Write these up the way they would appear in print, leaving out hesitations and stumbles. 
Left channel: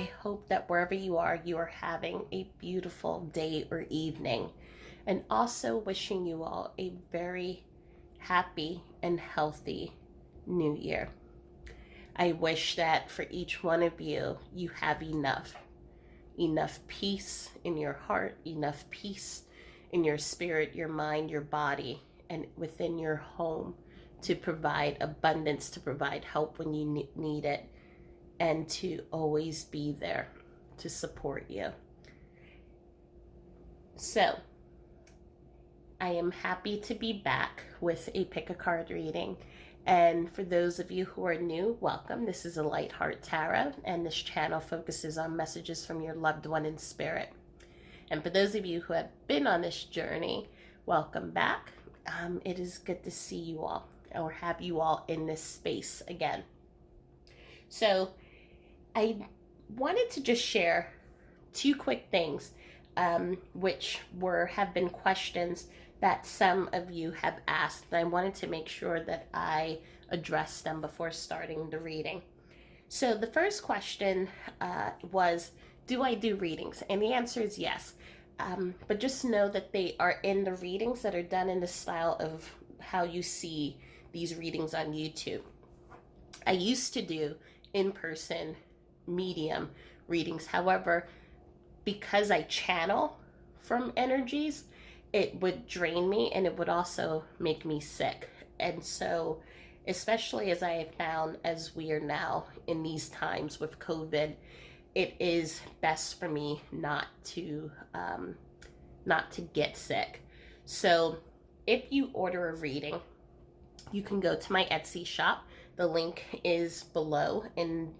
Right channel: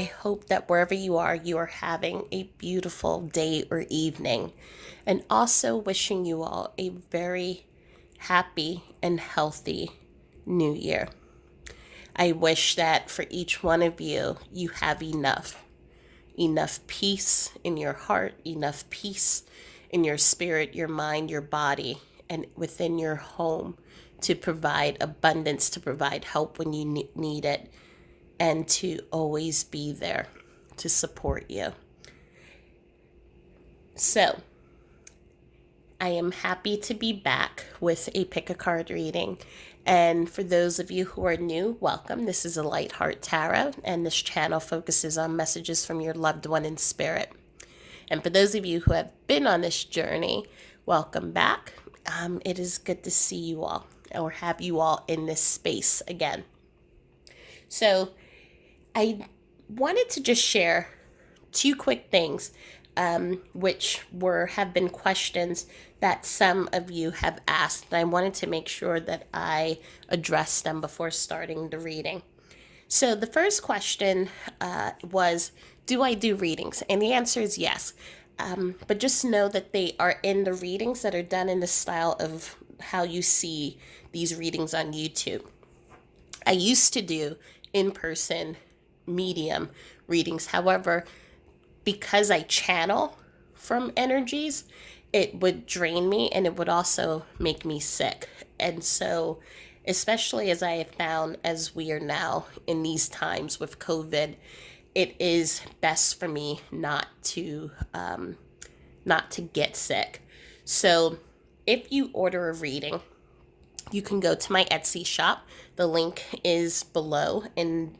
I hope that wherever you are having a beautiful day or evening, and also wishing you all a very happy and healthy new year. I wish that for each one of you, you have enough peace in your heart, enough peace in your spirit, your mind, your body, and within your home to provide abundance, to provide help when you need it, and to always be there to support you. So, I am happy to be back with a pick a card reading. And for those of you who are new, welcome. This is a Light Heart Tarot, and this channel focuses on messages from your loved one in spirit. And for those of you who have been on this journey, welcome back. It is good to see you all or have you all in this space again. So, I wanted to just share two quick things, which have been questions that some of you have asked, and I wanted to make sure that I address them before starting the reading. So the first question was, do I do readings? And the answer is yes. But just know that they are in the readings that are done in the style of how you see these readings on YouTube. I used to do in-person medium readings. However, because I channel from energies, it would drain me and it would also make me sick. And so, especially as I have found as we are now in these times with COVID, it is best for me not to get sick. So, if you order a reading, you can go to my Etsy shop. The link is below in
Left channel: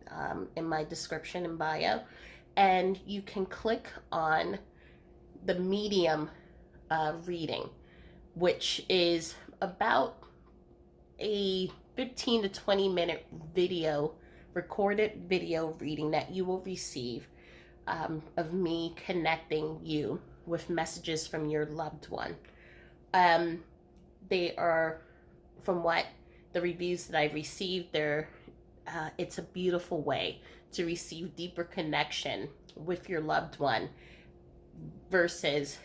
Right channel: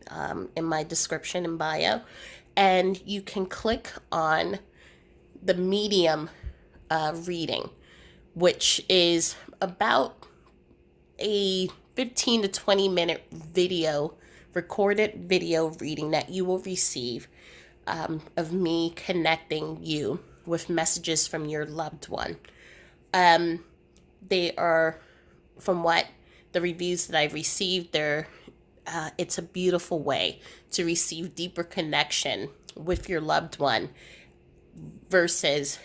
my description and bio, and you can click on the medium reading, which is about a 15 to 20 minute recorded video reading that you will receive of me connecting you with messages from your loved one. They are, from what the reviews that I've received, it's a beautiful way to receive deeper connection with your loved one versus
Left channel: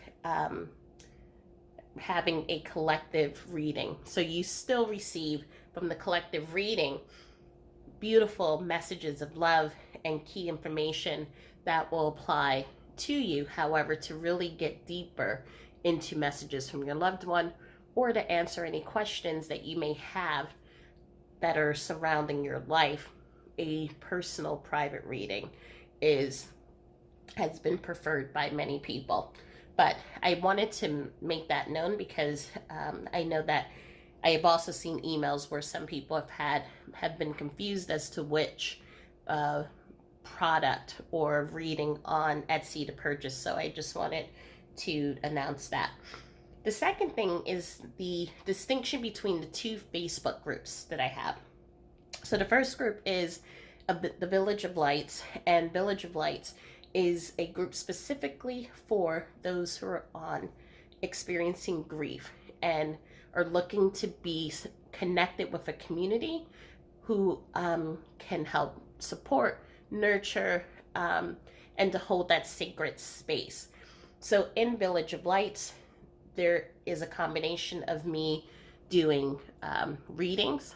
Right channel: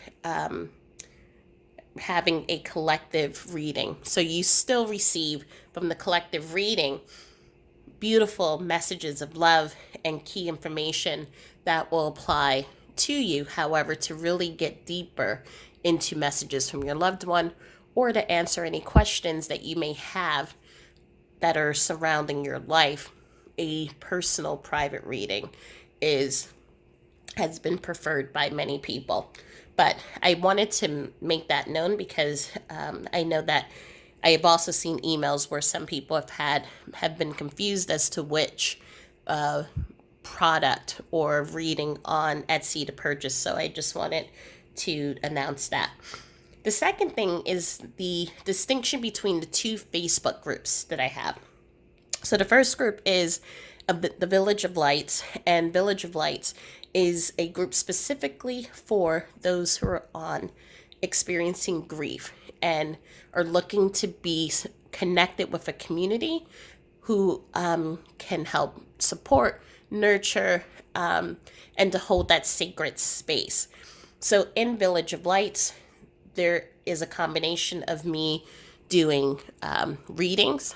having a collective reading. So you still receive from the collective reading beautiful messages of love and key information that will apply to you. However, to really get deeper into messages from your loved one or to answer any questions that you may have that are surrounding your life, a personal private reading has been preferred by many people. But I wanted to make that known because I know that I have also seen emails where some people have been confused as to which product or reading on Etsy to purchase. So I just wanted to announce that. The second thing is the distinction between the two Facebook groups that I have. So the first group is the Village of Lights, and Village of Lights is a group specifically for those who are experiencing grief and are looking to be connected with a community who can help support, nurture, and to hold that sacred space. So in Village of Lights, there is a combination of me doing readings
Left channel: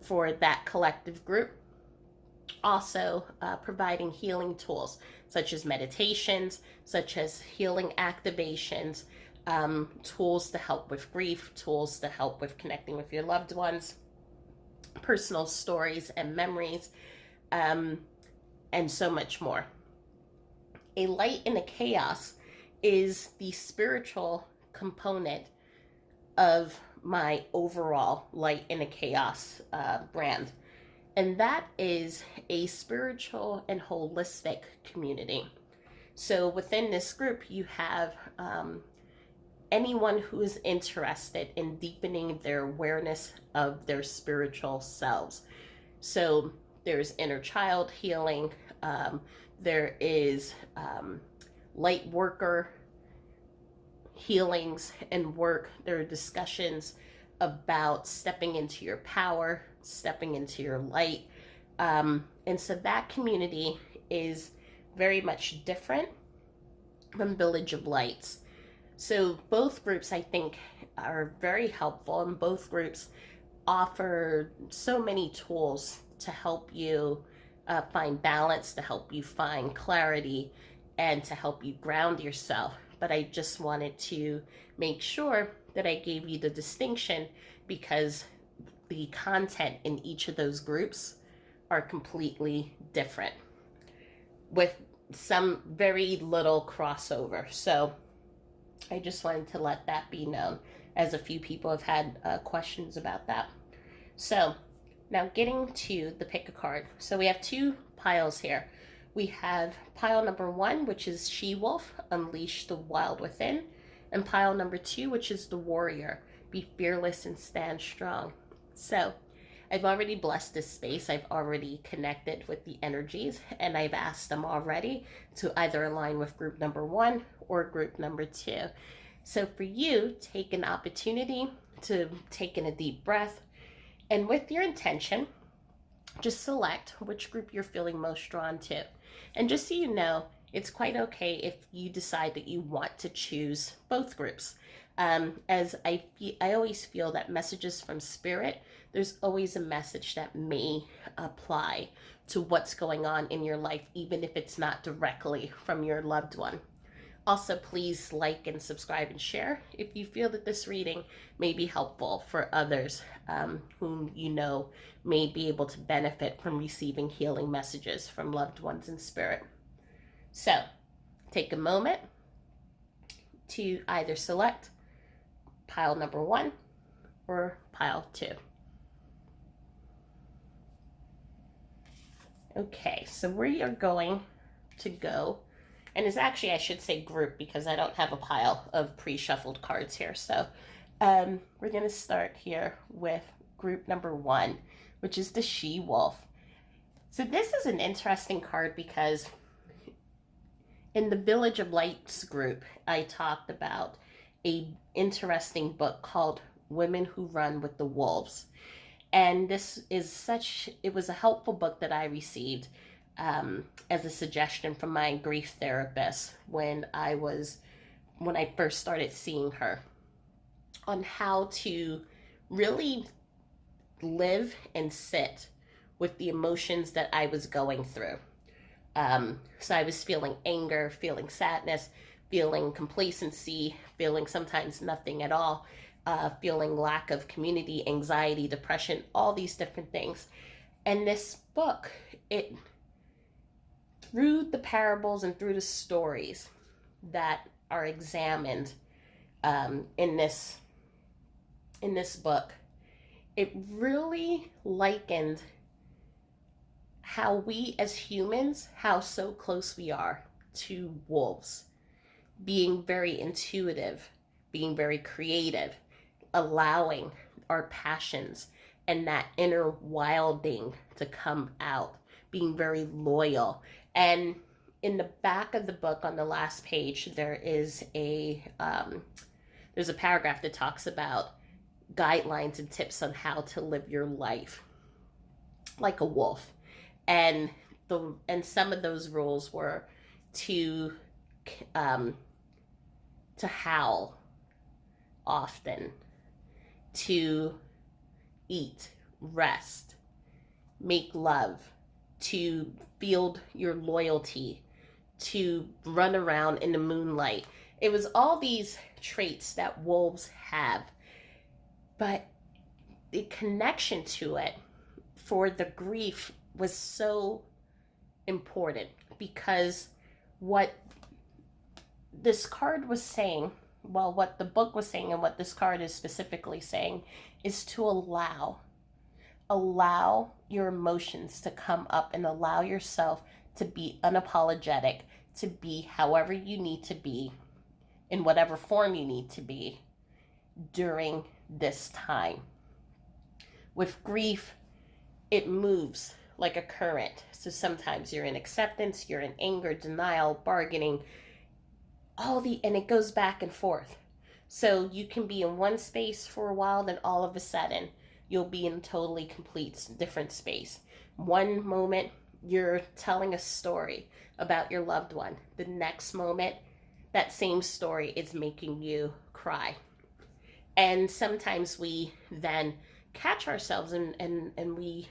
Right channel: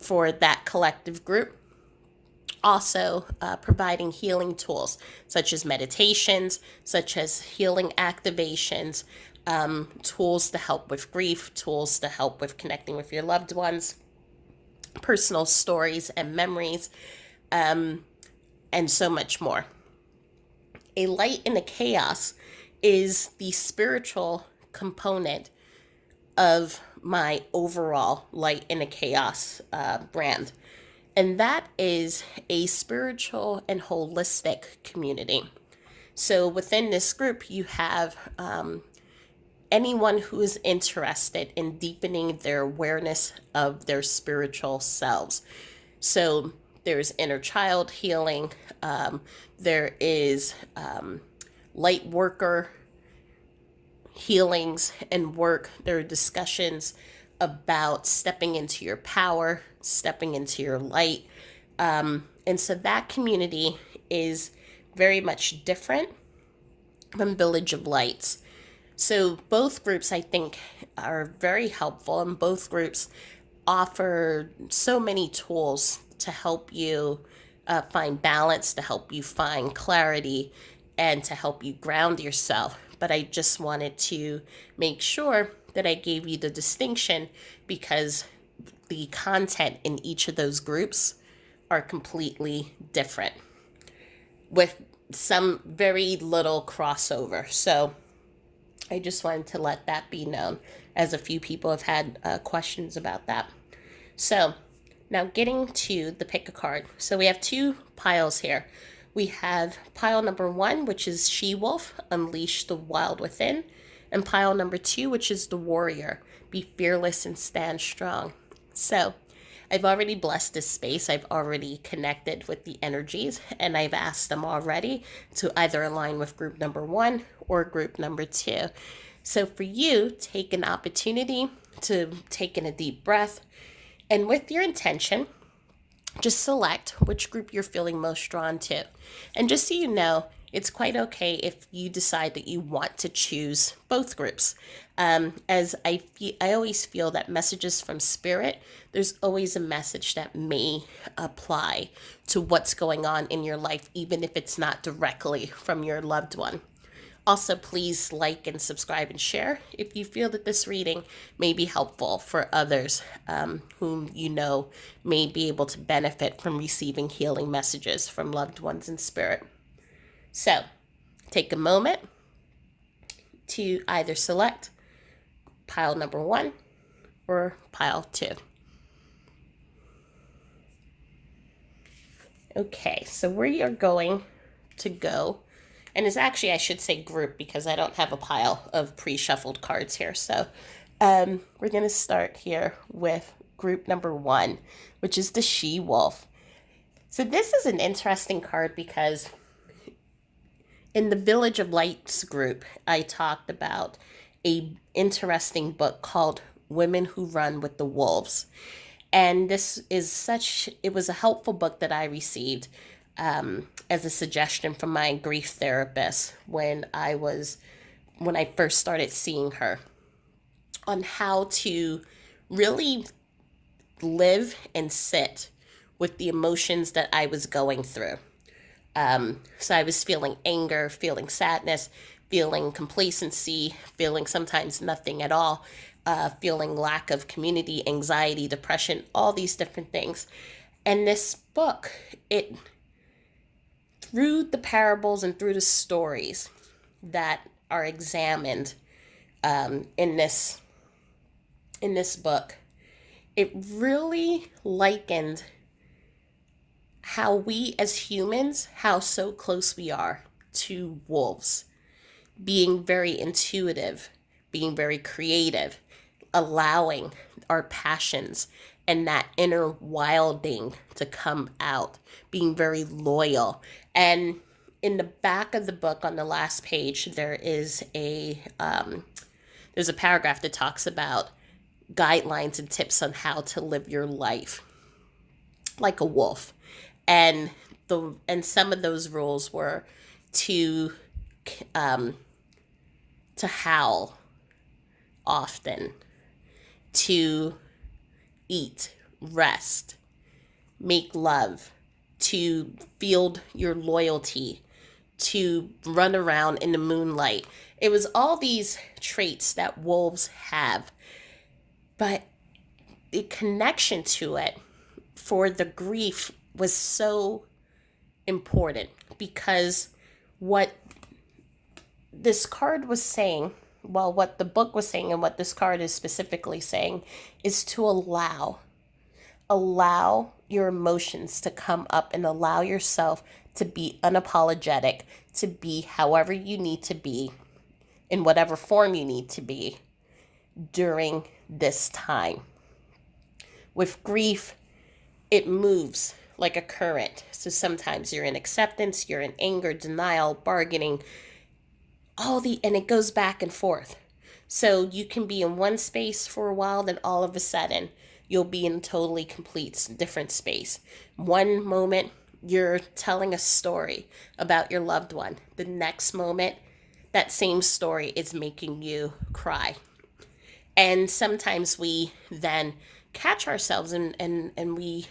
for that collective group, also providing healing tools such as meditations, such as healing activations, tools to help with grief, tools to help with connecting with your loved ones, personal stories and memories, and so much more. A light in the chaos is the spiritual component of my overall Light in the Chaos brand. And that is a spiritual and holistic community. So within this group, you have anyone who is interested in deepening their awareness of their spiritual selves. So there's inner child healing, there is light worker healings and work. There are discussions about stepping into your power, stepping into your light. And so that community is very much different from Village of Lights. So both groups, I think, are very helpful, and both groups offer so many tools to help you find balance, to help you find clarity, and to help you ground yourself. But I just wanted to make sure that I gave you the distinction because the content in each of those groups are completely different with some very little crossover. So I just wanted to let that be known, as a few people have had questions about that. So now getting to the pick a card. So we have two piles here. We have pile number 1, which is She-Wolf, Unleash the Wild Within, and pile number 2, which is the Warrior, Be Fearless and Stand Strong. So I've already blessed this space. I've already connected with the energies, and I've asked them already to either align with group number 1 or group number 2. So for you, take an opportunity to take in a deep breath, and with your intention, just select which group you're feeling most drawn to. And just so you know, it's quite okay if you decide that you want to choose both groups. As I always feel that messages from spirit, there's always a message that may apply to what's going on in your life, even if it's not directly from your loved one. Also, please like and subscribe and share if you feel that this reading may be helpful for others whom you know may be able to benefit from receiving healing messages from loved ones in spirit. So, take a moment to either select pile number 1 or pile 2. Okay, so we are going to go, and it's actually, I should say group, because I don't have a pile of pre-shuffled cards here. So we're going to start here with group number 1, which is the She-Wolf. So this is an interesting card because in the Village of Lights group, I talked about a interesting book called Women Who Run with the Wolves. And this is it was a helpful book that I received as a suggestion from my grief therapist when I first started seeing her, on how to really live and sit with the emotions that I was going through. So I was feeling anger, feeling sadness, feeling complacency, feeling sometimes nothing at all, feeling lack of community, anxiety, depression, all these different things. And this book, through the parables and through the stories that are examined in this book, it really likened how we as humans, how so close we are to wolves, being very intuitive, being very creative, allowing our passions and that inner wilding to come out, being very loyal. And in the back of the book, on the last page, there's a paragraph that talks about guidelines and tips on how to live your life like a wolf. And some of those rules were to howl often, to eat, rest, make love, to field your loyalty, to run around in the moonlight. It was all these traits that wolves have, but the connection to it for the grief was so important, because what this card was saying, well, what the book was saying and what this card is specifically saying, is to allow your emotions to come up and allow yourself to be unapologetic, to be however you need to be, in whatever form you need to be during this time. With grief, it moves like a current. So sometimes you're in acceptance, you're in anger, denial, bargaining, and it goes back and forth. So you can be in one space for a while, then all of a sudden you'll be in a totally complete different space. One moment you're telling a story about your loved one. The next moment, that same story is making you cry. And sometimes we then catch ourselves and we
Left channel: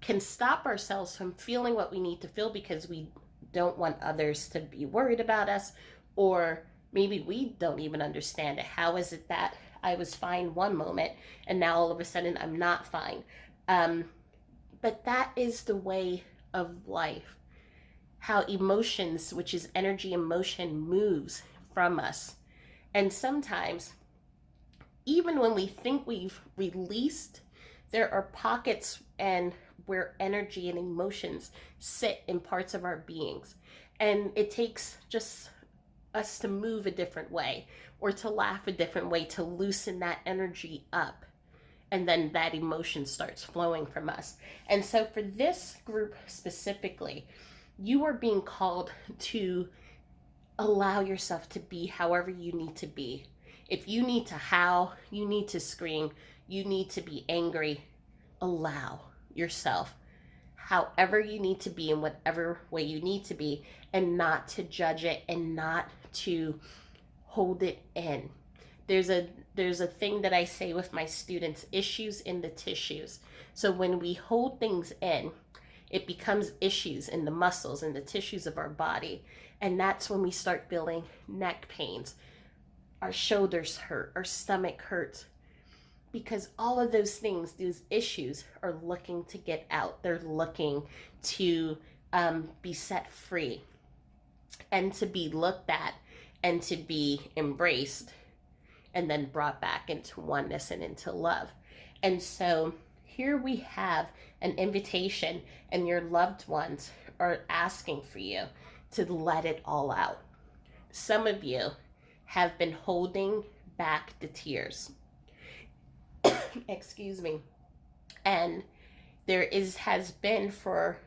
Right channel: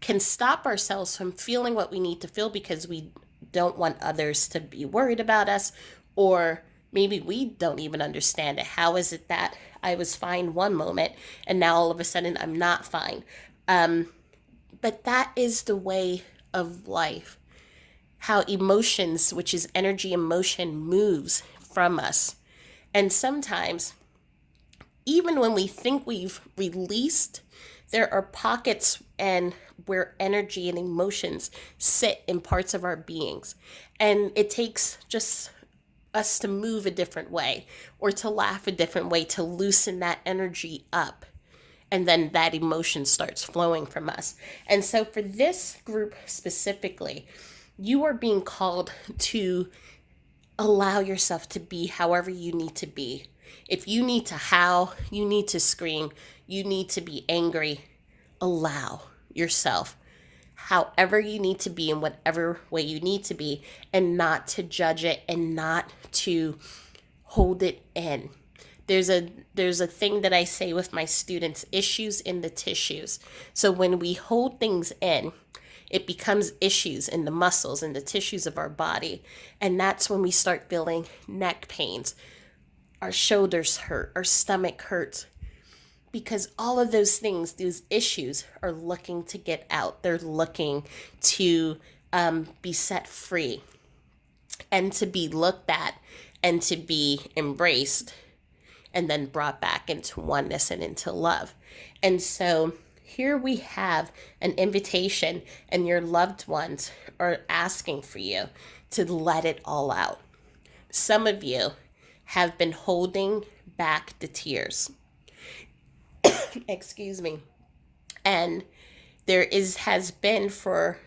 can stop ourselves from feeling what we need to feel because we don't want others to be worried about us, or maybe we don't even understand it. How is it that I was fine one moment and now all of a sudden I'm not fine? Um, but that is the way of life. How emotions, which is energy and motion, moves from us. And sometimes, even when we think we've released, there are pockets and where energy and emotions sit in parts of our beings. And it takes just us to move a different way or to laugh a different way to loosen that energy up. And then that emotion starts flowing from us. And so, for this group specifically, you are being called to allow yourself to be however you need to be. If you need to howl, you need to scream, you need to be angry, allow yourself however you need to be in whatever way you need to be, and not to judge it and not to hold it in. There's a thing that I say with my students, issues in the tissues. So when we hold things in, it becomes issues in the muscles and the tissues of our body. And that's when we start feeling neck pains, our shoulders hurt, our stomach hurts, because all of those things, those issues, are looking to get out. They're looking to be set free and to be looked at and to be embraced and then brought back into oneness and into love. And so here we have an invitation, and your loved ones are asking for you to let it all out. Some of you have been holding back the tears. Excuse me. And there is has been for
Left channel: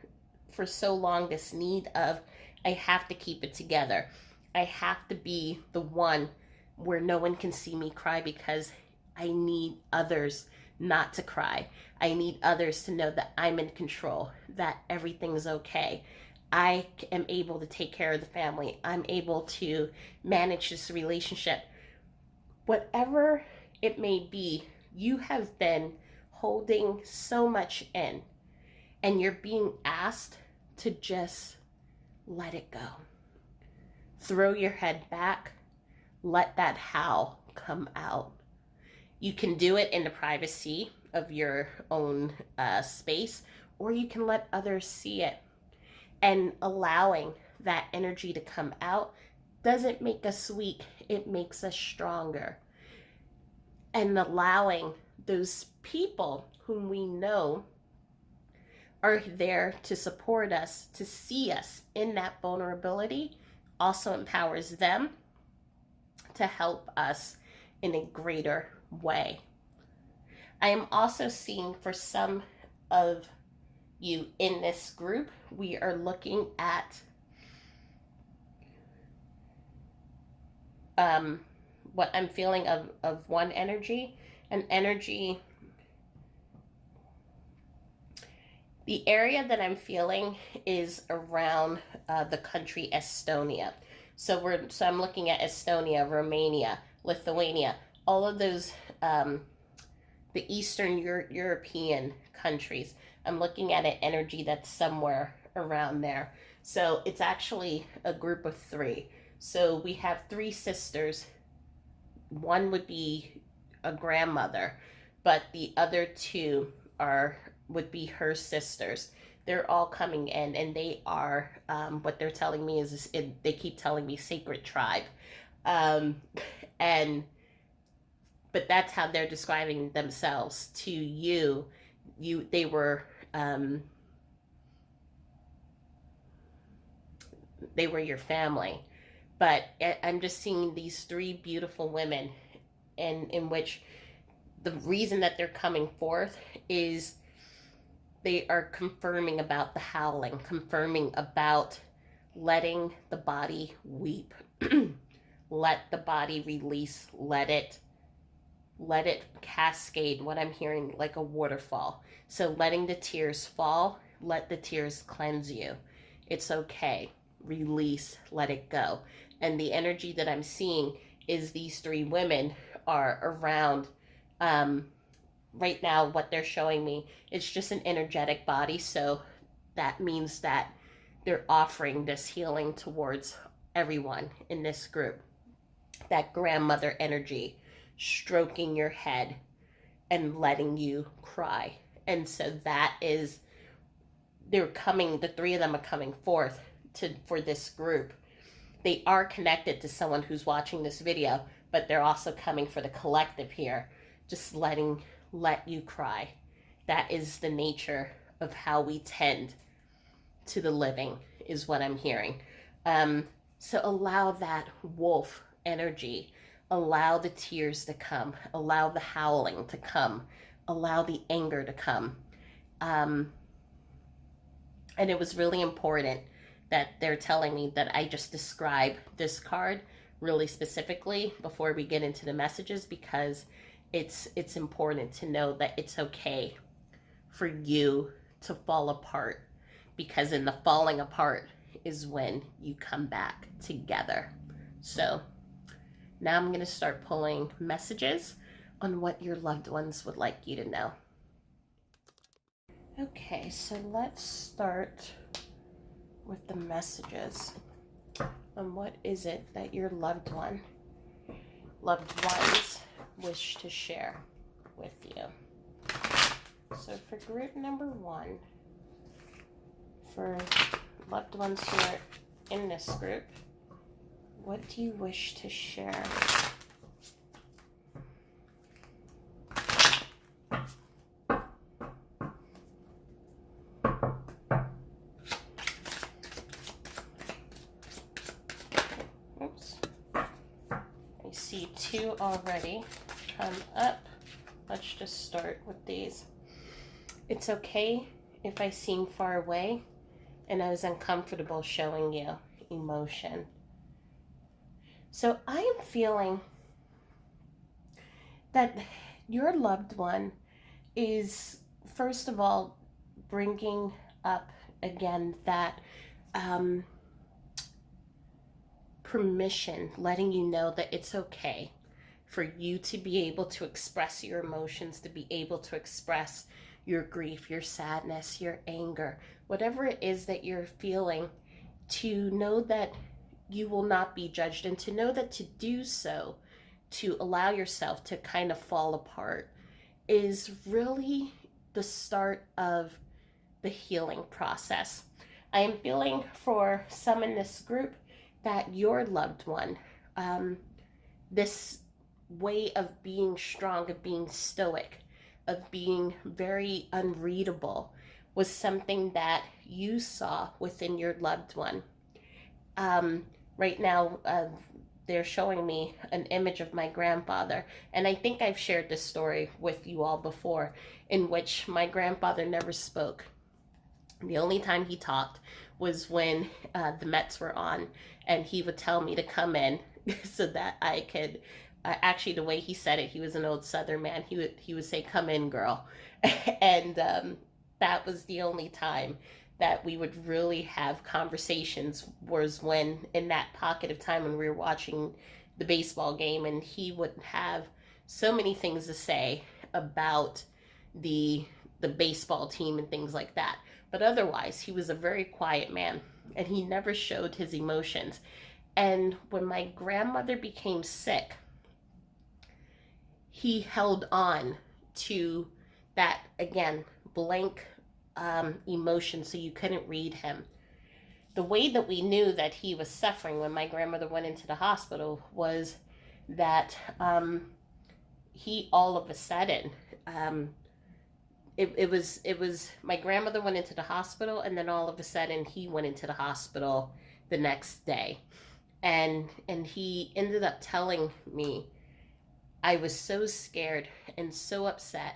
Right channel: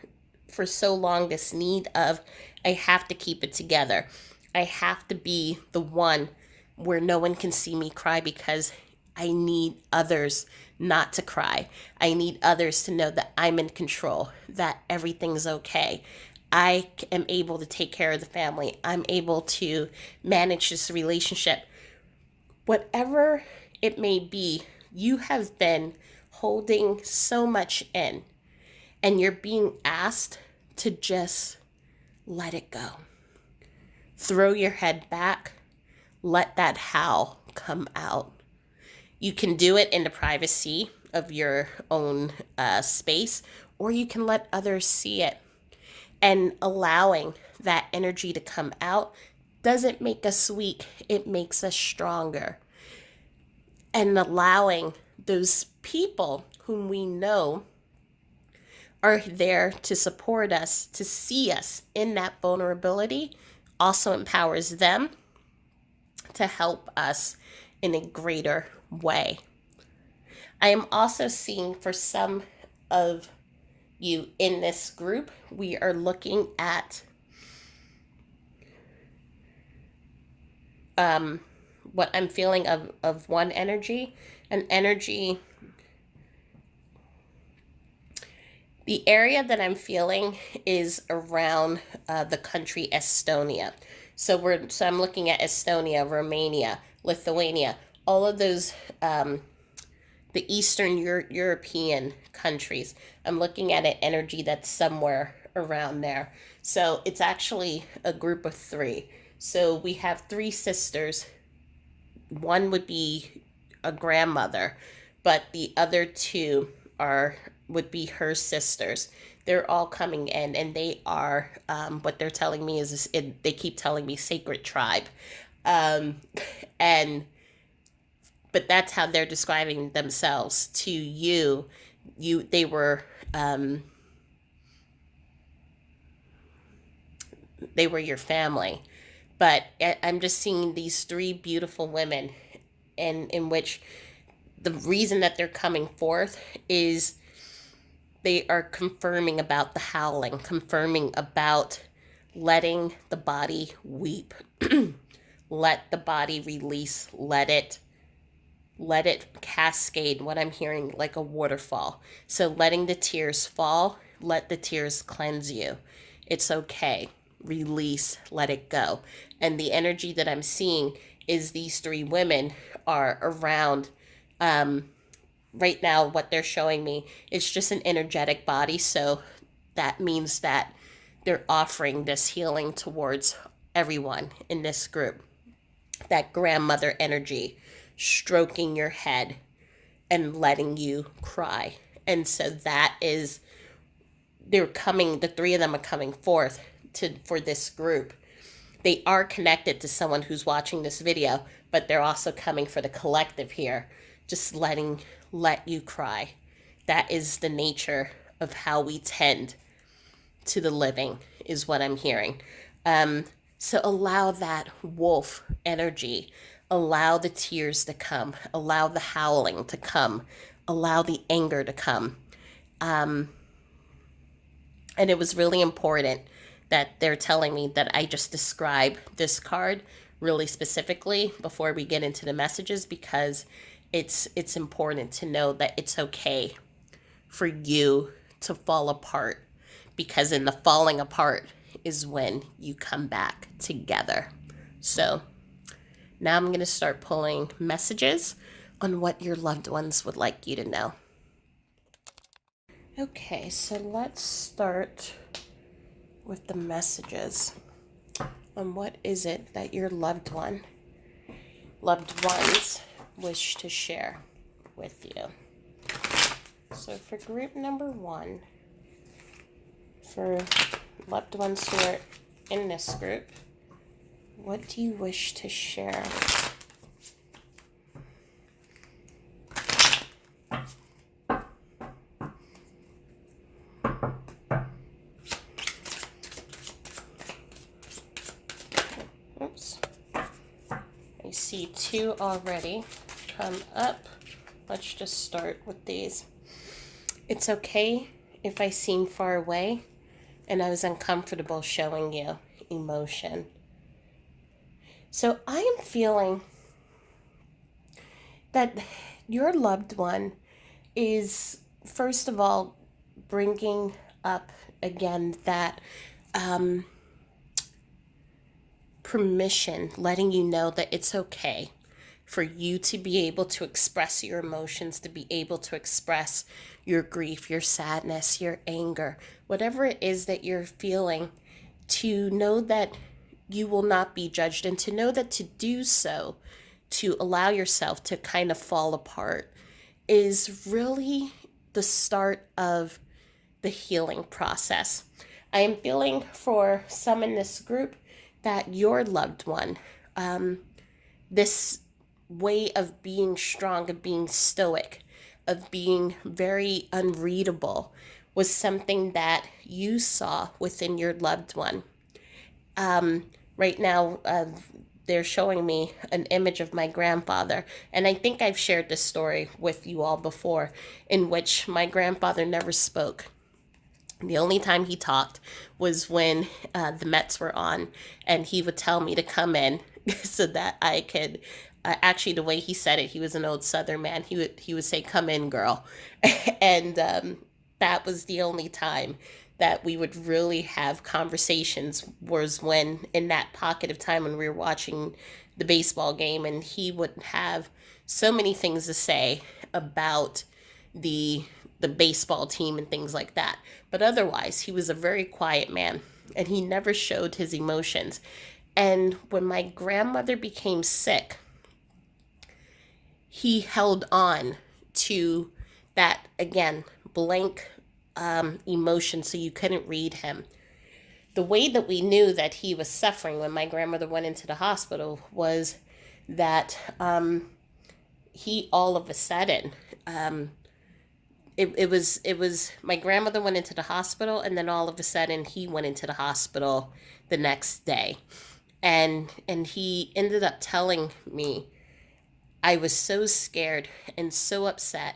so long this need of, I have to keep it together. I have to be the one where no one can see me cry because I need others not to cry. I need others to know that I'm in control, that everything's okay. I am able to take care of the family. I'm able to manage this relationship. Whatever it may be, you have been holding so much in, and you're being asked to just let it go. Throw your head back, let that howl come out. You can do it in the privacy of your own space, or you can let others see it. And allowing that energy to come out doesn't make us weak, it makes us stronger. And allowing those people whom we know are there to support us, to see us in that vulnerability, also empowers them to help us in a greater way. I am also seeing for some of you in this group, we are looking at what I'm feeling of one energy, an energy. The area that I'm feeling is around the country Estonia. So I'm looking at Estonia, Romania, Lithuania, all of those the Eastern European countries. I'm looking at an energy that's somewhere around there. So it's actually a group of three. So we have three sisters. One would be a grandmother, but the other two are would be her sisters. They're all coming in, and they are what they're telling me is they keep telling me sacred tribe, um, and but that's how they're describing themselves to you. They were they were your family, but I'm just seeing these three beautiful women, and in which the reason that they're coming forth is they are confirming about the howling, confirming about letting the body weep, let the body release, let it cascade, what I'm hearing, like a waterfall. So letting the tears fall let the tears cleanse you. It's okay. Release, let it go. And the energy that I'm seeing is these three women are around. Um, right now, what they're showing me, it's just an energetic body. So that means that they're offering this healing towards everyone in this group. That grandmother energy, stroking your head and letting you cry. And so that is, they're coming, the three of them are coming forth to for this group. They are connected to someone who's watching this video, but they're also coming for the collective here, just let you cry. That is the nature of how we tend to the living, is what I'm hearing. So allow that wolf energy, allow the tears to come, allow the howling to come, allow the anger to come. Um, and it was really important that they're telling me that I just describe this card really specifically before we get into the messages, because it's important to know that it's okay for you to fall apart, because in the falling apart is when you come back together. So now I'm going to start pulling messages on what your loved ones would like you to know. Okay, so let's start with the messages on what is it that your loved ones wish to share with you. So for group number 1, for loved ones who are in this group, what do you wish to share? Oops. I see 2 already come up. Let's just start with these. It's okay if I seem far away and I was uncomfortable showing you emotion. So I am feeling that your loved one is, first of all, bringing up again that permission, letting you know that it's okay for you to be able to express your emotions, to be able to express your grief, your sadness, your anger, whatever it is that you're feeling, to know that you will not be judged, and to know that to do so, to allow yourself to kind of fall apart, is really the start of the healing process. I am feeling for some in this group that your loved one, this way of being strong, of being stoic, of being very unreadable, was something that you saw within your loved one. Right now, they're showing me an image of my grandfather, and I think I've shared this story with you all before, in which my grandfather never spoke. The only time he talked was when the Mets were on, and he would tell me to come in so that I could. Actually, the way he said it, he was an old Southern man. He would say, "Come in, girl," and that was the only time that we would really have conversations, was when in that pocket of time when we were watching the baseball game, and he would have so many things to say about the baseball team and things like that. But otherwise, he was a very quiet man, and he never showed his emotions. And when my grandmother became sick, he held on to that, again, blank emotion, so you couldn't read him. The way that we knew that he was suffering when my grandmother went into the hospital was that he all of a sudden, it was my grandmother went into the hospital, and then all of a sudden he went into the hospital the next day, and he ended up telling me, I was so scared and so upset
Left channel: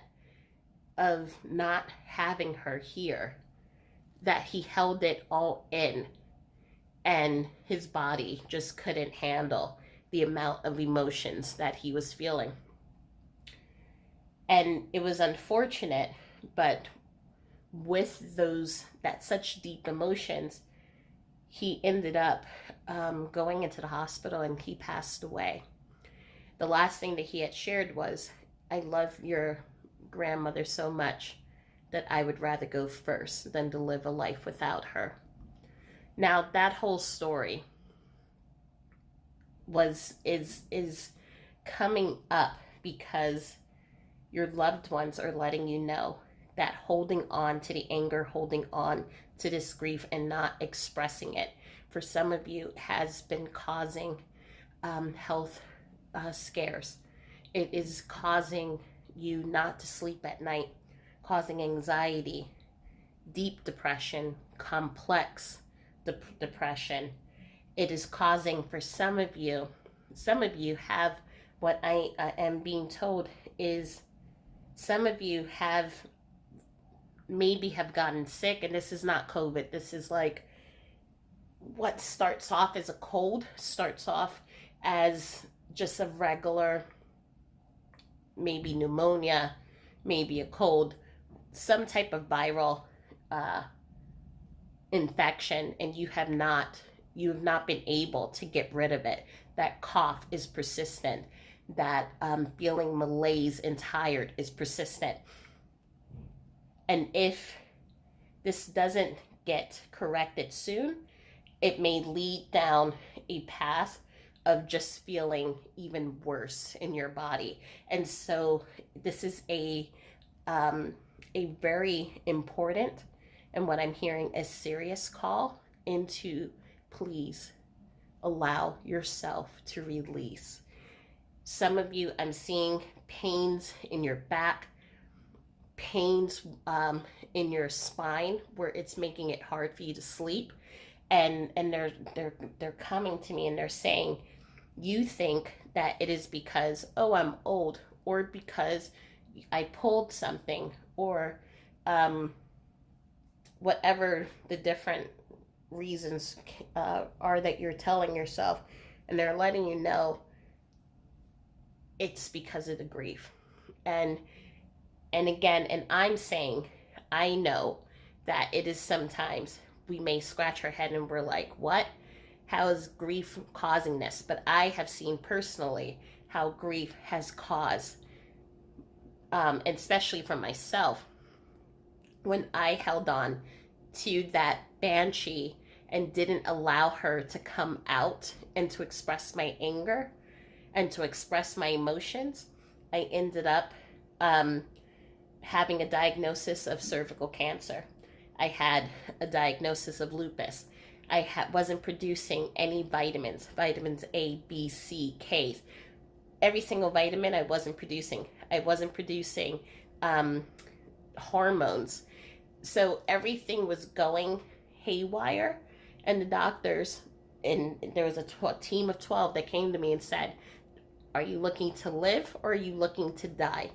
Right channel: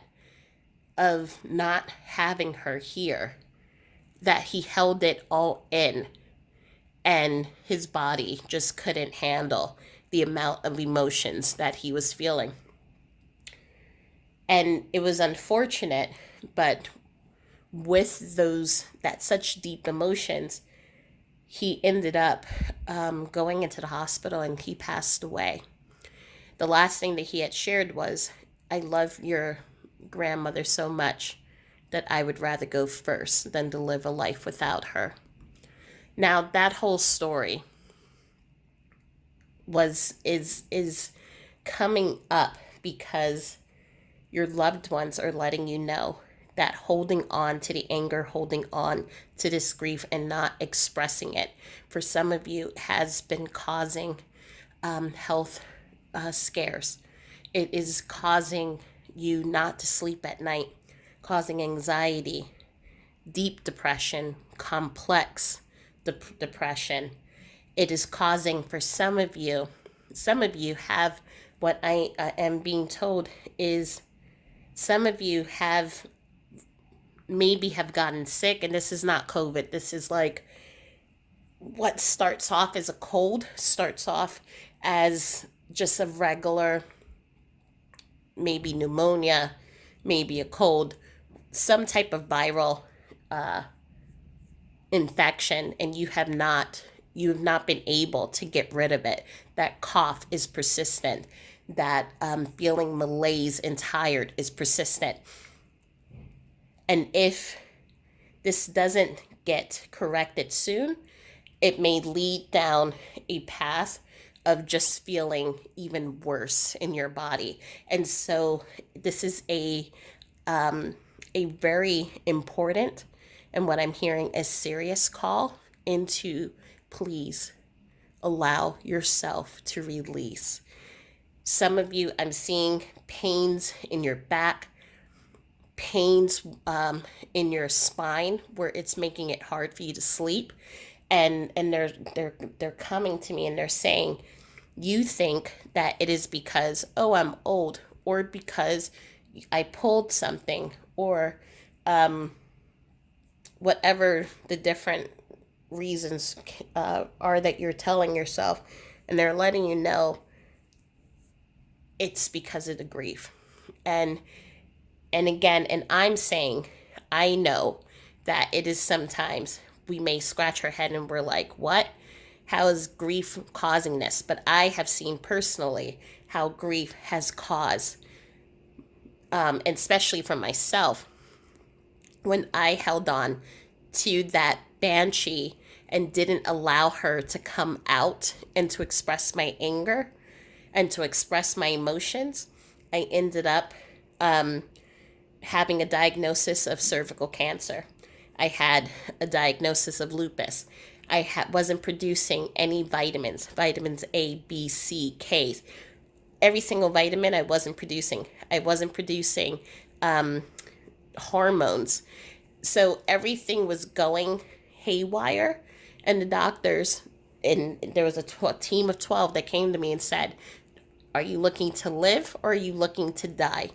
of not having her here, that he held it all in, and his body just couldn't handle the amount of emotions that he was feeling. And it was unfortunate, but with that such deep emotions, he ended up going into the hospital and he passed away. The last thing that he had shared was, I love your grandmother so much that I would rather go first than to live a life without her. Now that whole story is coming up because your loved ones are letting you know that holding on to the anger, holding on to this grief and not expressing it for some of you has been causing health scares. It is causing you not to sleep at night, causing anxiety, deep depression, complex depression. It is causing for some of you have what I am being told is some of you have maybe have gotten sick, and this is not COVID. This is like what starts off as a cold starts off as just a regular, maybe pneumonia, maybe a cold, some type of viral uh, infection, and you have not been able to get rid of it. That cough is persistent. That feeling malaise and tired is persistent. And if this doesn't get corrected soon, it may lead down a path of just feeling even worse in your body. And so this is a very important, and what I'm hearing, a serious call into, please allow yourself to release. Some of you, I'm seeing pains in your back, pains in your spine where it's making it hard for you to sleep, and they're coming to me and they're saying, you think that it is because, oh, I'm old, or because I pulled something, or whatever the different reasons are that you're telling yourself, and they're letting you know it's because of the grief. And again, and I'm saying, I know that it is sometimes we may scratch our head and we're like, what? How is grief causing this? But I have seen personally how grief has caused, and especially for myself, when I held on to that banshee and didn't allow her to come out and to express my anger and to express my emotions, I ended up having a diagnosis of cervical cancer. I had a diagnosis of lupus. Wasn't producing any vitamins A, B, C, K. Every single vitamin I wasn't producing. I wasn't producing hormones. So everything was going haywire. And the doctors, and there was a team of 12 that came to me and said, are you looking to live or are you looking to die?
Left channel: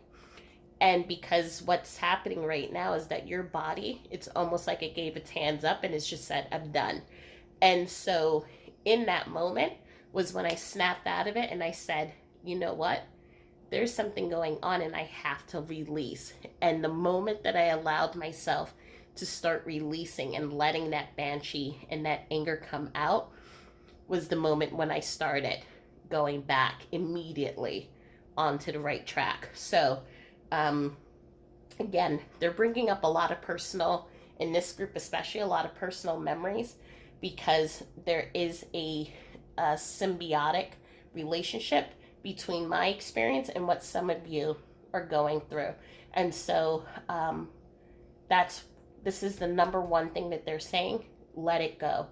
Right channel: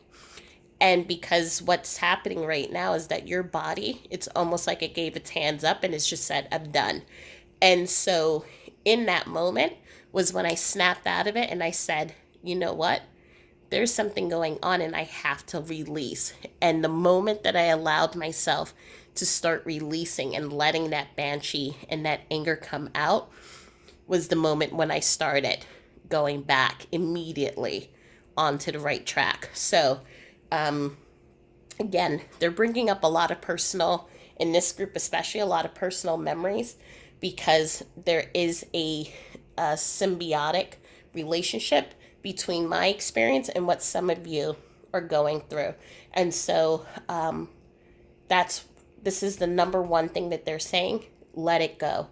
And because what's happening right now is that your body, it's almost like it gave its hands up and it's just said, I'm done. And so in that moment was when I snapped out of it and I said, you know what? There's something going on and I have to release. And the moment that I allowed myself to start releasing and letting that banshee and that anger come out was the moment when I started going back immediately onto the right track. So, again, they're bringing up a lot of personal, in this group especially, a lot of personal memories because there is a symbiotic relationship between my experience and what some of you are going through. And so this is the number one thing that they're saying, let it go.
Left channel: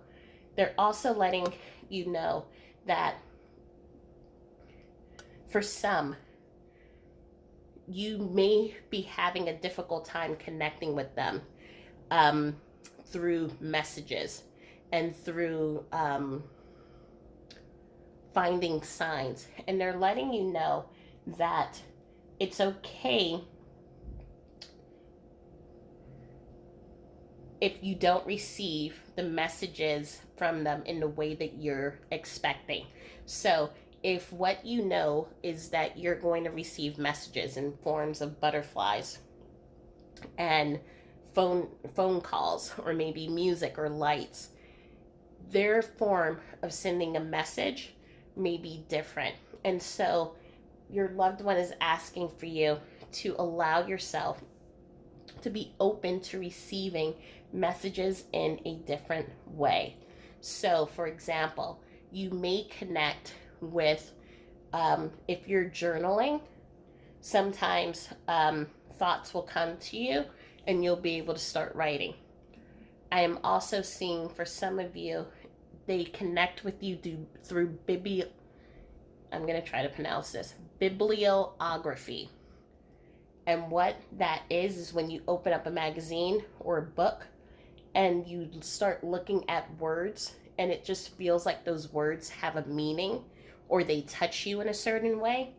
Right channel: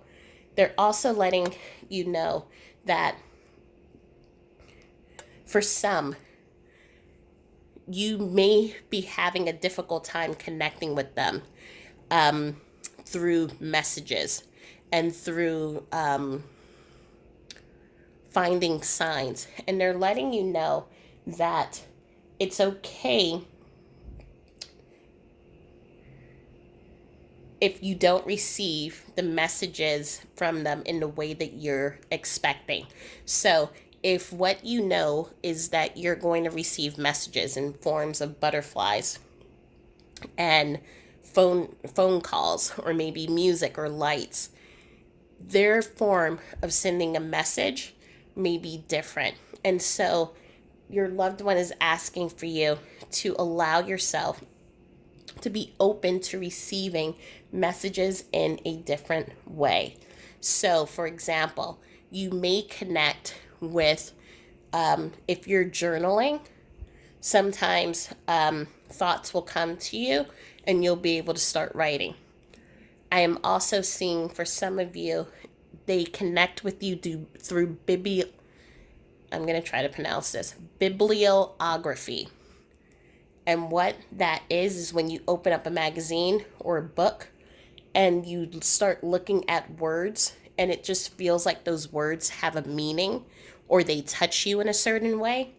They're also letting you know that for some, you may be having a difficult time connecting with them through messages and through finding signs. And they're letting you know that it's okay if you don't receive the messages from them in the way that you're expecting. So if what you know is that you're going to receive messages in forms of butterflies and phone calls or maybe music or lights. Their form of sending a message may be different. And so your loved one is asking for you to allow yourself to be open to receiving messages in a different way. So, for example, you may connect with, if you're journaling, sometimes thoughts will come to you and you'll be able to start writing. I am also seeing for some of you, they connect with you through I'm going to try to pronounce this, bibliography. And what that is when you open up a magazine or a book and you start looking at words and it just feels like those words have a meaning or they touch you in a certain way.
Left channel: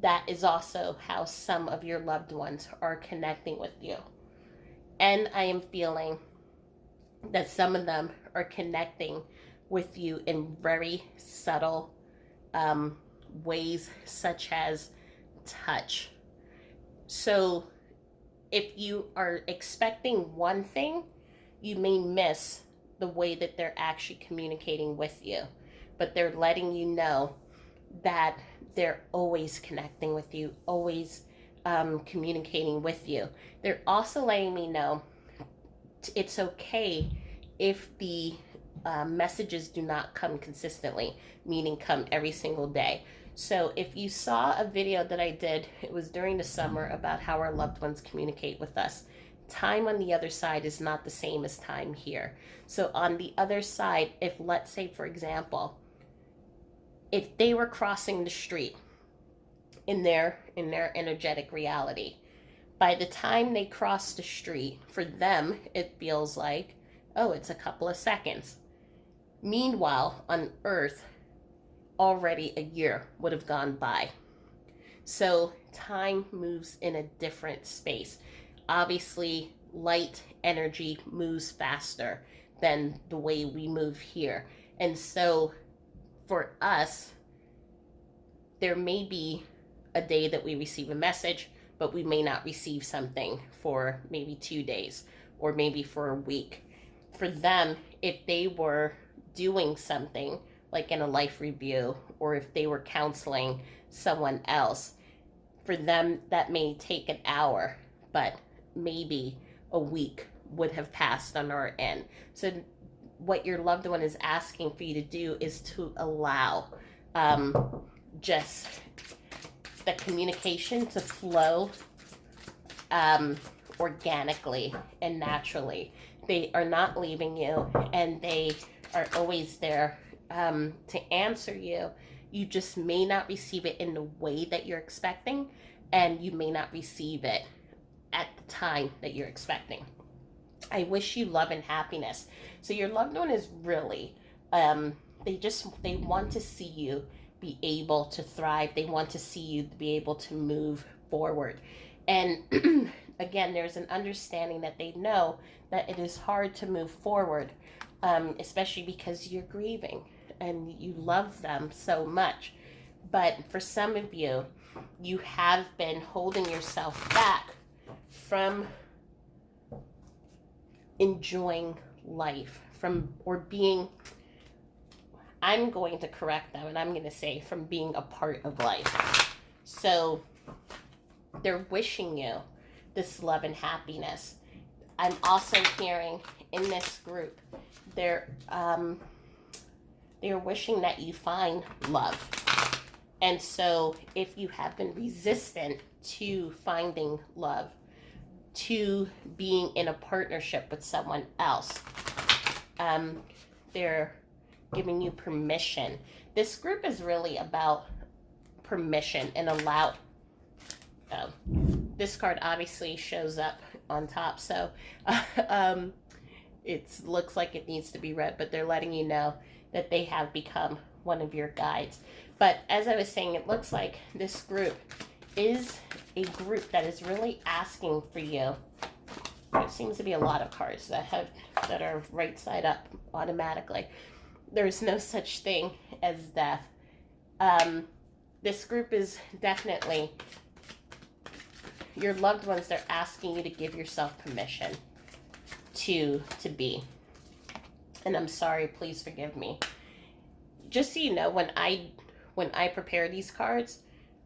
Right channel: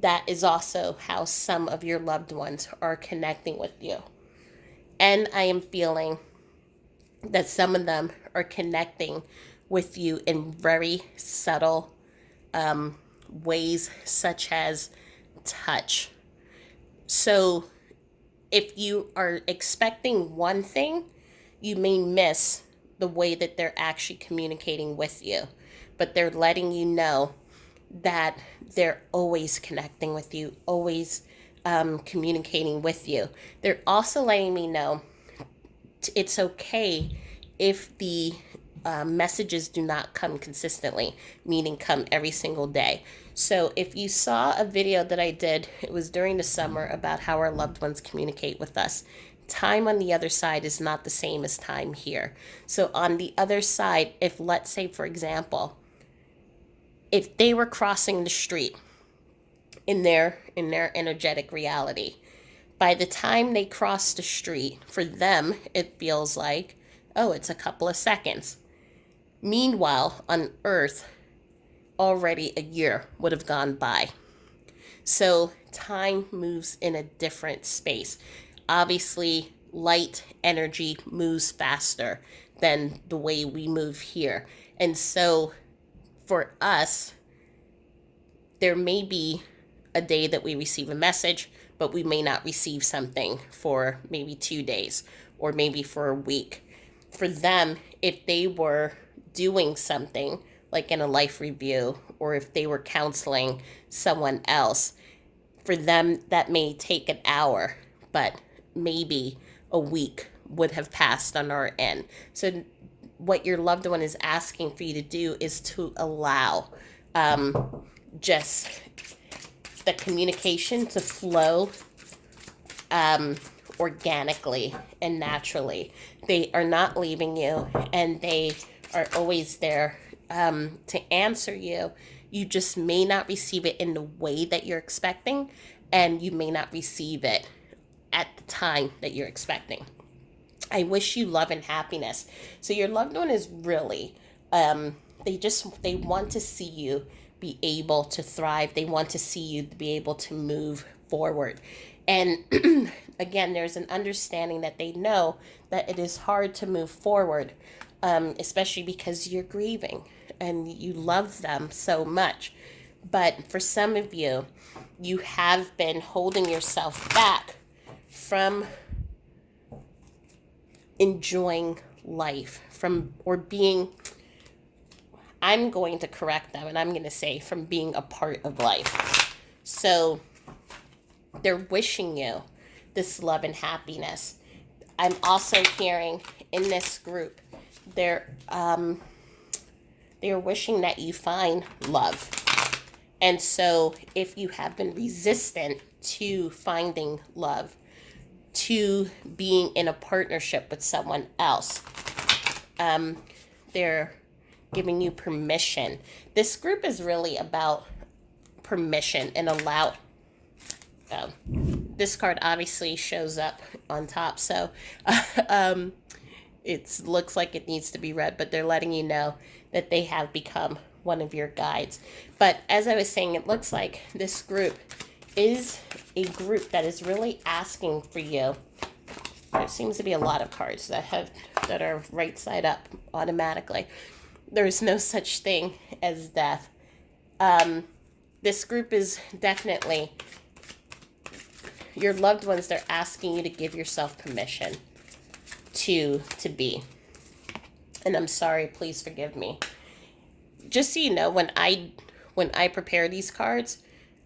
That is also how some of your loved ones are connecting with you. And I am feeling that some of them are connecting with you in very subtle ways, such as touch. So if you are expecting one thing, you may miss the way that they're actually communicating with you. But they're letting you know that they're always connecting with you, always communicating with you. They're also letting me know it's okay if the messages do not come consistently, meaning come every single day. So if you saw a video that I did, it was during the summer about how our loved ones communicate with us. Time on the other side is not the same as time here. So on the other side, if let's say, for example, if they were crossing the street in their energetic reality, by the time they cross the street, for them, it feels like, oh, it's a couple of seconds. Meanwhile, on Earth, already a year would have gone by. So time moves in a different space. Obviously, light energy moves faster than the way we move here. And so for us, there may be a day that we receive a message, but we may not receive something for maybe 2 days or maybe for a week. For them, if they were doing something like in a life review or if they were counseling someone else, for them that may take an hour, but maybe a week would have passed on our end. So what your loved one is asking for you to do is to allow just the communication to flow organically and naturally. They are not leaving you, and they are always there to answer you. You just may not receive it in the way that you're expecting, and you may not receive it at the time that you're expecting. I wish you love and happiness. So your loved one is really, they want to see you be able to thrive. They want to see you be able to move forward. And again, there's an understanding that they know that it is hard to move forward, especially because you're grieving and you love them so much. But for some of you, you have been holding yourself back from enjoying life, I'm going to correct them and I'm going to say from being a part of life. So they're wishing you this love and happiness. I'm also hearing in this group, they're wishing that you find love. And so if you have been resistant to finding love, to being in a partnership with someone else, they're giving you permission. This group is really about permission and allow. This card obviously shows up on top, so it looks like it needs to be read, but they're letting you know that they have become one of your guides. But as I was saying, it looks like this group is a group that is really asking for you. There seems to be a lot of cards that are right side up automatically. There is no such thing as death. This group is definitely your loved ones. They're asking you to give yourself permission to be. And I'm sorry, please forgive me. Just so you know, when I prepare these cards,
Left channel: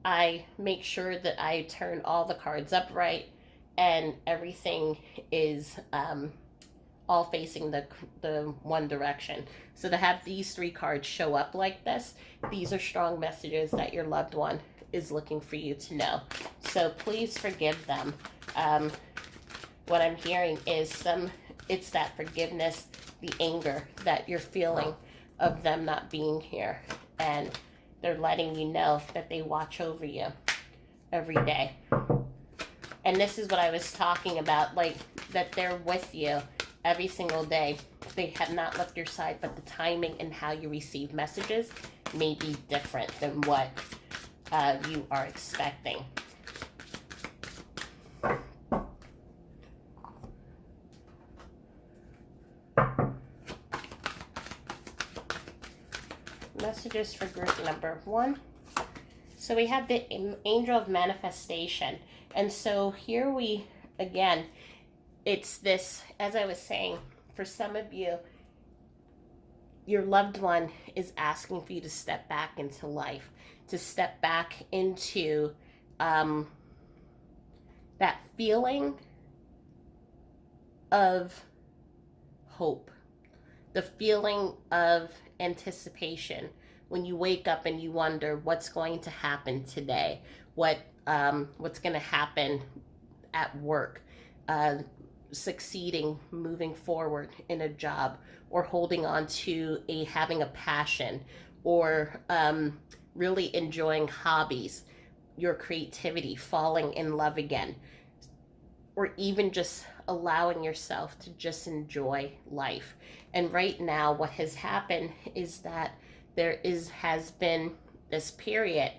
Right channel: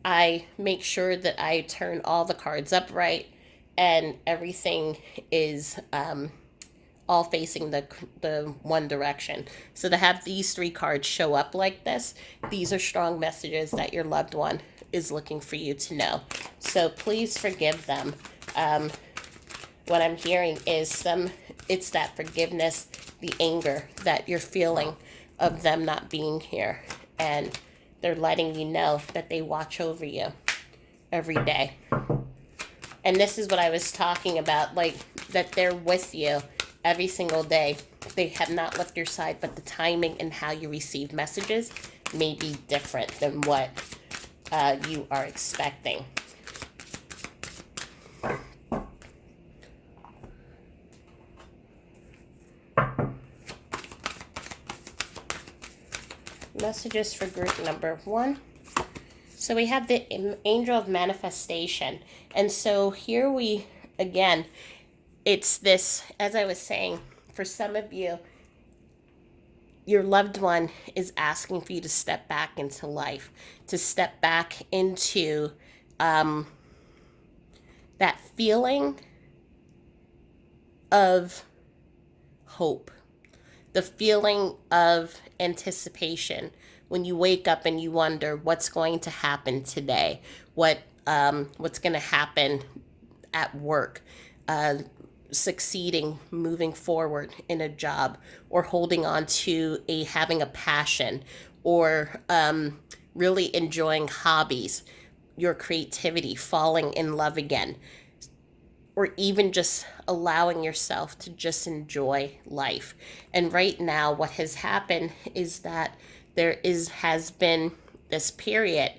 I make sure that I turn all the cards upright and everything is all facing the one direction. So to have these three cards show up like this, these are strong messages that your loved one is looking for you to know. So please forgive them. What I'm hearing is it's that forgiveness, the anger that you're feeling of them not being here, and they're letting you know that they watch over you every day. And this is what I was talking about, like that they're with you every single day. They have not left your side, but the timing and how you receive messages may be different than what you are expecting. Messages for group number 1. So we have the angel of manifestation. And so here we, again, it's this, as I was saying, for some of you, your loved one is asking for you to step back into life, to step back into that feeling of hope, the feeling of anticipation when you wake up and you wonder what's going to happen today, what's going to happen at work, succeeding, moving forward in a job, or holding on to having a passion, or really enjoying hobbies, your creativity, falling in love again, or even just allowing yourself to just enjoy life. And right now, what has happened is that has been this period,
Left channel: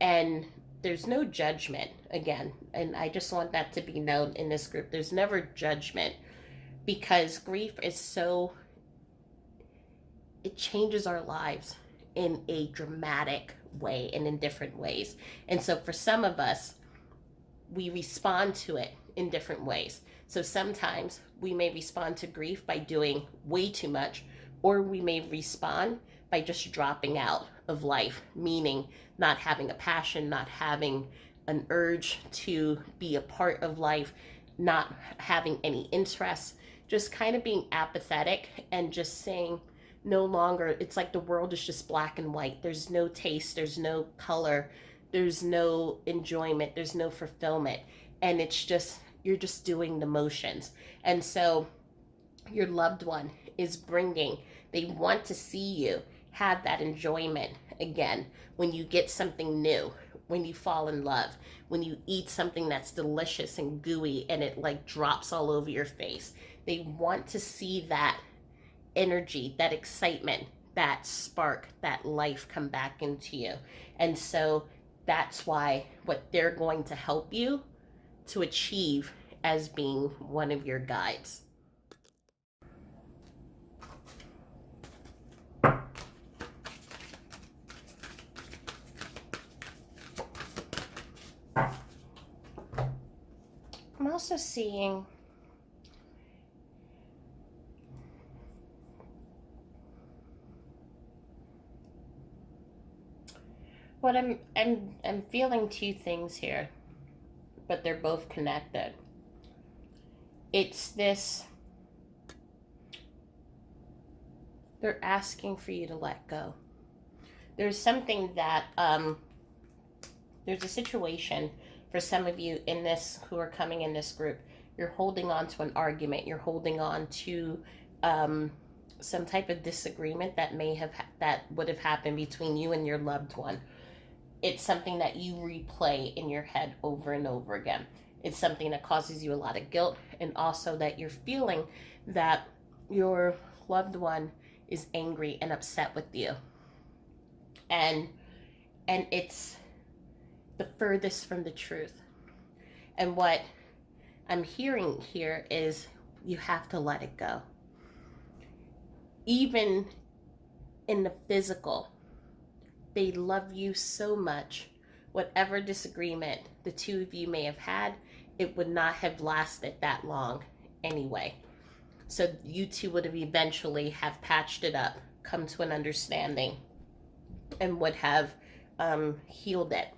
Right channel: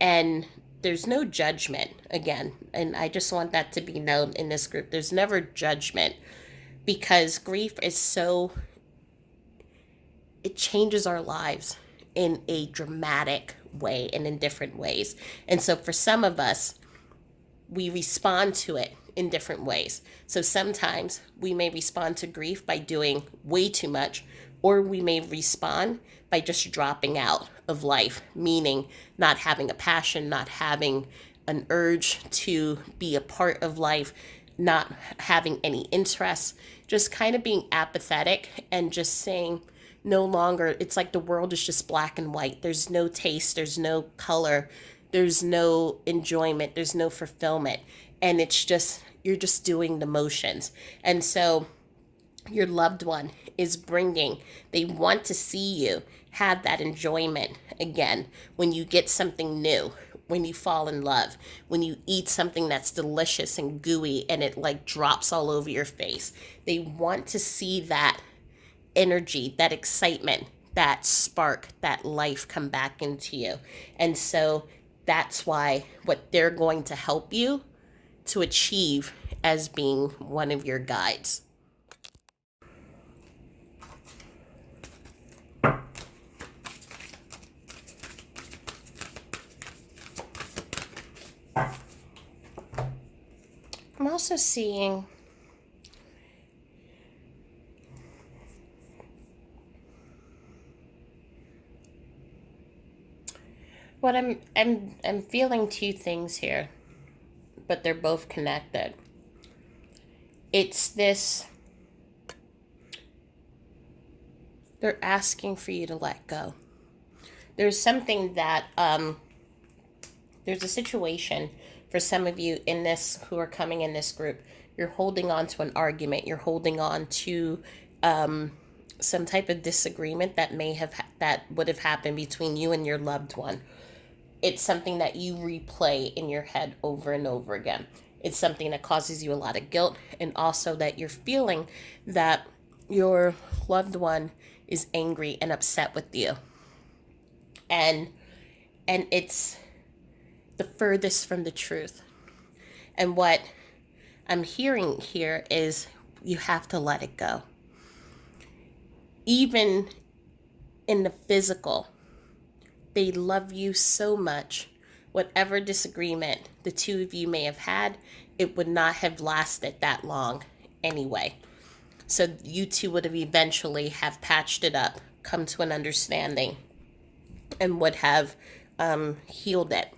and there's no judgment again. And I just want that to be known in this group. There's never judgment, because grief is it changes our lives in a dramatic way and in different ways. And so for some of us, we respond to it in different ways. So sometimes we may respond to grief by doing way too much, or we may respond by just dropping out of life, meaning not having a passion, not having an urge to be a part of life, not having any interest, just kind of being apathetic and just saying no longer, it's like the world is just black and white. There's no taste, there's no color, there's no enjoyment, there's no fulfillment. And it's just, you're just doing the motions. And so your loved one is they want to see you have that enjoyment again when you get something new, when you fall in love, when you eat something that's delicious and gooey and it like drops all over your face. They want to see that energy, that excitement, that spark, that life come back into you. And so that's why what they're going to help you to achieve as being one of your guides. I'm also seeing what I'm feeling two things here, but they're both connected. It's this, they're asking for you to let go. There's something that there's a situation for some of you in this who are coming in this group. You're holding on to an argument, you're holding on to some type of disagreement that would have happened between you and your loved one. It's something that you replay in your head over and over again. It's something that causes you a lot of guilt, and also that you're feeling that your loved one is angry and upset with you. And it's the furthest from the truth. And what I'm hearing here is you have to let it go. Even in the physical, they love you so much. Whatever disagreement the two of you may have had, it would not have lasted that long anyway. So you two would have eventually have patched it up, come to an understanding, and would have healed it.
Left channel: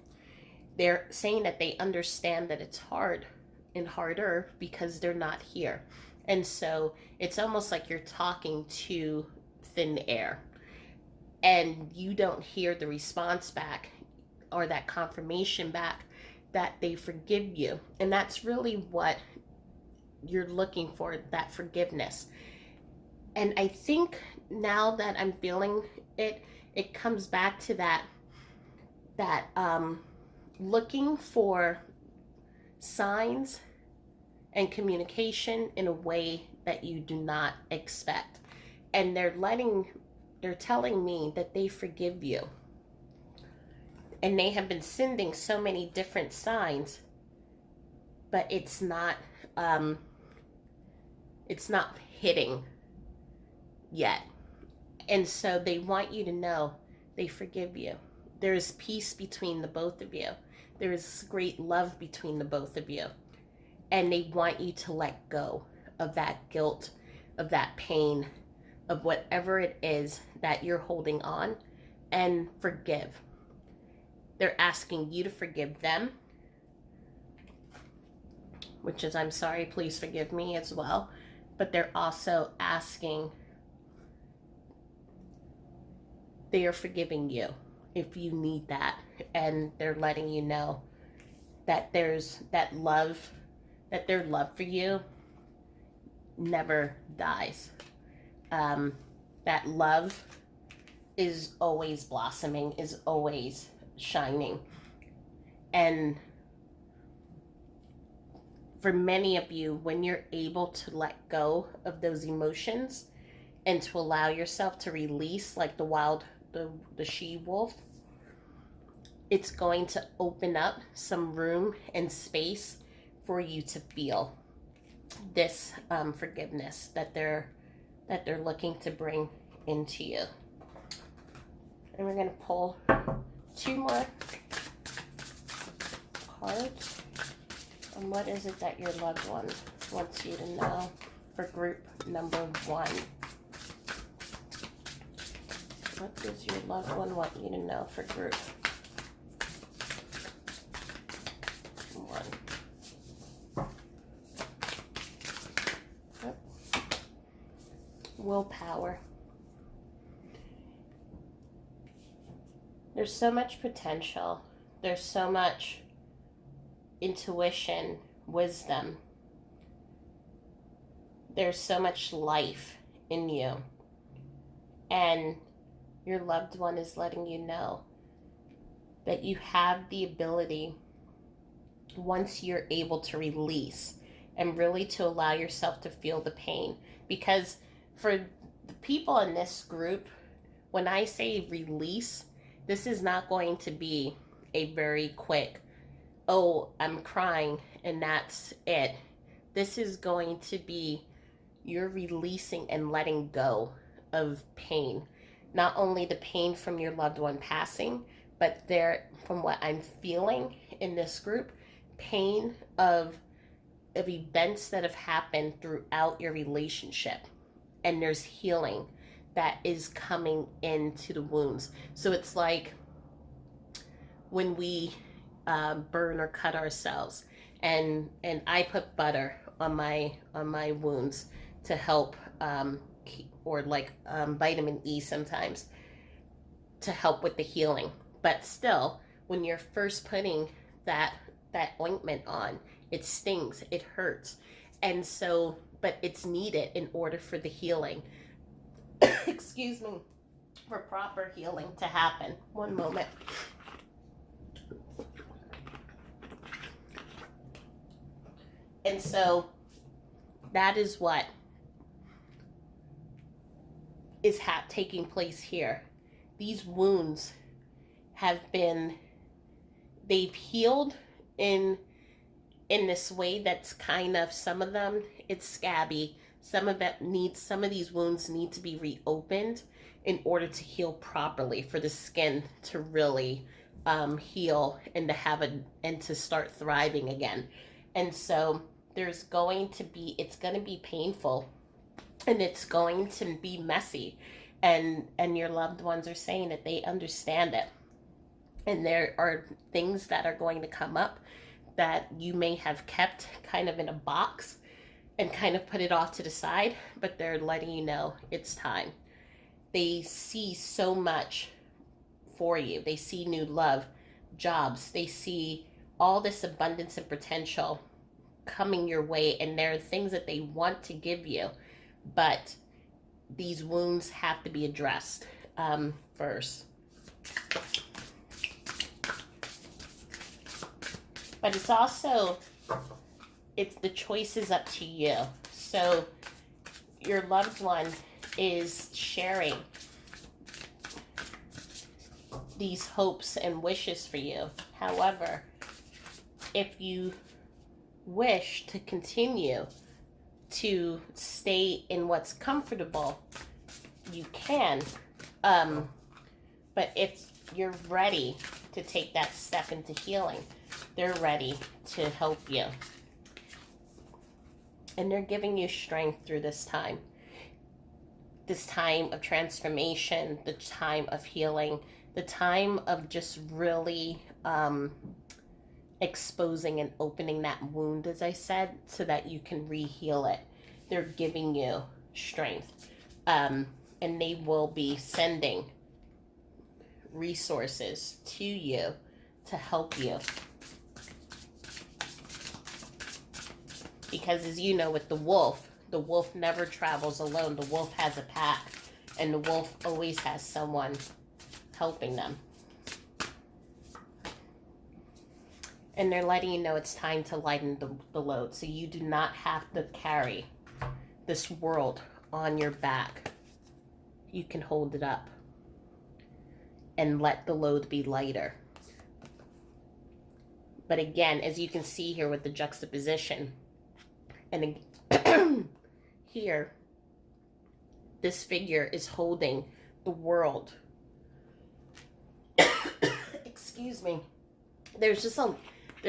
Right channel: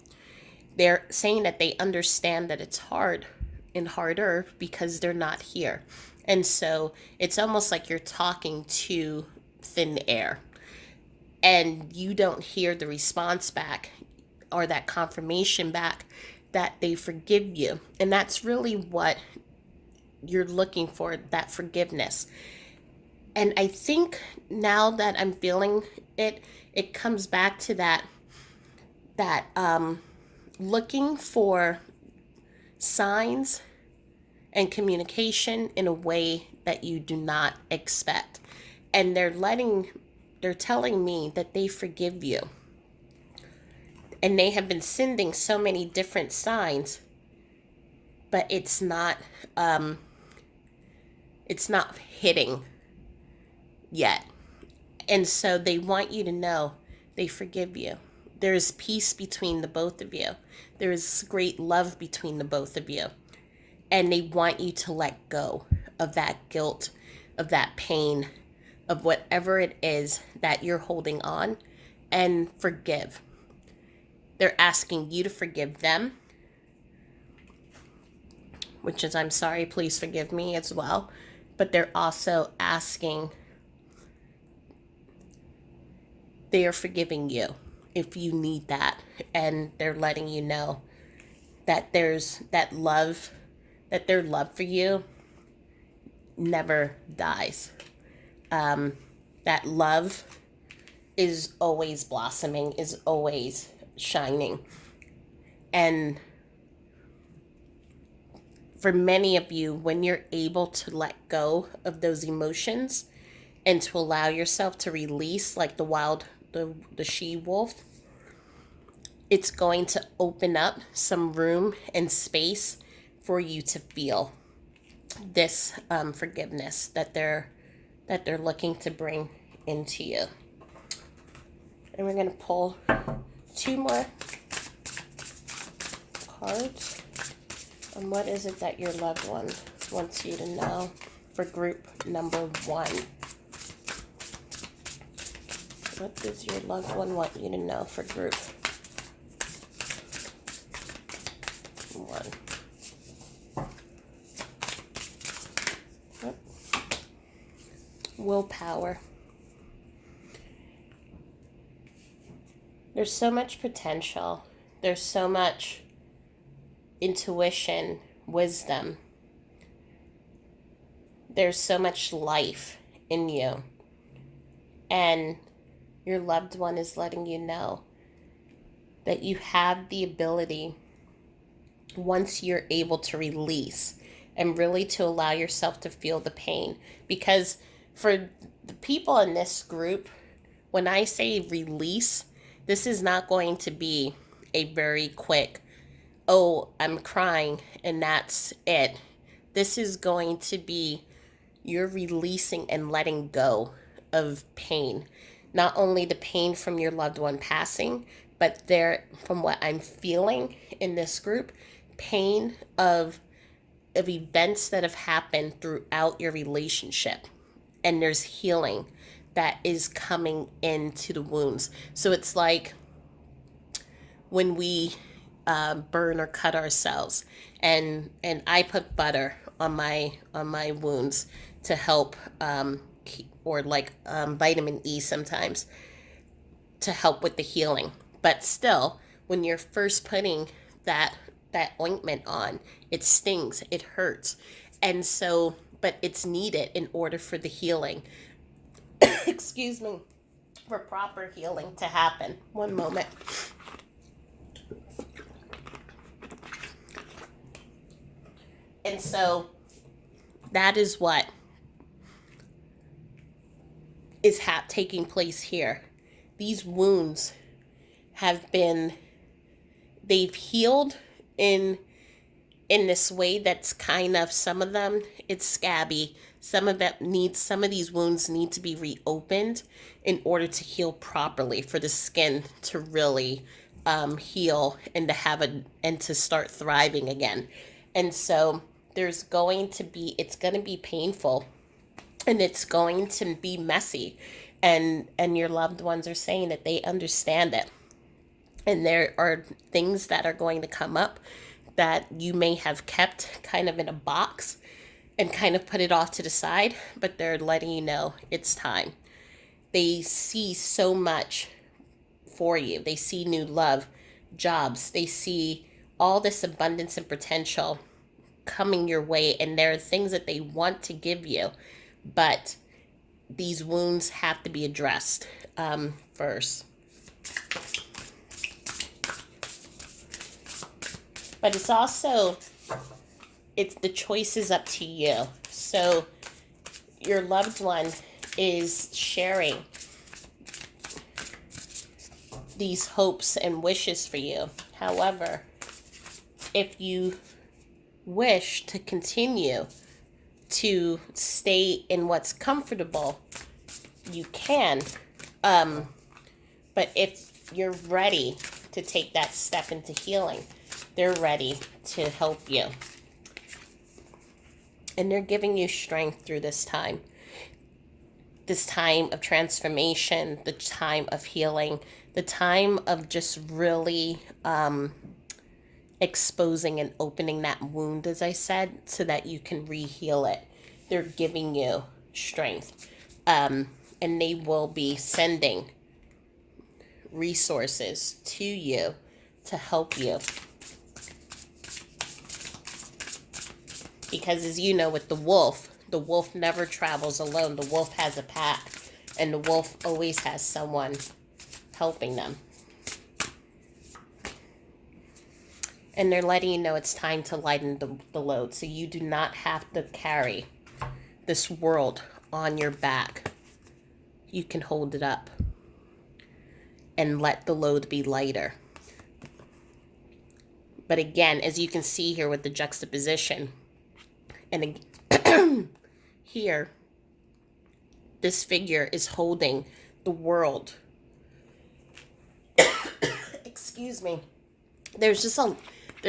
They're saying that they understand that it's hard and harder because they're not here. And so it's almost like you're talking to thin air and you don't hear the response back or that confirmation back that they forgive you. And that's really what you're looking for, that forgiveness. And I think now that I'm feeling it, it comes back to that looking for signs and communication in a way that you do not expect. And they're telling me that they forgive you. And they have been sending so many different signs, but um it's not hitting yet. And so they want you to know they forgive you. There is peace between the both of you. There is great love between the both of you. And they want you to let go of that guilt, of that pain, of whatever it is that you're holding on, and forgive. They're asking you to forgive them, which is, I'm sorry, please forgive me as well. But they're also asking, they are forgiving you if you need that. And they're letting you know that there's that love, that their love for you never dies. That love is always blossoming, is always shining. And for many of you, when you're able to let go of those emotions and to allow yourself to release, like the she wolf, it's going to open up some room and space for you to feel this forgiveness that they're looking to bring into you. And we're going to pull 2 more cards. And what is it that your loved one wants you to know for group number 1? What does your loved one want you to know for group 1? Yep. Willpower. There's so much potential. There's so much intuition, wisdom. There's so much life in you. And your loved one is letting you know that you have the ability, once you're able to release and really to allow yourself to feel the pain. Because for the people in this group, when I say release, this is not going to be a very quick, oh, I'm crying and that's it. This is going to be you're releasing and letting go of pain. Not only the pain from your loved one passing, but from what I'm feeling in this group, pain of events that have happened throughout your relationship. And there's healing that is coming into the wounds. So it's like when we burn or cut ourselves, and I put butter on my wounds to help, or like vitamin E sometimes to help with the healing. But still, when you're first putting that ointment on, it stings, it hurts, and so, but it's needed in order for the healing. Excuse me, for proper healing to happen. One moment. And so that is what is taking place here. These wounds they've healed in this way that's kind of, some of them it's scabby, some of these wounds need to be reopened in order to heal properly, for the skin to really heal and to start thriving again. And so it's going to be painful and it's going to be messy, and your loved ones are saying that they understand it, and there are things that are going to come up that you may have kept kind of in a box and kind of put it off to the side, but they're letting you know it's time. They see so much for you. They see new love, jobs, they see all this abundance and potential coming your way, and there are things that they want to give you, but these wounds have to be addressed first. But it's also, it's the choice is up to you. So your loved one is sharing these hopes and wishes for you. However, if you wish to continue to stay in what's comfortable, you can. But if you're ready to take that step into healing, they're ready to help you. And they're giving you strength through this time of transformation, the time of healing, the time of just really exposing and opening that wound, as I said, so that you can re-heal it. They're giving you strength. And they will be sending resources to you to help you. Because as you know, with the wolf never travels alone. The wolf has a pack, and the wolf always has someone helping them. And they're letting you know it's time to lighten the load, so you do not have to carry this world on your back. You can hold it up and let the load be lighter. But again, as you can see here with the juxtaposition, and here, this figure is holding the world. Excuse me. There's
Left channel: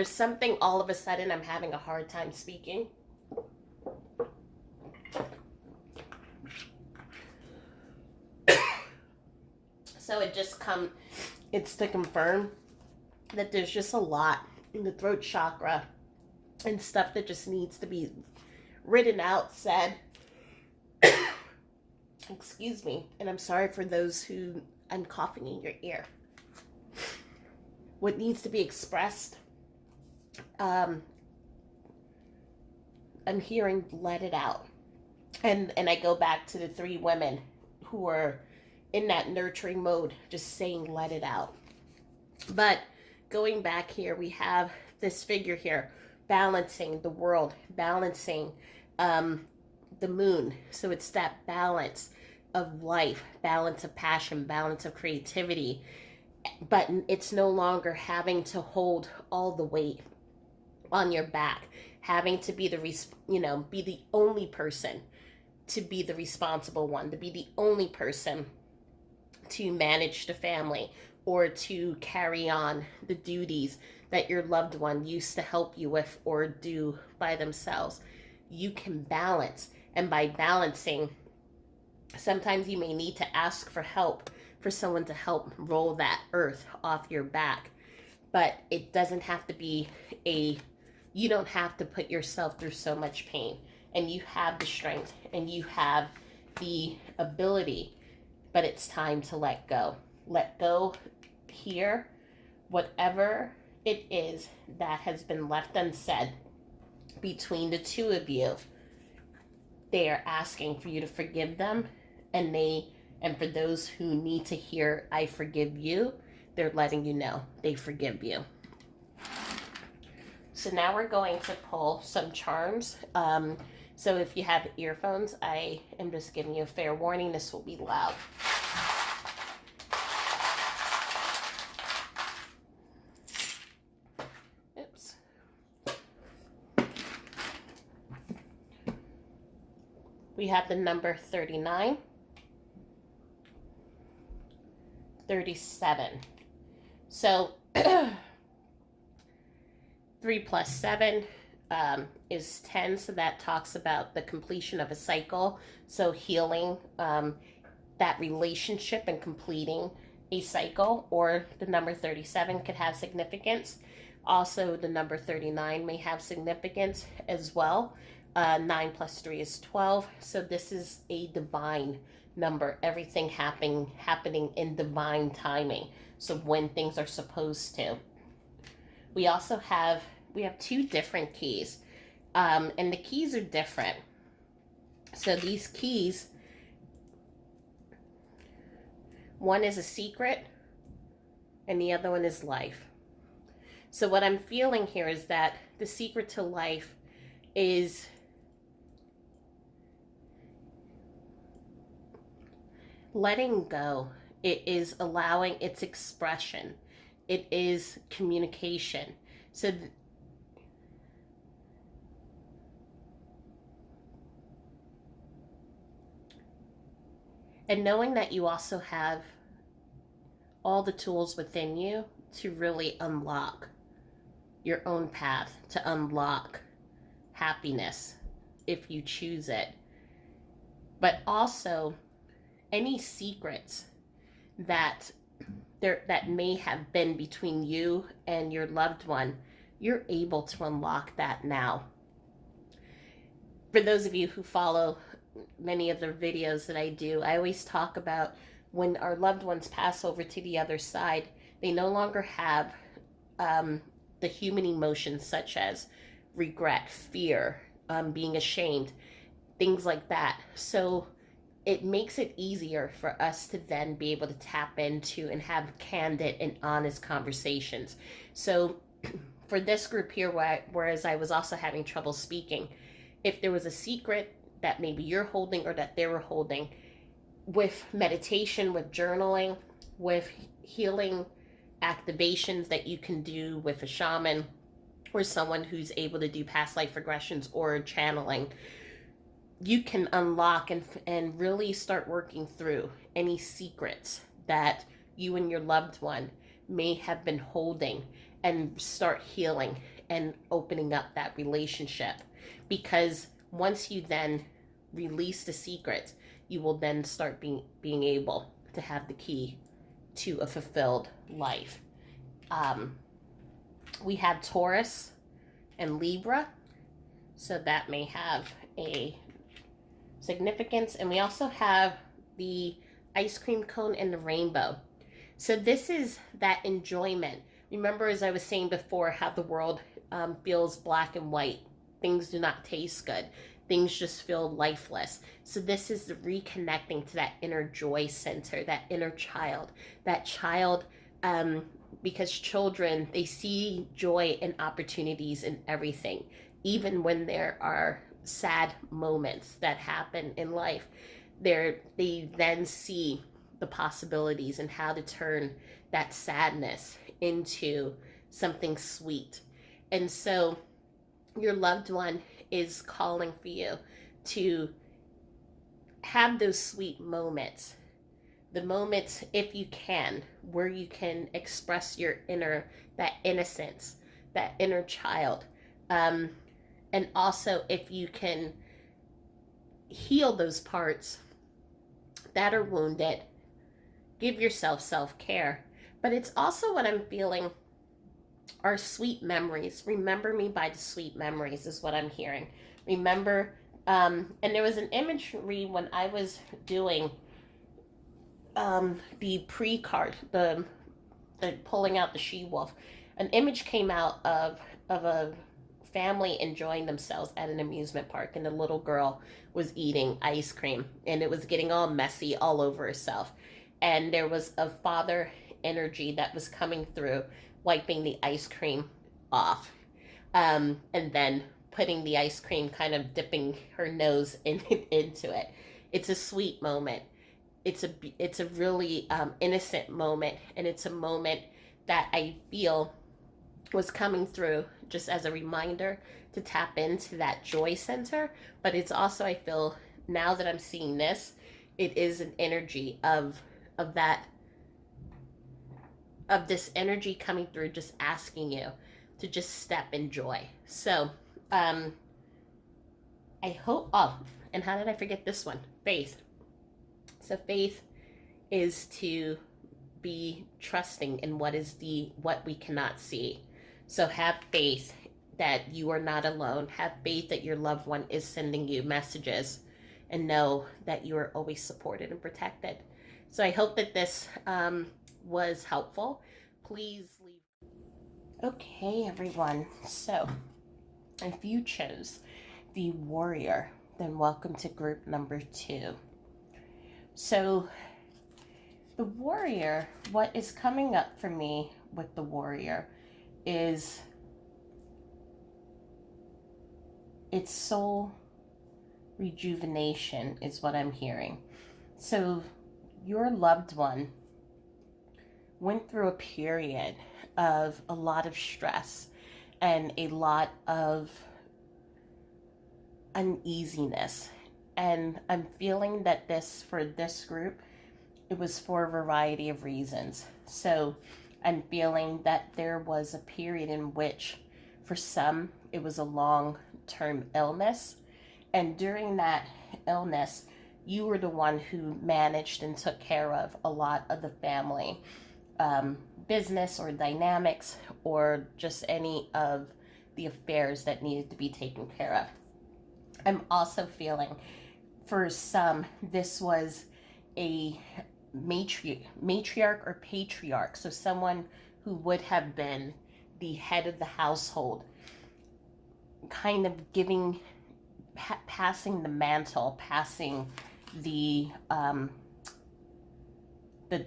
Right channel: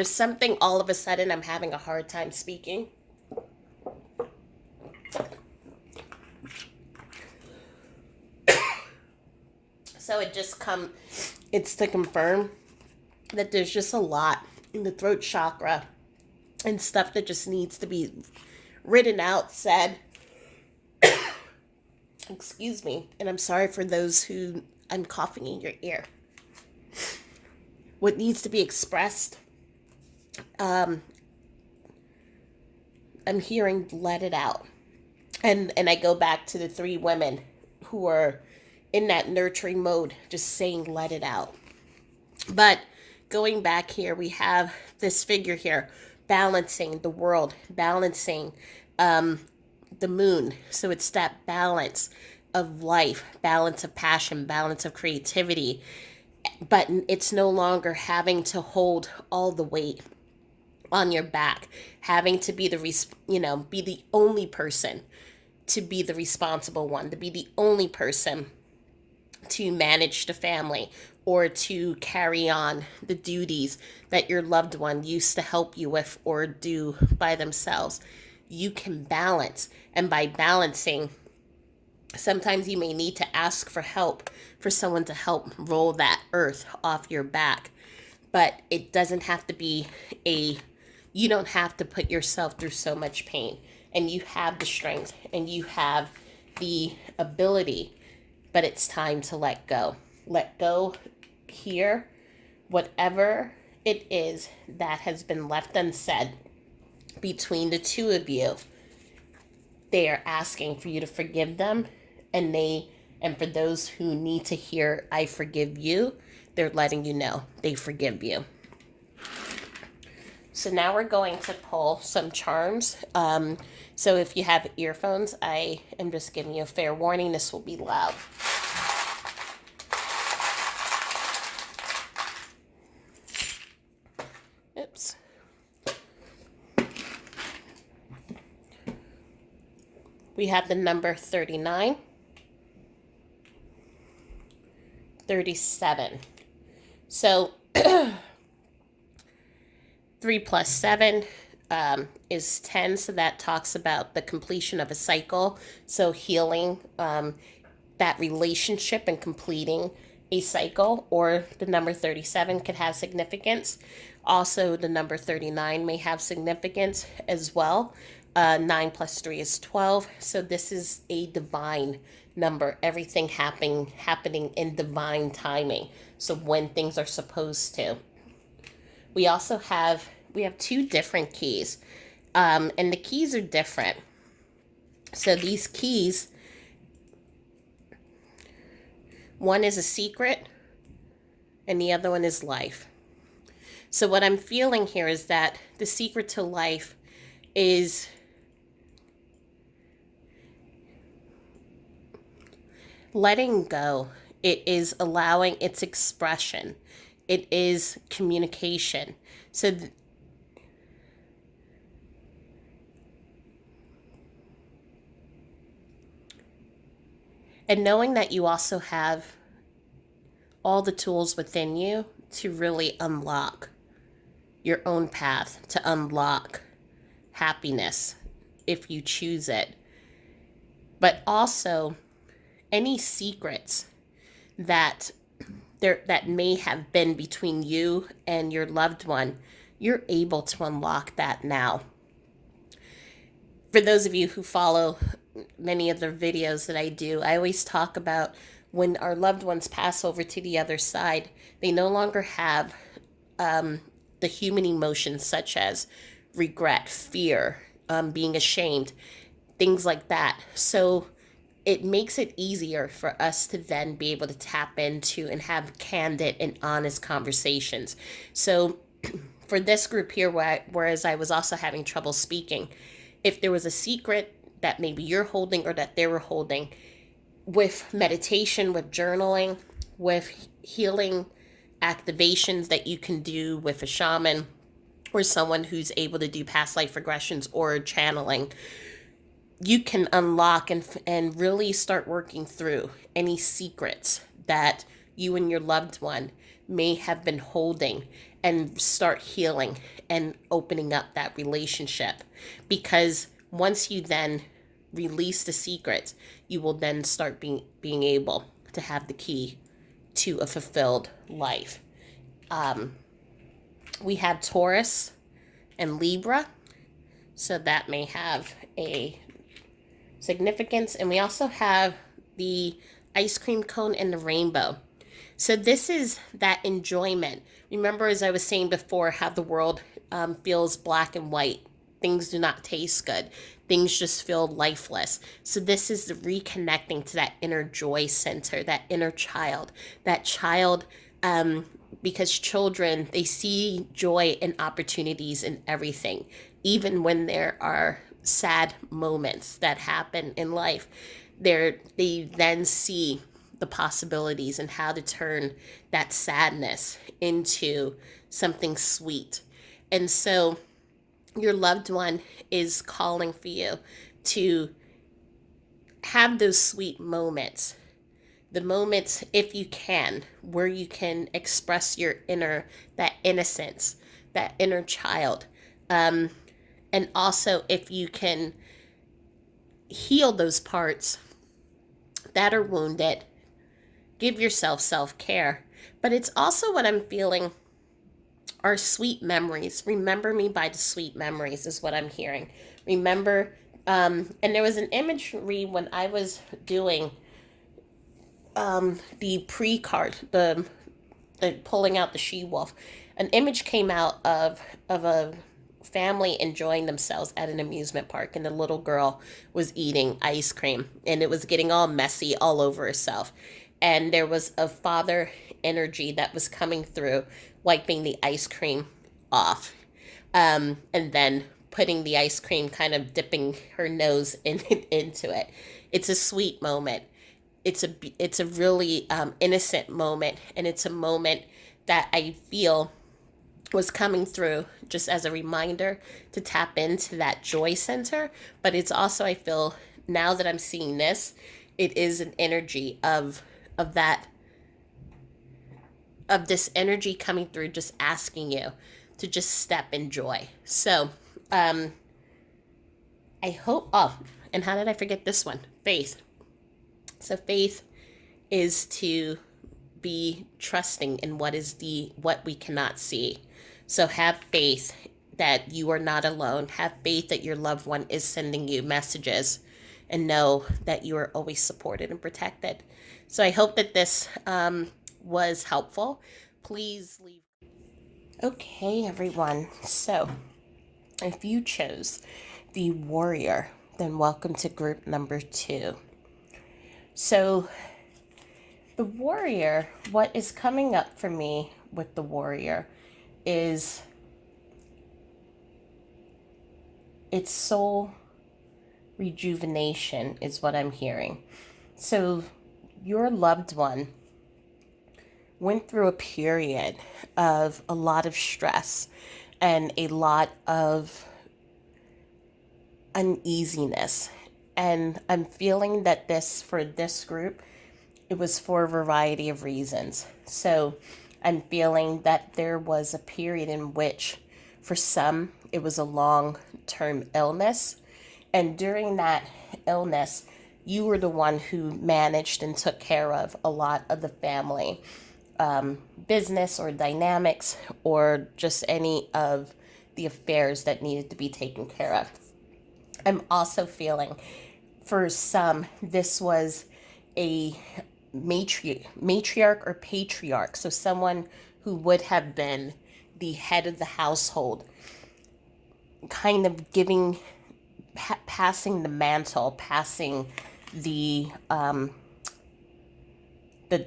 something all of a sudden I'm having a hard time speaking. So it's to confirm that there's just a lot in the throat chakra and stuff that just needs to be written out, said. Excuse me. And I'm sorry for those who I'm coughing in your ear. What needs to be expressed, I'm hearing let it out. And I go back to the 3 women who are in that nurturing mode, just saying let it out. But going back here, we have this figure here balancing the world, balancing the moon. So it's that balance of life, balance of passion, balance of creativity. But it's no longer having to hold all the weight on your back, having to be be the only person to be the responsible one, to be the only person to manage the family or to carry on the duties that your loved one used to help you with or do by themselves. You can balance, and by balancing, sometimes you may need to ask for help, for someone to help roll that earth off your back. But it doesn't have to be you don't have to put yourself through so much pain. And you have the strength and you have the ability, but it's time to let go. Let go here, whatever it is that has been left unsaid between the 2 of you. They are asking for you to forgive them, and for those who need to hear I forgive you, they're letting you know they forgive you. So now we're going to pull some charms. So if you have earphones, I am just giving you a fair warning, this will be loud. Oops. We have the number 39, 37. So 3 plus 7, is 10, so that talks about the completion of a cycle. So healing that relationship and completing a cycle, or the number 37 could have significance. Also, the number 39 may have significance as well. 9 plus 3 is 12. So this is a divine number. Everything happening in divine timing. So when things are supposed to. We also have two different keys, and the keys are different. So these keys, one is a secret, and the other one is life. So what I'm feeling here is that the secret to life is letting go. It is allowing its expression. It is communication. So and knowing that you also have all the tools within you to really unlock your own path, to unlock happiness if you choose it. But also any secrets that that may have been between you and your loved one, you're able to unlock that now. For those of you who follow many of the videos that I do, I always talk about when our loved ones pass over to the other side, they no longer have the human emotions such as regret, fear, being ashamed, things like that. So it makes it easier for us to then be able to tap into and have candid and honest conversations. So for this group here, whereas I was also having trouble speaking, if there was a secret that maybe you're holding or that they were holding, with meditation, with journaling, with healing activations that you can do with a shaman or someone who's able to do past life regressions or channeling, you can unlock and really start working through any secrets that you and your loved one may have been holding, and start healing and opening up that relationship. Because once you then release the secrets, you will then start being able to have the key to a fulfilled life. We have Taurus and Libra, so that may have a significance. And we also have the ice cream cone and the rainbow. So this is that enjoyment. Remember, as I was saying before, how the world feels black and white. Things do not taste good. Things just feel lifeless. So this is the reconnecting to that inner joy center, that inner child. That child, because children, they see joy and opportunities in everything, even when there are sad moments that happen in life. They then see the possibilities and how to turn that sadness into something sweet. And so your loved one is calling for you to have those sweet moments. The moments, if you can, where you can express your that innocence, that inner child. And also, if you can heal those parts that are wounded, give yourself self-care. But it's also what I'm feeling are sweet memories. Remember me by the sweet memories is what I'm hearing. Remember, and there was an imagery when I was doing the pre-card, the pulling out the she-wolf. An image came out of a family enjoying themselves at an amusement park, and the little girl was eating ice cream, and it was getting all messy all over herself. And there was a father energy that was coming through, wiping the ice cream off, and then putting the ice cream, kind of dipping her nose into it. It's a sweet moment. It's a really innocent moment, and it's a moment that I feel was coming through just as a reminder to tap into that joy center. But it's also, I feel now that I'm seeing this, it is an energy of that, of this energy coming through, just asking you to just step in joy. So Um, I hope, oh, and how did I forget this one? Faith. So faith is to be trusting in what we cannot see. So have faith that you are not alone. Have faith that your loved one is sending you messages, and know that you are always supported and protected. So I hope that this was helpful. Please leave. Okay, everyone. So if you chose the warrior, then welcome to group number 2. So the warrior, what is coming up for me with the warrior is its soul rejuvenation, is what I'm hearing. So your loved one went through a period of a lot of stress and a lot of uneasiness. And I'm feeling that for this group, it was for a variety of reasons. So I'm feeling that there was a period in which, for some, it was a long term illness. And during that illness, you were the one who managed and took care of a lot of the family business or dynamics, or just any of the affairs that needed to be taken care of. I'm also feeling for some, this was a matriarch or patriarch, so someone who would have been the head of the household, kind of passing the mantle, passing the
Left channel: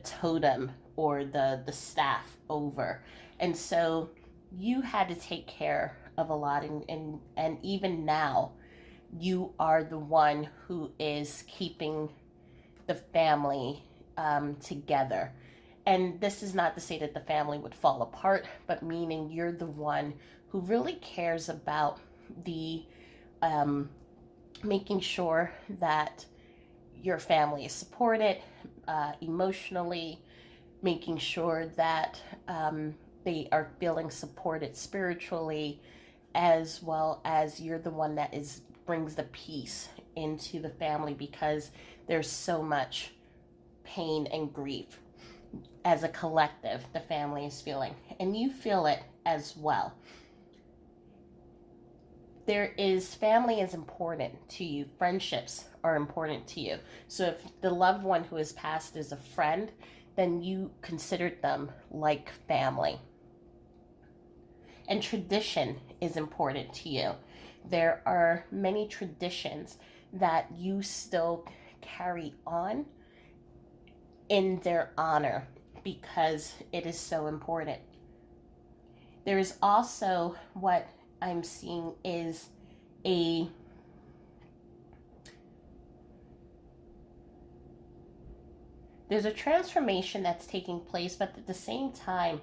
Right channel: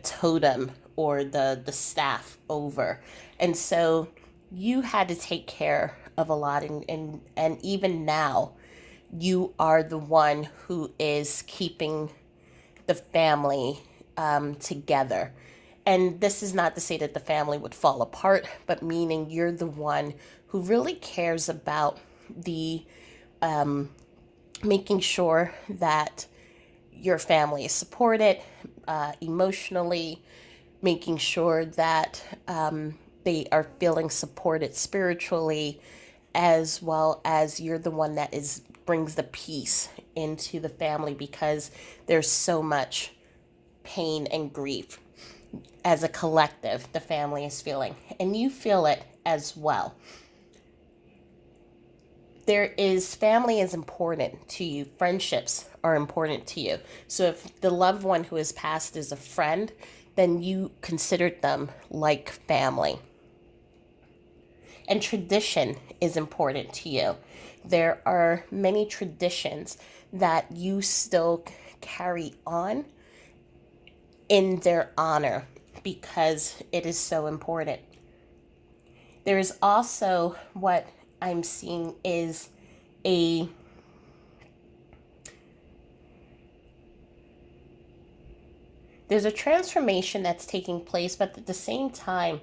totem or the staff over. And so you had to take care of a lot, and even now you are the one who is keeping the family together. And this is not to say that the family would fall apart, but meaning you're the one who really cares about the making sure that your family is supported emotionally, making sure that they are feeling supported spiritually, as well as you're the one that brings the peace into the family, because there's so much pain and grief as a collective the family is feeling, and you feel it as well. Family is important to you, friendships are important to you. So if the loved one who has passed is a friend, then you considered them like family. And tradition is important to you. There are many traditions that you still carry on in their honor, because it is so important. There is also, what I'm seeing is there's a transformation that's taking place, but at the same time,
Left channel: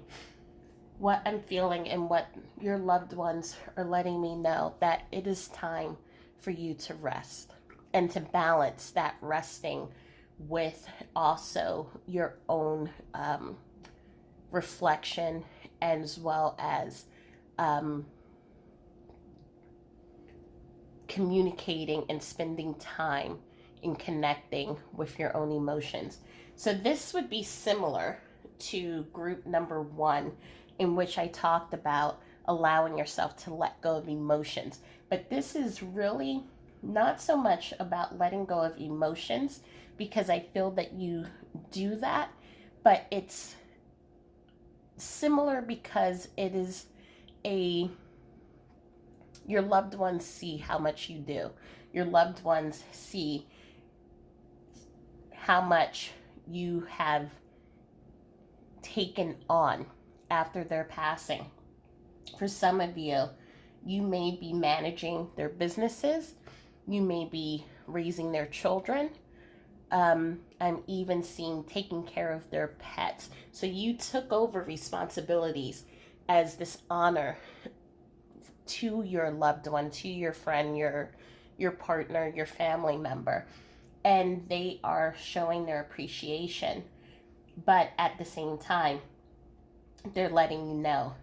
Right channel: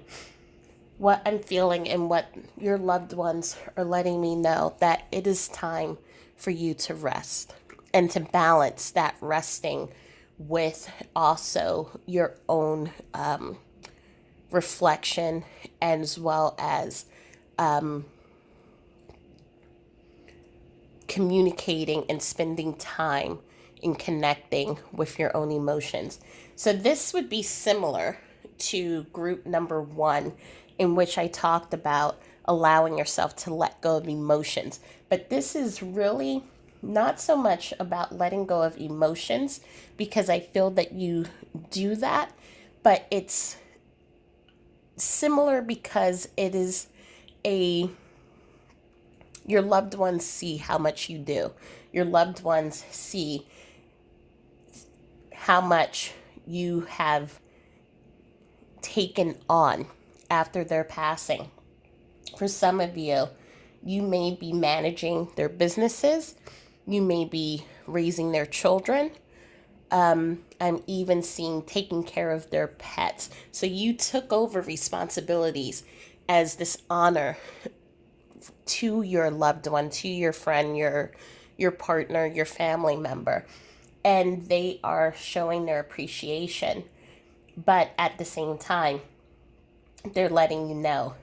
what I'm feeling and what your loved ones are letting me know, that it is time for you to rest, and to balance that resting with also your own reflection, as well as communicating and spending time in connecting with your own emotions. So this would be similar to group number 1, in which I talked about allowing yourself to let go of emotions. But this is really not so much about letting go of emotions, because I feel that you do that, but it's similar because it is your loved ones see how much you do. Your loved ones see how much you have taken on after their passing. For some of you, you may be managing their businesses, you may be raising their children. I'm even seeing taking care of their pets. So you took over responsibilities as this honor to your loved one, to your friend, your partner, your family member, and they are showing their appreciation. But at the same time, they're letting you know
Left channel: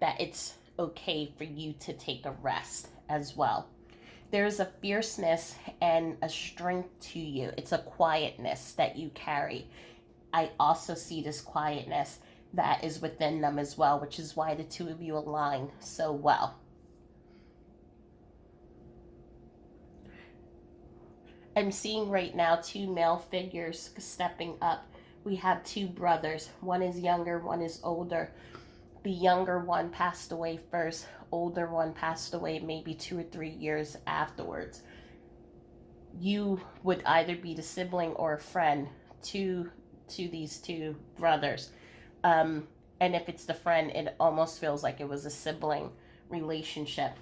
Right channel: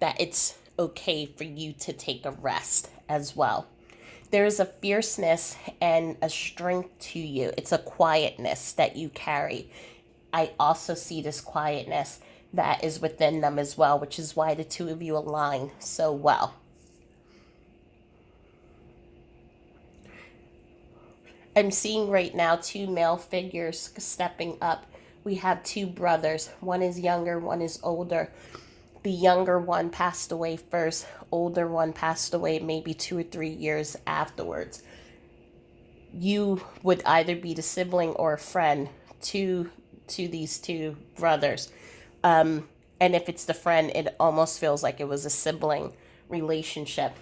that it's okay for you to take a rest as well. There's a fierceness and a strength to you. It's a quietness that you carry. I also see this quietness that is within them as well, which is why the two of you align so well. I'm seeing right now two male figures stepping up. We have two brothers. One is younger, one is older. The younger one passed away first. Older one passed away maybe 2 or 3 years afterwards. You would either be the sibling or a friend to these two brothers. And if it's the friend, it almost feels like it was a sibling relationship.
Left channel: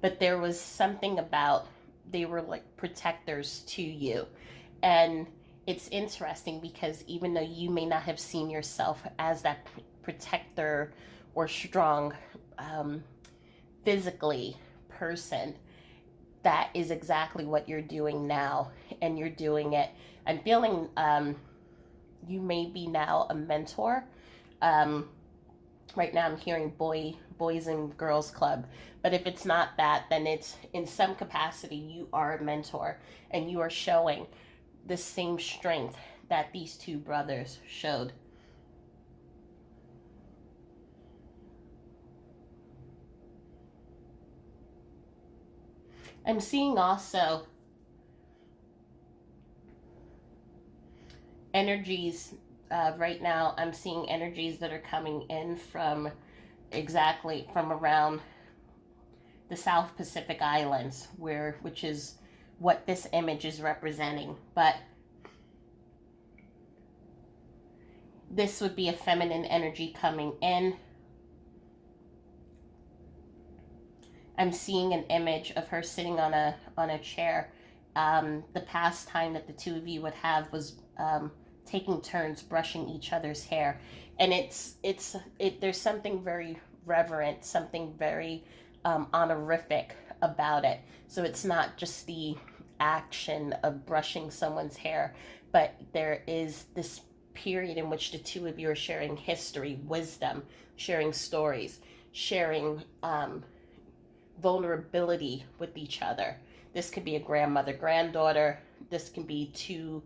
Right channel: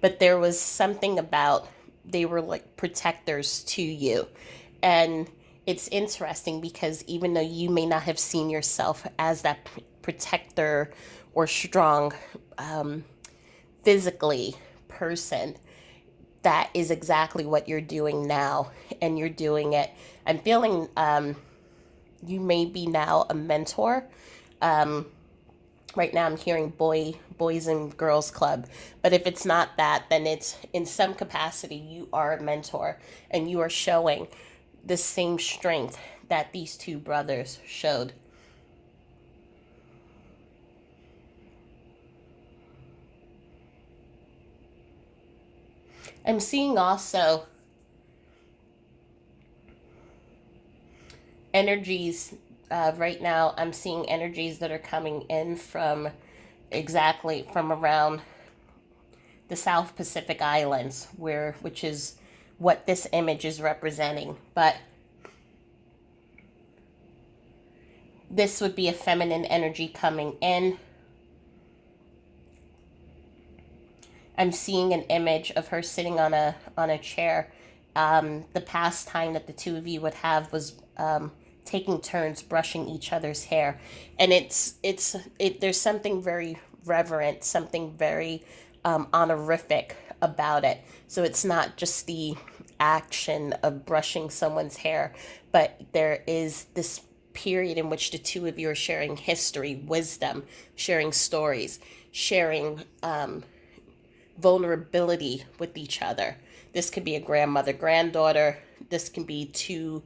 But there was something about they were like protectors to you. And it's interesting because even though you may not have seen yourself as that protector or strong physically person, that is exactly what you're doing now. And you're doing it. I'm feeling you may be now a mentor. Um, right now I'm hearing boys and girls club, but if it's not that, then it's in some capacity you are a mentor and you are showing the same strength that these two brothers showed. I'm seeing also energies right now. I'm seeing energies that are coming in from exactly from around the South Pacific Islands, which is what this image is representing. But this would be a feminine energy coming in. I'm seeing an image of her sitting on a chair. The pastime that the two of you would have was taking turns brushing each other's hair, and there's something very reverent, something very honorific about it. So it's not just the action of brushing someone's hair, but there is this period in which the two of you are sharing history, wisdom, sharing stories, sharing vulnerability with each other. This could be a grandmother, granddaughter. This can be two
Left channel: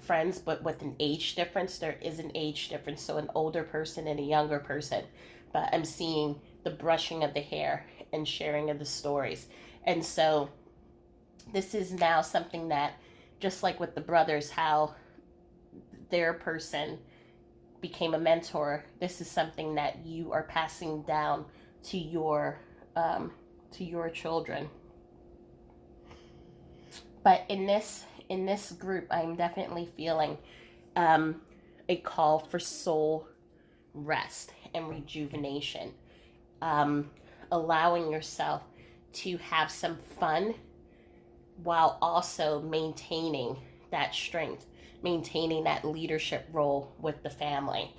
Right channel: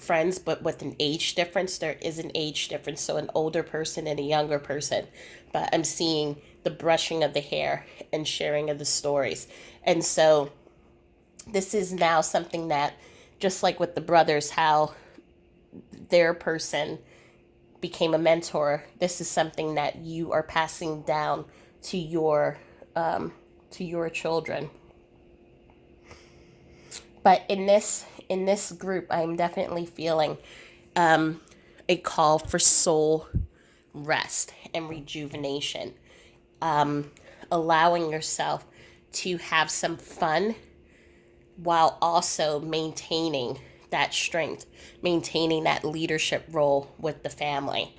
friends, but with an age difference. There is an age difference, so an older person and a younger person. But I'm seeing the brushing of the hair and sharing of the stories. And so this is now something that, just like with the brothers, how their person became a mentor, this is something that you are passing down to your children. But in this group, I'm definitely feeling a call for soul rest and rejuvenation, allowing yourself to have some fun while also maintaining that strength, maintaining that leadership role with the family.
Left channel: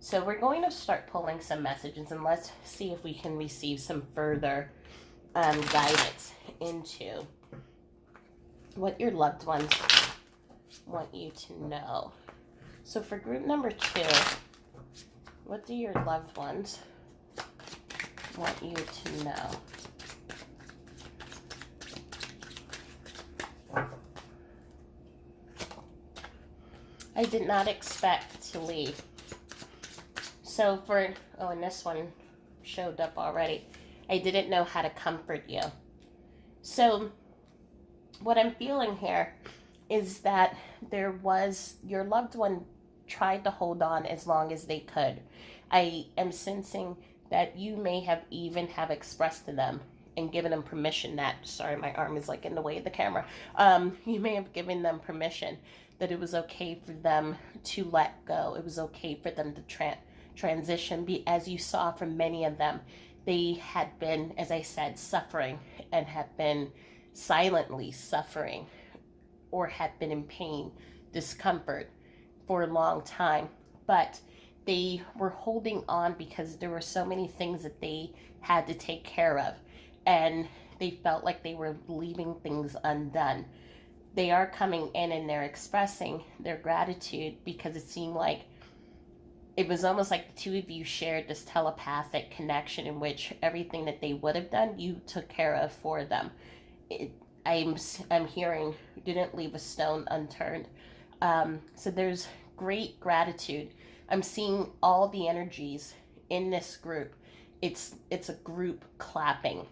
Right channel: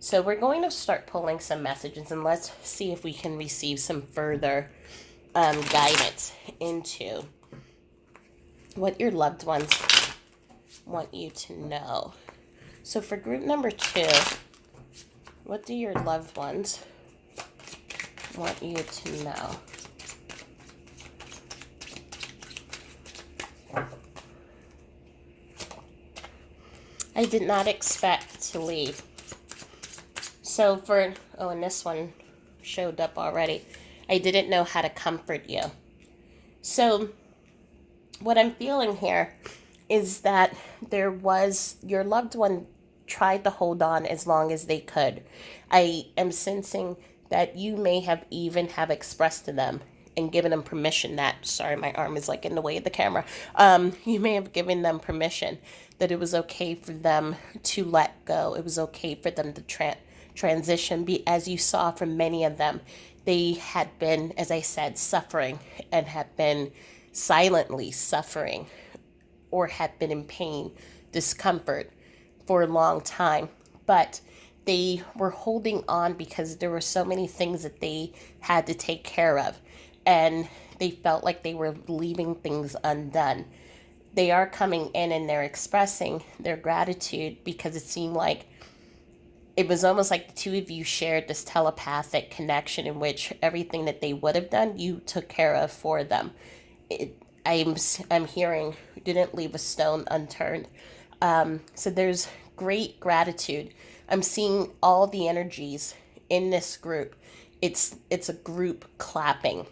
So we're going to start pulling some messages, and let's see if we can receive some further guidance into what your loved ones want you to know. So for group number 2, what do your loved ones want you to know? I did not expect to leave. So and this one showed up already. I didn't know how to comfort you. So what I'm feeling here is that your loved one tried to hold on as long as they could. I am sensing that you may have even have expressed to them and given them permission that, sorry, my arm is like in the way of the camera. You may have given them permission that it was okay for them to let go. It was okay for them to transition. As you saw from many of them, they had been, as I said, suffering and had been silently suffering or had been in pain, discomfort for a long time. But they were holding on because there were so many things that they had to take care of. And they felt like they were leaving things undone. They are coming in and they're expressing their gratitude because it seemed like it was almost like the two of you shared this telepathic connection in which everything that they would have done, you took care of for them. It, I'm hearing didn't leave a stone unturned. So there's great gratitude. I'm seeing all the energies in this group. It's a group clapping.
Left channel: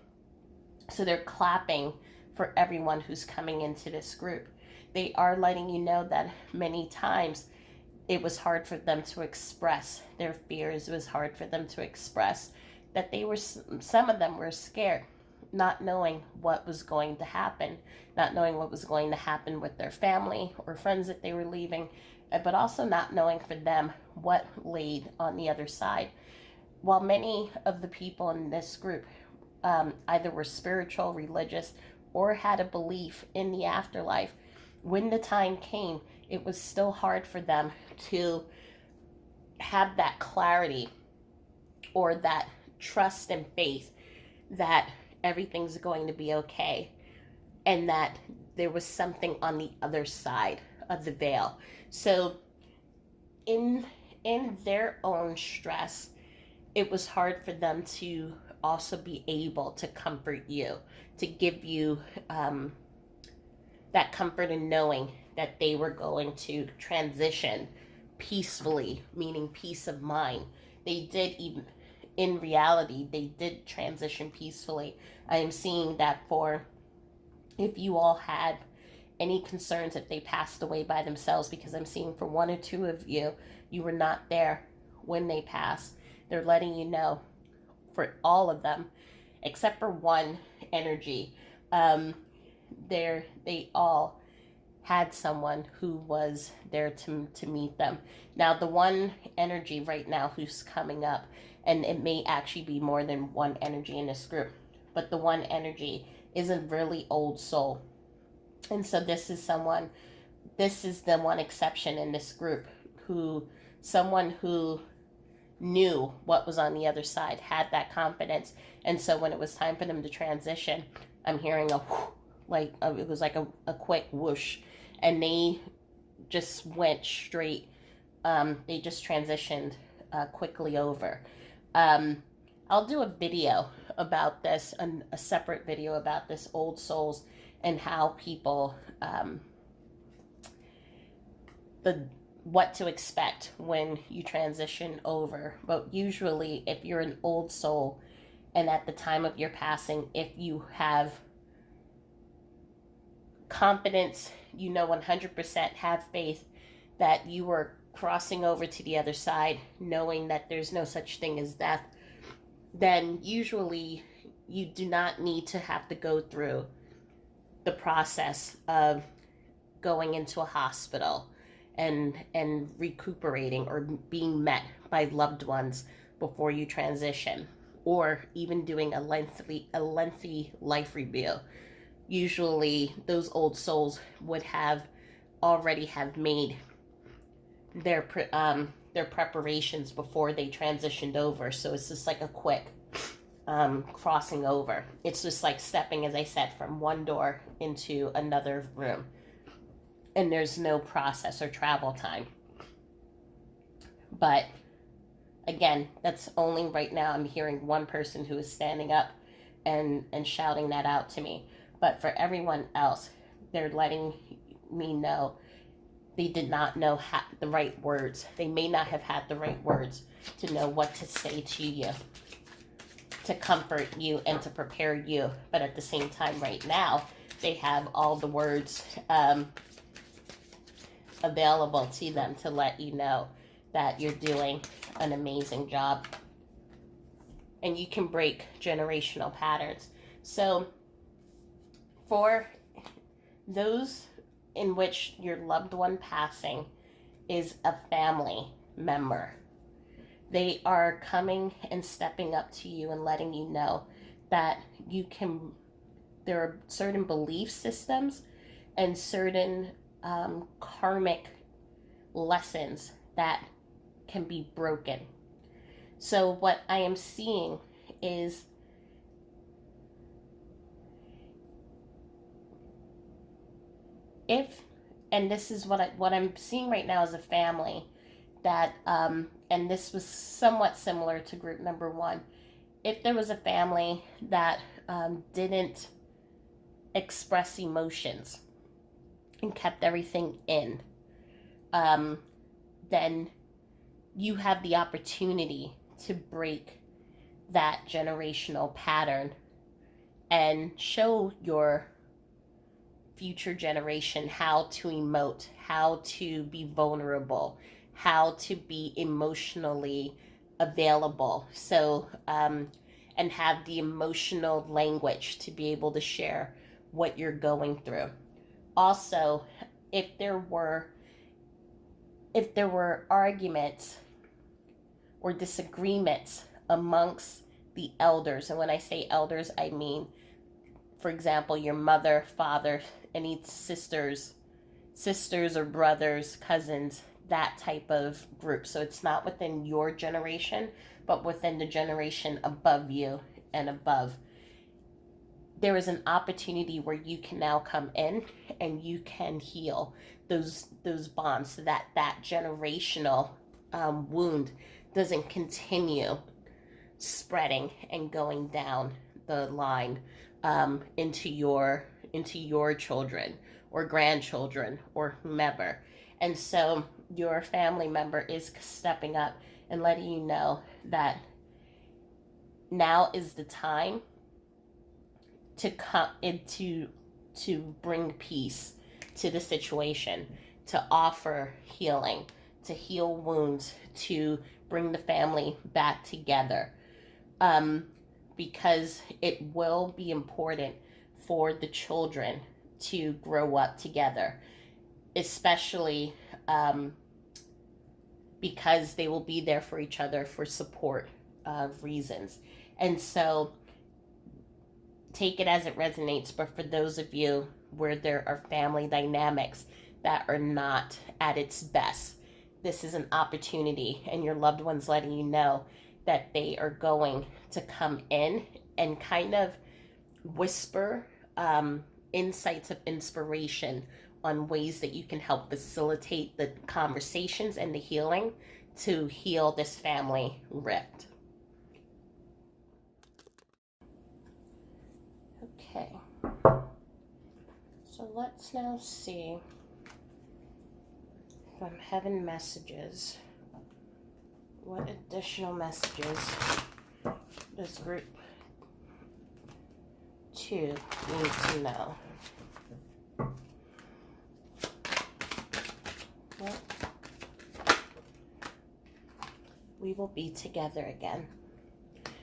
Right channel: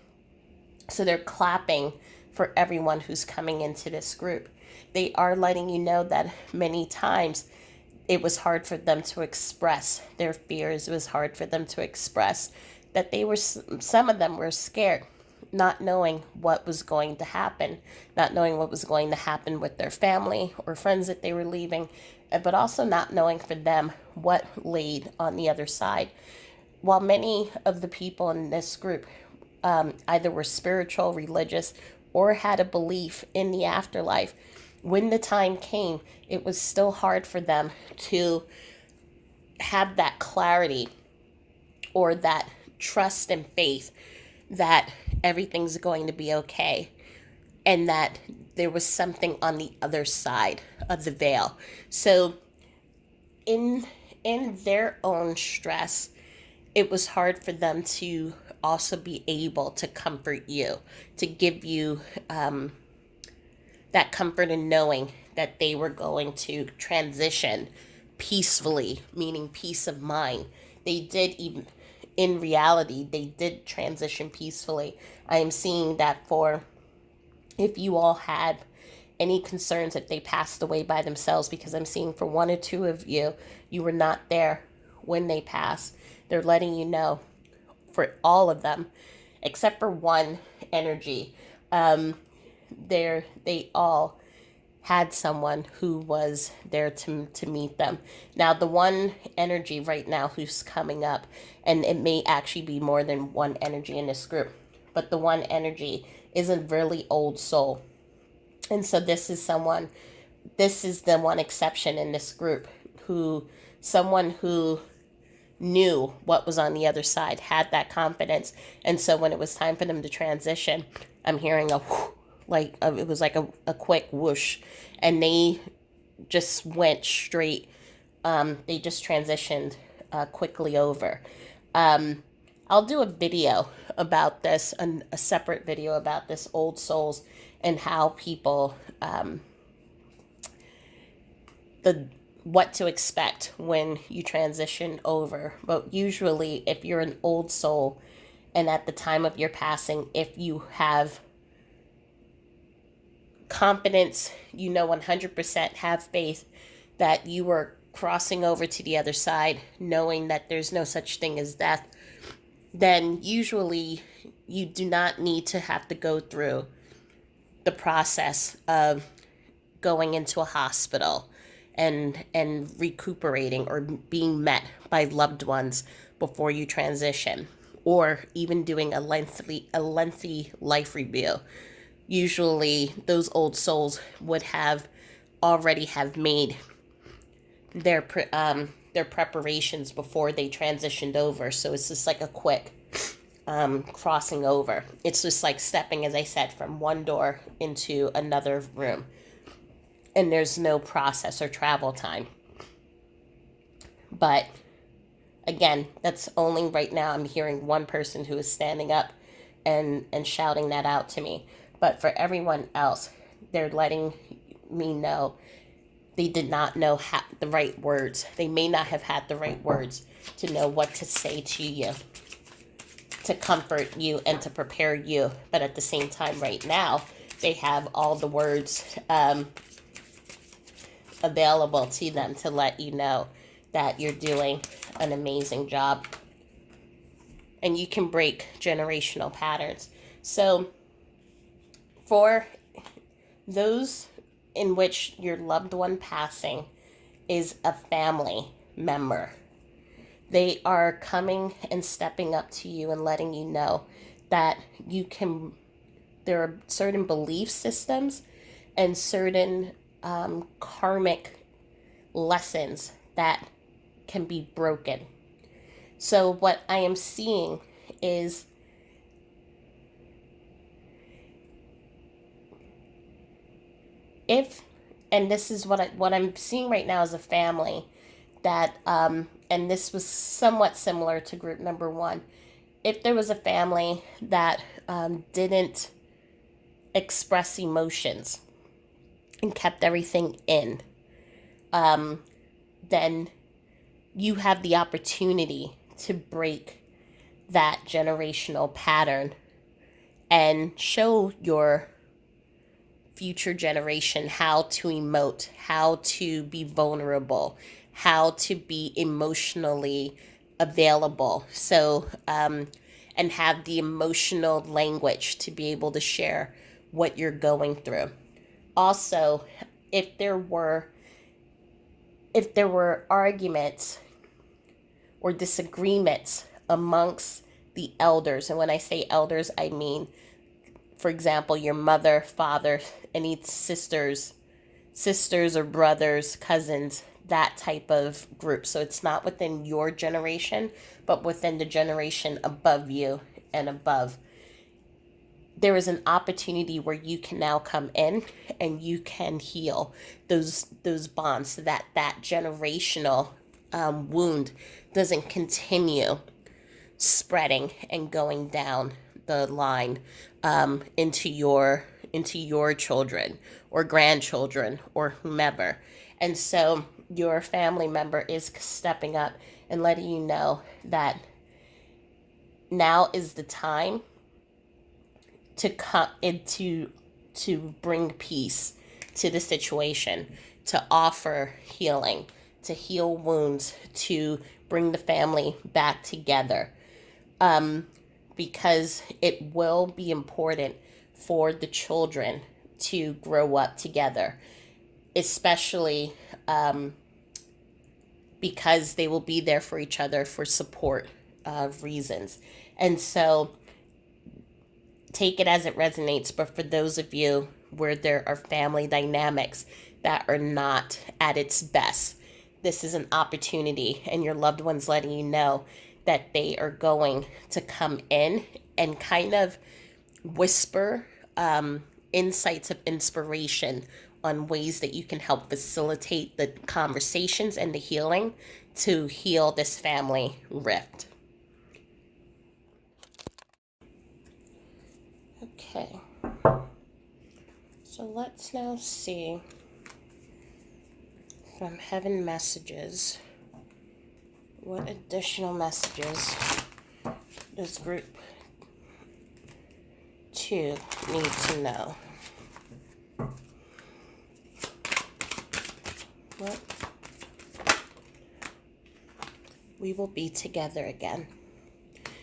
So they're clapping for everyone who's coming into this group. They are letting you know that many times it was hard for them to express their fears. It was hard for them to express that some of them were scared, not knowing what was going to happen, not knowing what was going to happen with their family or friends that they were leaving, but also not knowing for them what laid on the other side. While many of the people in this group either were spiritual, religious, or had a belief in the afterlife, when the time came, it was still hard for them to have that clarity or that trust and faith that everything's going to be okay and that there was something on the other side of the veil. So in their own stress, it was hard for them to also be able to comfort you, to give you that comfort in knowing that they were going to transition peacefully, meaning peace of mind. They did, even in reality, they did transition peacefully. I am seeing that for if you all had any concerns that they passed away by themselves, because I'm seeing for one or two of you, you were not there when they passed. They're letting you know for all of them, except for one energy. They all had someone who was there to meet them. Now, the one energy right now who's coming up, and it may actually be more than one energy in this group, but the one energy is a really old soul. And so this is the one exception in this group someone who knew what was on the other side, had that confidence. And so when it was time for them to transition, I'm hearing it was like a quick whoosh, and they just went straight. They just transitioned quickly over. I'll do a video about this, a separate video about this old souls and how people the what to expect when you transition over. But usually, if you're an old soul and at the time of your passing, if you have confidence, 100% have faith that you are crossing over to the other side, knowing that there's no such thing as death, then usually you do not need to have to go through the process of going into a hospital and recuperating or being met by loved ones before you transition, or even doing a lengthy life review. Usually those old souls would have already have made their preparations before they transitioned over. So it's just like a quick crossing over. It's just like stepping, as I said, from one door into another room, and there's no process or travel time. But again, that's only right now. I'm hearing one person who is standing up and shouting that out to me. But for everyone else, they're letting me know they did not know the right words. They may not have had the right words to know what to say to you, to comfort you and to prepare you. But at the same time, right now, they have all the words available to them to let you know that you're doing an amazing job and you can break generational patterns. So for those in which your loved one passing is a family member, they are coming and stepping up to you and letting you know that there are certain belief systems and certain karmic lessons that can be broken. So what I am seeing is and this is what I'm seeing right now as a family, that and this was somewhat similar to group number one. If there was a family that didn't express emotions and kept everything in, um, then you have the opportunity to break that generational pattern and show your future generation how to emote, how to be vulnerable, how to be emotionally available. And have the emotional language to be able to share what you're going through. Also, if there were arguments or disagreements amongst the elders, and when I say elders, I mean, for example, your mother, father, any sisters or brothers, cousins, that type of group. So it's not within your generation, but within the generation above you and above. There is an opportunity where you can now come in and you can heal those bonds so that generational wound doesn't continue spreading and going down the line into your children or grandchildren or whomever. And so your family member is stepping up and letting you know that now is the time to come into to bring peace to the situation, to offer healing, to heal wounds, to bring the family back together. Because it will be important for the children to grow up together, especially because they will be there for each other for support reasons. And so take it as it resonates, but for those of you where there are family dynamics that are not at its best, this is an opportunity, and your loved ones letting you know that they are going to come in and kind of whisper insights of inspiration on ways that you can help facilitate the conversations and the healing to heal this family rift. Okay, so let's now see from Heaven Messages what additional messages does group 2 need to know. Well, we will be together again.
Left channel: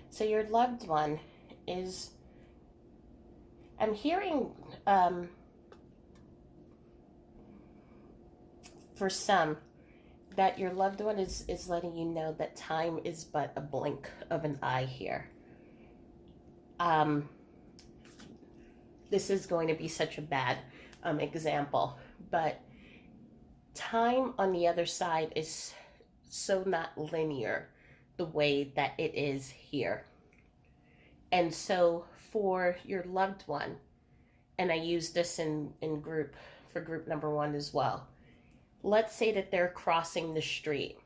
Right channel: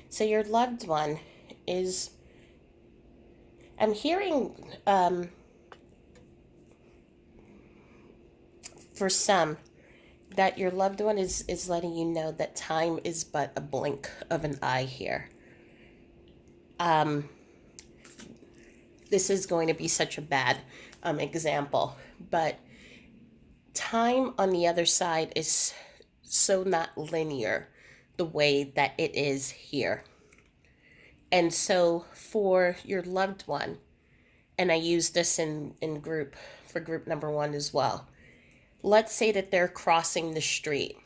So your loved one is, I'm hearing for some that your loved one is letting you know that time is but a blink of an eye here. This is going to be such a bad example, but time on the other side is so not linear the way that it is here. And so for your loved one, and I use this in group for group number 1 as well. Let's say that they're crossing the street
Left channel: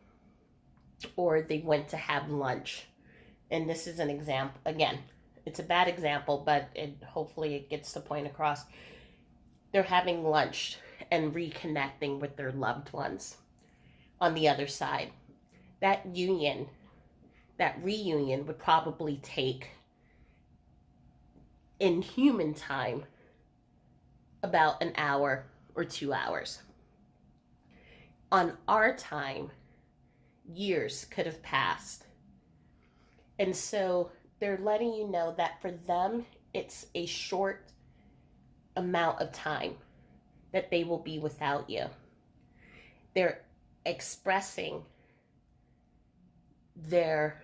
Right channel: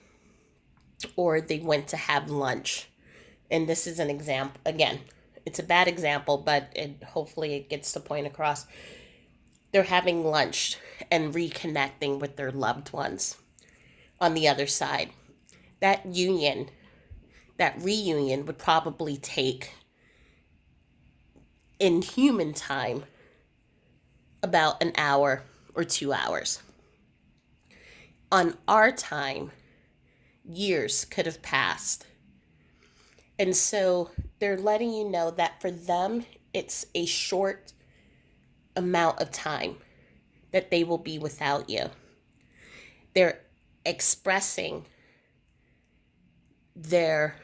or they went to have lunch. And this is an example. Again, it's a bad example, but hopefully it gets the point across. They're having lunch and reconnecting with their loved ones on the other side. That reunion would probably take, in human time, about an hour or 2 hours. On our time, years could have passed. And so they're letting you know that for them, it's a short amount of time that they will be without you. They're expressing their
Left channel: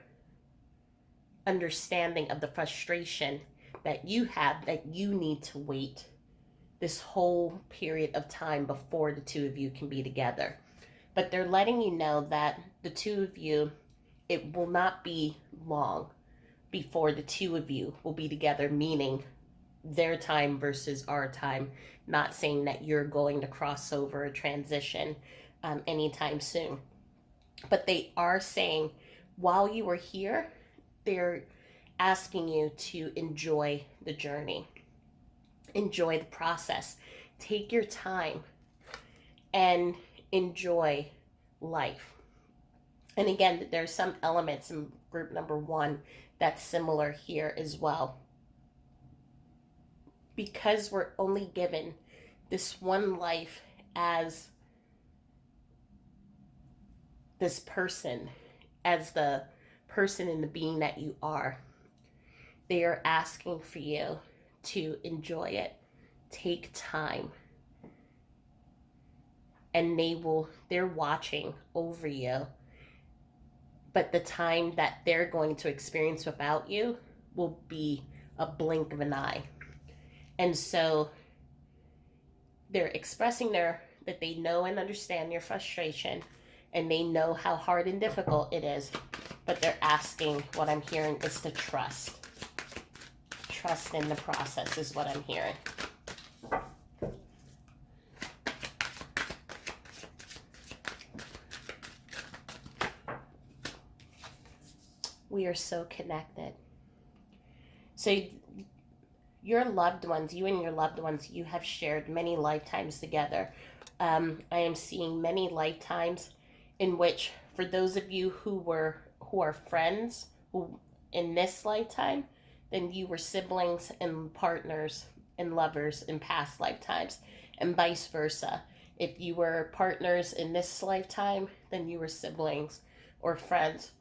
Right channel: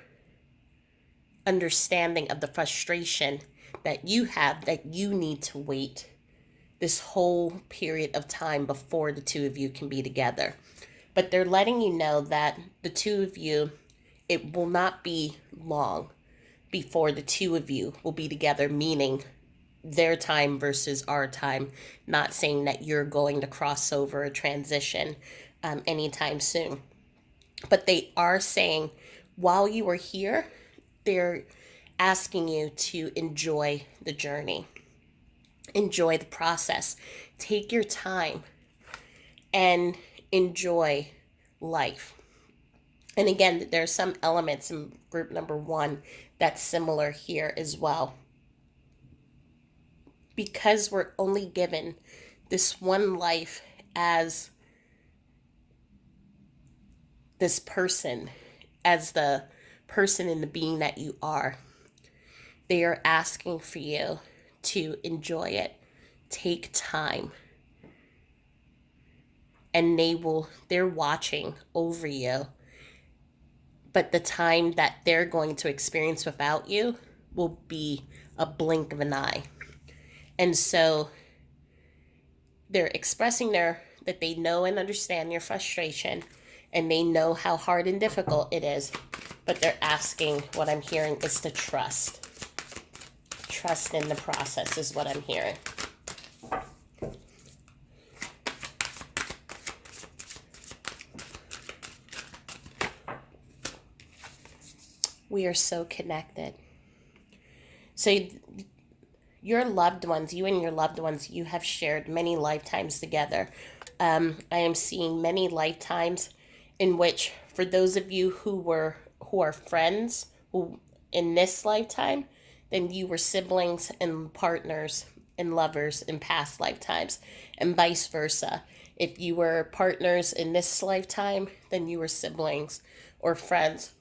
understanding of the frustration that you have, that you need to wait this whole period of time before the two of you can be together. But they're letting you know that the two of you, it will not be long before the two of you will be together, meaning their time versus our time, not saying that you're going to cross over or transition anytime soon. But they are saying while you are here, they're asking you to enjoy the journey, enjoy the process, take your time, and enjoy life. And again, there's some elements in group number one that's similar here as well. Because we're only given this one life as this person, as the person and the being that you are, they are asking for you to enjoy it, take time, and they're watching over you. But the time that they're going to experience without you will be a blink of an eye. And so they're expressing that they know and understand your frustration, and they know how hard and difficult it is, but they're asking, what I'm hearing is to trust. Trust in the process is what I'm hearing. We are so connected. So your loved ones, you and your loved ones, you have shared many lifetimes together. I am seeing many lifetimes in which, for those of you who are friends in this lifetime, then you were siblings and partners and lovers in past lifetimes, and vice versa. If you were partners in this lifetime, then you were siblings or friends.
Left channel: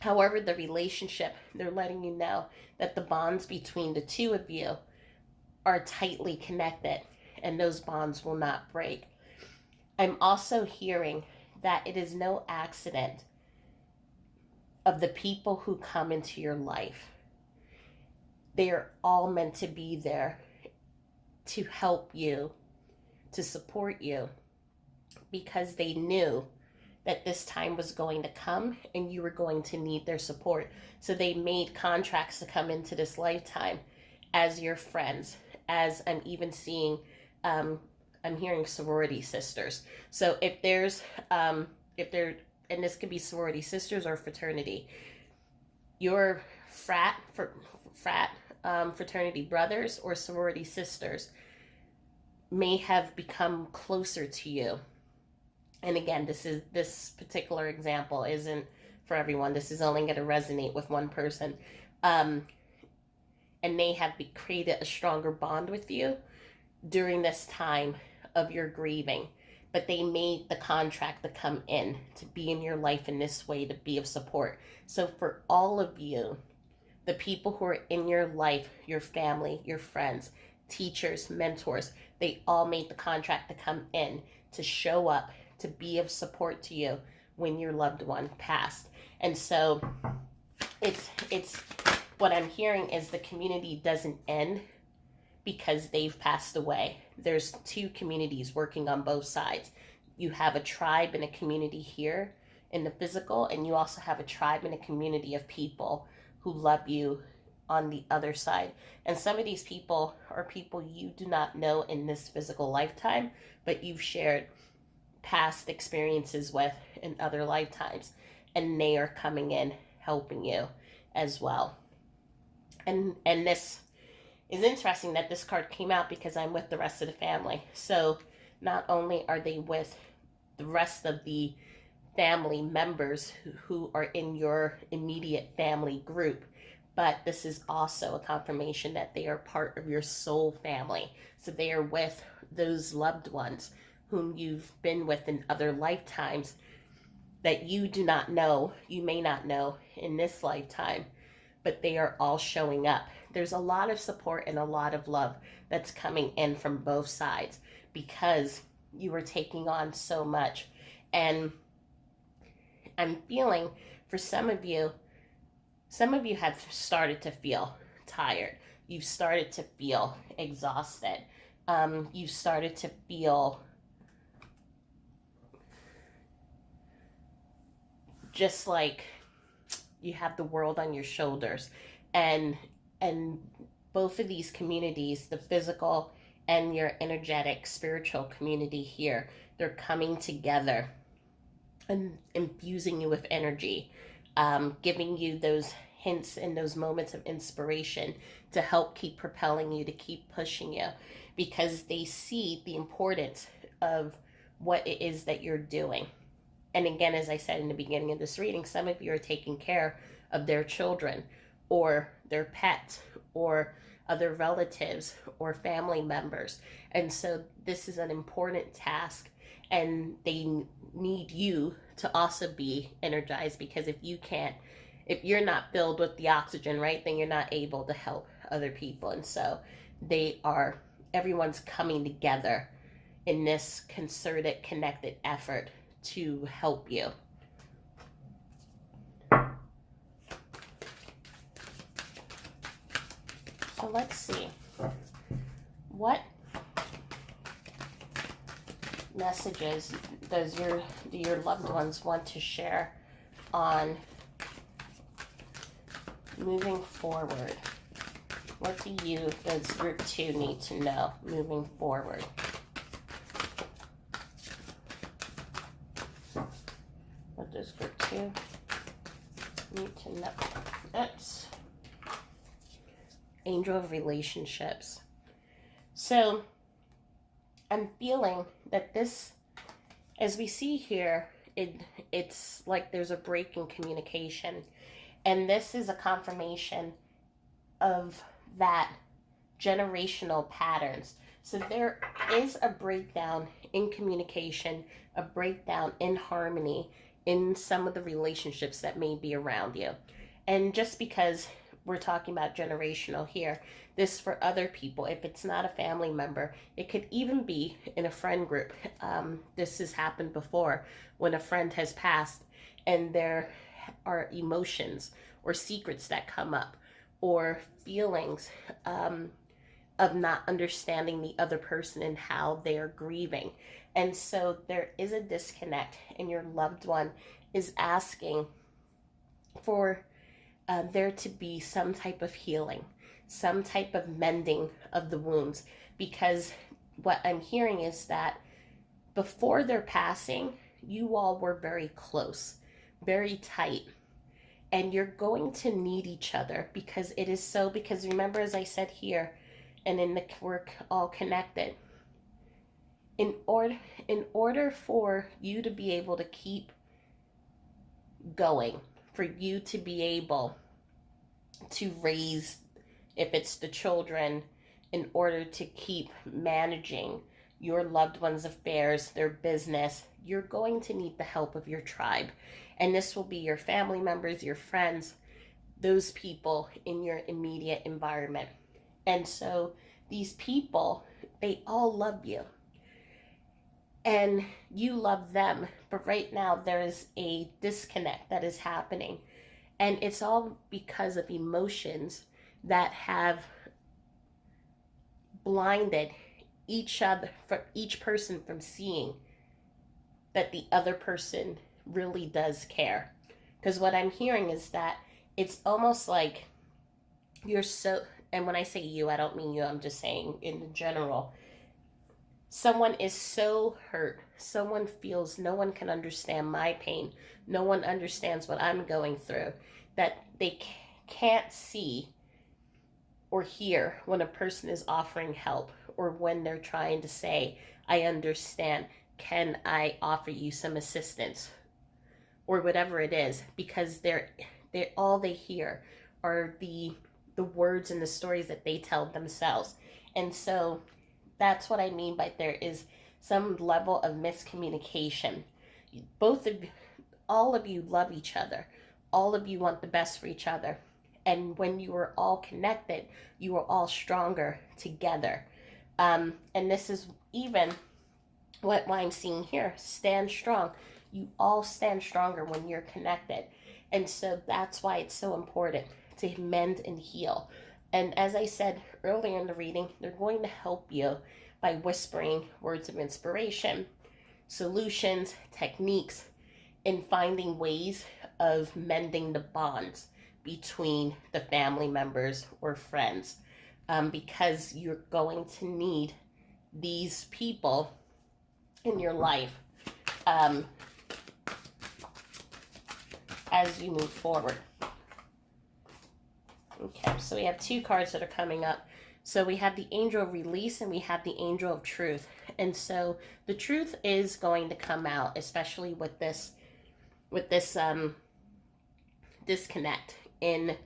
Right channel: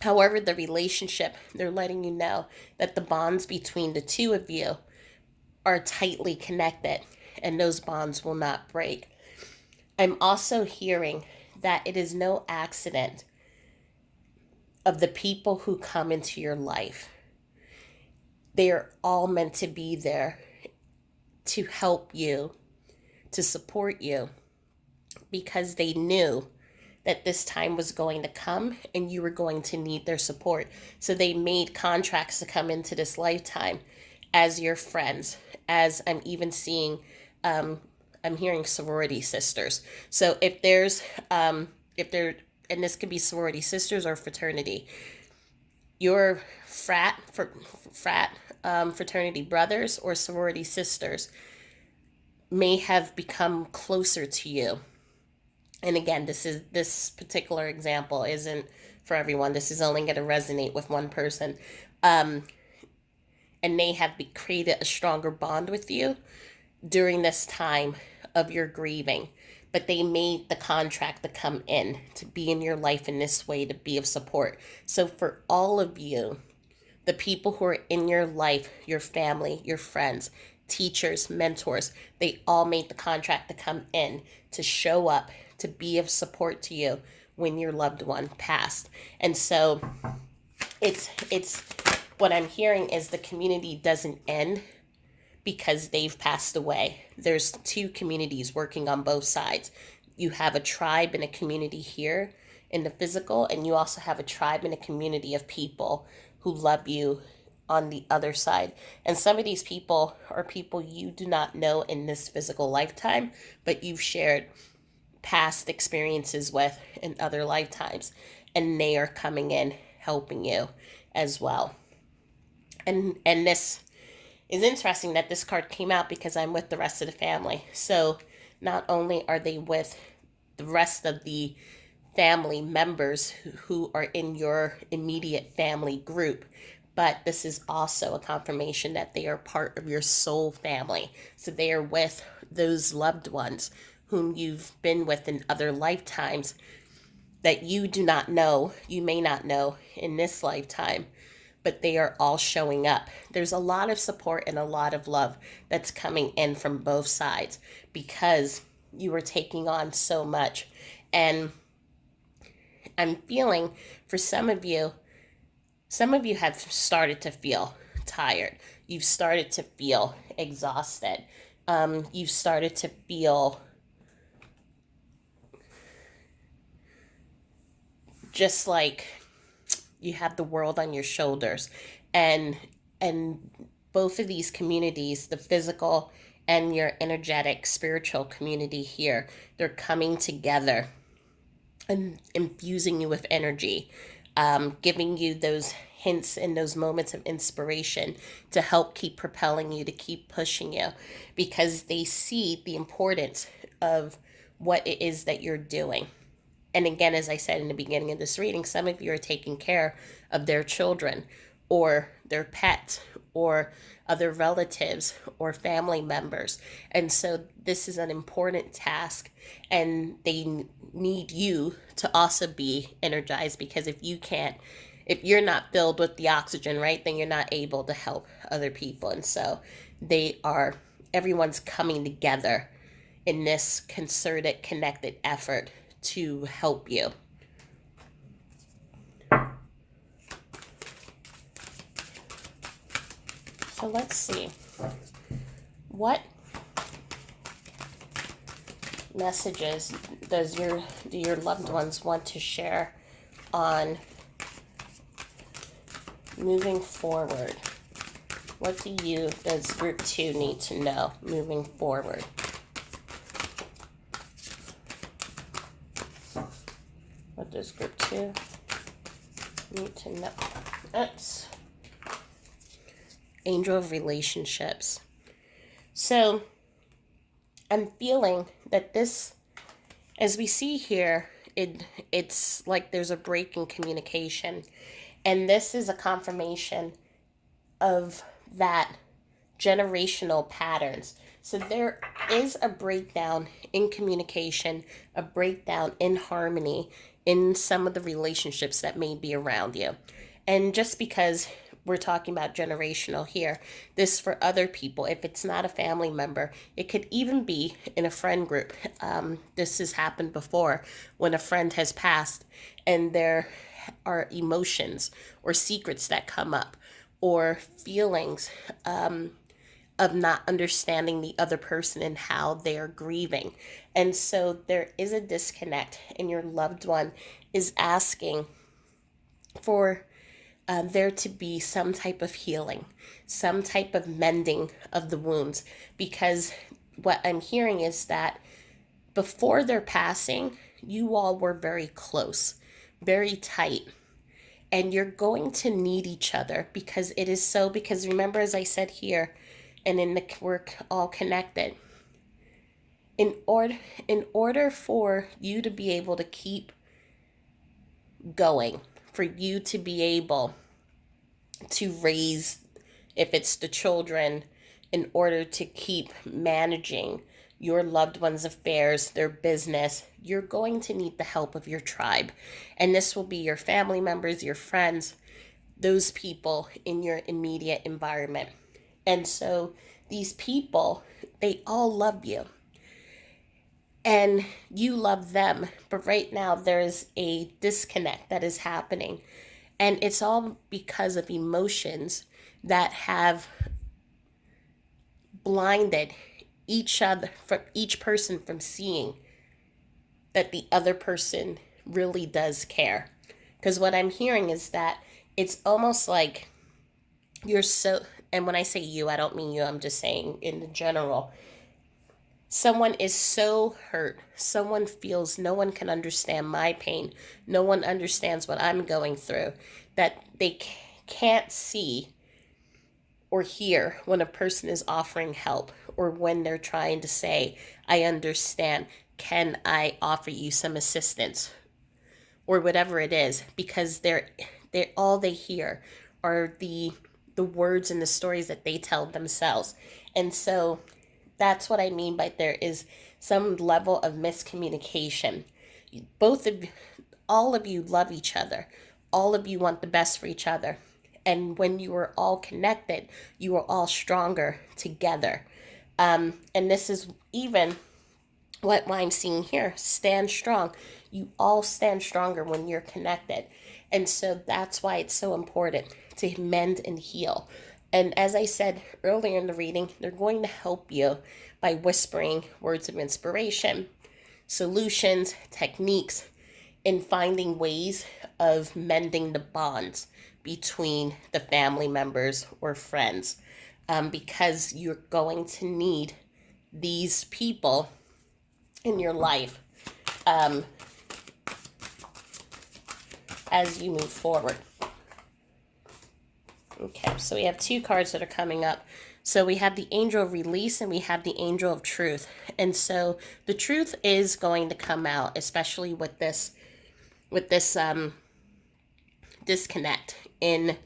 However, the relationship, they're letting you know that the bonds between the two of you are tightly connected, and those bonds will not break. I'm also hearing that it is no accident of the people who come into your life. They are all meant to be there to help you, to support you, because they knew that this time was going to come and you were going to need their support. So they made contracts to come into this lifetime as your friends, as I'm even seeing, I'm hearing sorority sisters. So if and this could be sorority sisters or fraternity, your fraternity brothers or sorority sisters may have become closer to you. And again, this particular example isn't for everyone. This is only going to resonate with one person. And they have created a stronger bond with you during this time of your grieving. But they made the contract to come in, to be in your life in this way, to be of support. So for all of you, the people who are in your life, your family, your friends, teachers, mentors, they all made the contract to come in, to show up, to be of support to you when your loved one passed. And so it's what I'm hearing is the community doesn't end because they've passed away. There's two communities working on both sides. You have a tribe and a community here in the physical, and you also have a tribe and a community of people who love you on the other side. And some of these people are people you do not know in this physical lifetime, but you've shared past experiences with in other lifetimes, and they are coming in helping you as well. And this is interesting that this card came out because I'm with the rest of the family. So not only are they with the rest of the family members who are in your immediate family group, but this is also a confirmation that they are part of your soul family. So they are with those loved ones whom you've been with in other lifetimes that you do not know, you may not know in this lifetime, but they are all showing up. There's a lot of support and a lot of love that's coming in from both sides because you were taking on so much. And I'm feeling for some of you have started to feel tired. You've started to feel exhausted. You've started to feel just like you have the world on your shoulders. And both of these communities, the physical and your energetic spiritual community here, they're coming together infusing you with energy, giving you those hints and those moments of inspiration to help keep propelling you, to keep pushing you, because they see the importance of what it is that you're doing. And again, as I said in the beginning of this reading, some of you are taking care of their children or their pets or other relatives or family members. And so this is an important task, and they need you to also be energized, because if you're not filled with the oxygen, right, then you're not able to help other people. And so everyone's coming together in this concerted, connected effort to help you. So let's see. What messages do your loved ones want to share on moving forward? What does group 2 need to know moving forward? What does group 2 need to know? Oops. Angel of Relationships. So I'm feeling that this, as we see here, it's like there's a break in communication. And this is a confirmation of that generational patterns. So there is a breakdown in communication, a breakdown in harmony in some of the relationships that may be around you. And just because we're talking about generational here, this for other people, if it's not a family member, it could even be in a friend group. This has happened before when a friend has passed and there are emotions or secrets that come up, or feelings of not understanding the other person and how they are grieving. And so there is a disconnect, and your loved one is asking for there to be some type of healing, some type of mending of the wounds, because what I'm hearing is that before their passing, you all were very close, very tight, and you're going to need each other, because it is so, because remember, as I said here, and we're all connected. In order for you to be able to keep going, for you to be able to raise, if it's the children, in order to keep managing your loved ones' affairs, their business, you're going to need the help of your tribe. And this will be your family members, your friends, those people in your immediate environment. And so these people, they all love you. And you love them. But right now, there's a disconnect that is happening. And it's all because of emotions that have blinded each person from seeing that the other person really does care. Because what I'm hearing is that it's almost like you're so, and when I say you, I don't mean you, I'm just saying in the general. Someone is so hurt. Someone feels no one can understand my pain. No one understands what I'm going through. That they can't see or hear when a person is offering help, or when they're trying to say, I understand. Can I offer you some assistance? Or whatever it is, because they're all they hear are the words and the stories that they tell themselves. And so that's what I mean by there is some level of miscommunication. All of you love each other. All of you want the best for each other. And when you are all connected, you are all stronger together. And this is even what I'm seeing here. Stand strong. You all stand stronger when you're connected. And so that's why it's so important to mend and heal. And as I said earlier in the reading, they're going to help you by whispering words of inspiration, solutions, techniques, and finding ways of mending the bonds between the family members or friends, because you're going to need these people in your life as you move forward. Okay, so we have two cards that are coming up. So we have the angel of release and we have the angel of truth. And so the truth is going to come out, especially with this disconnect in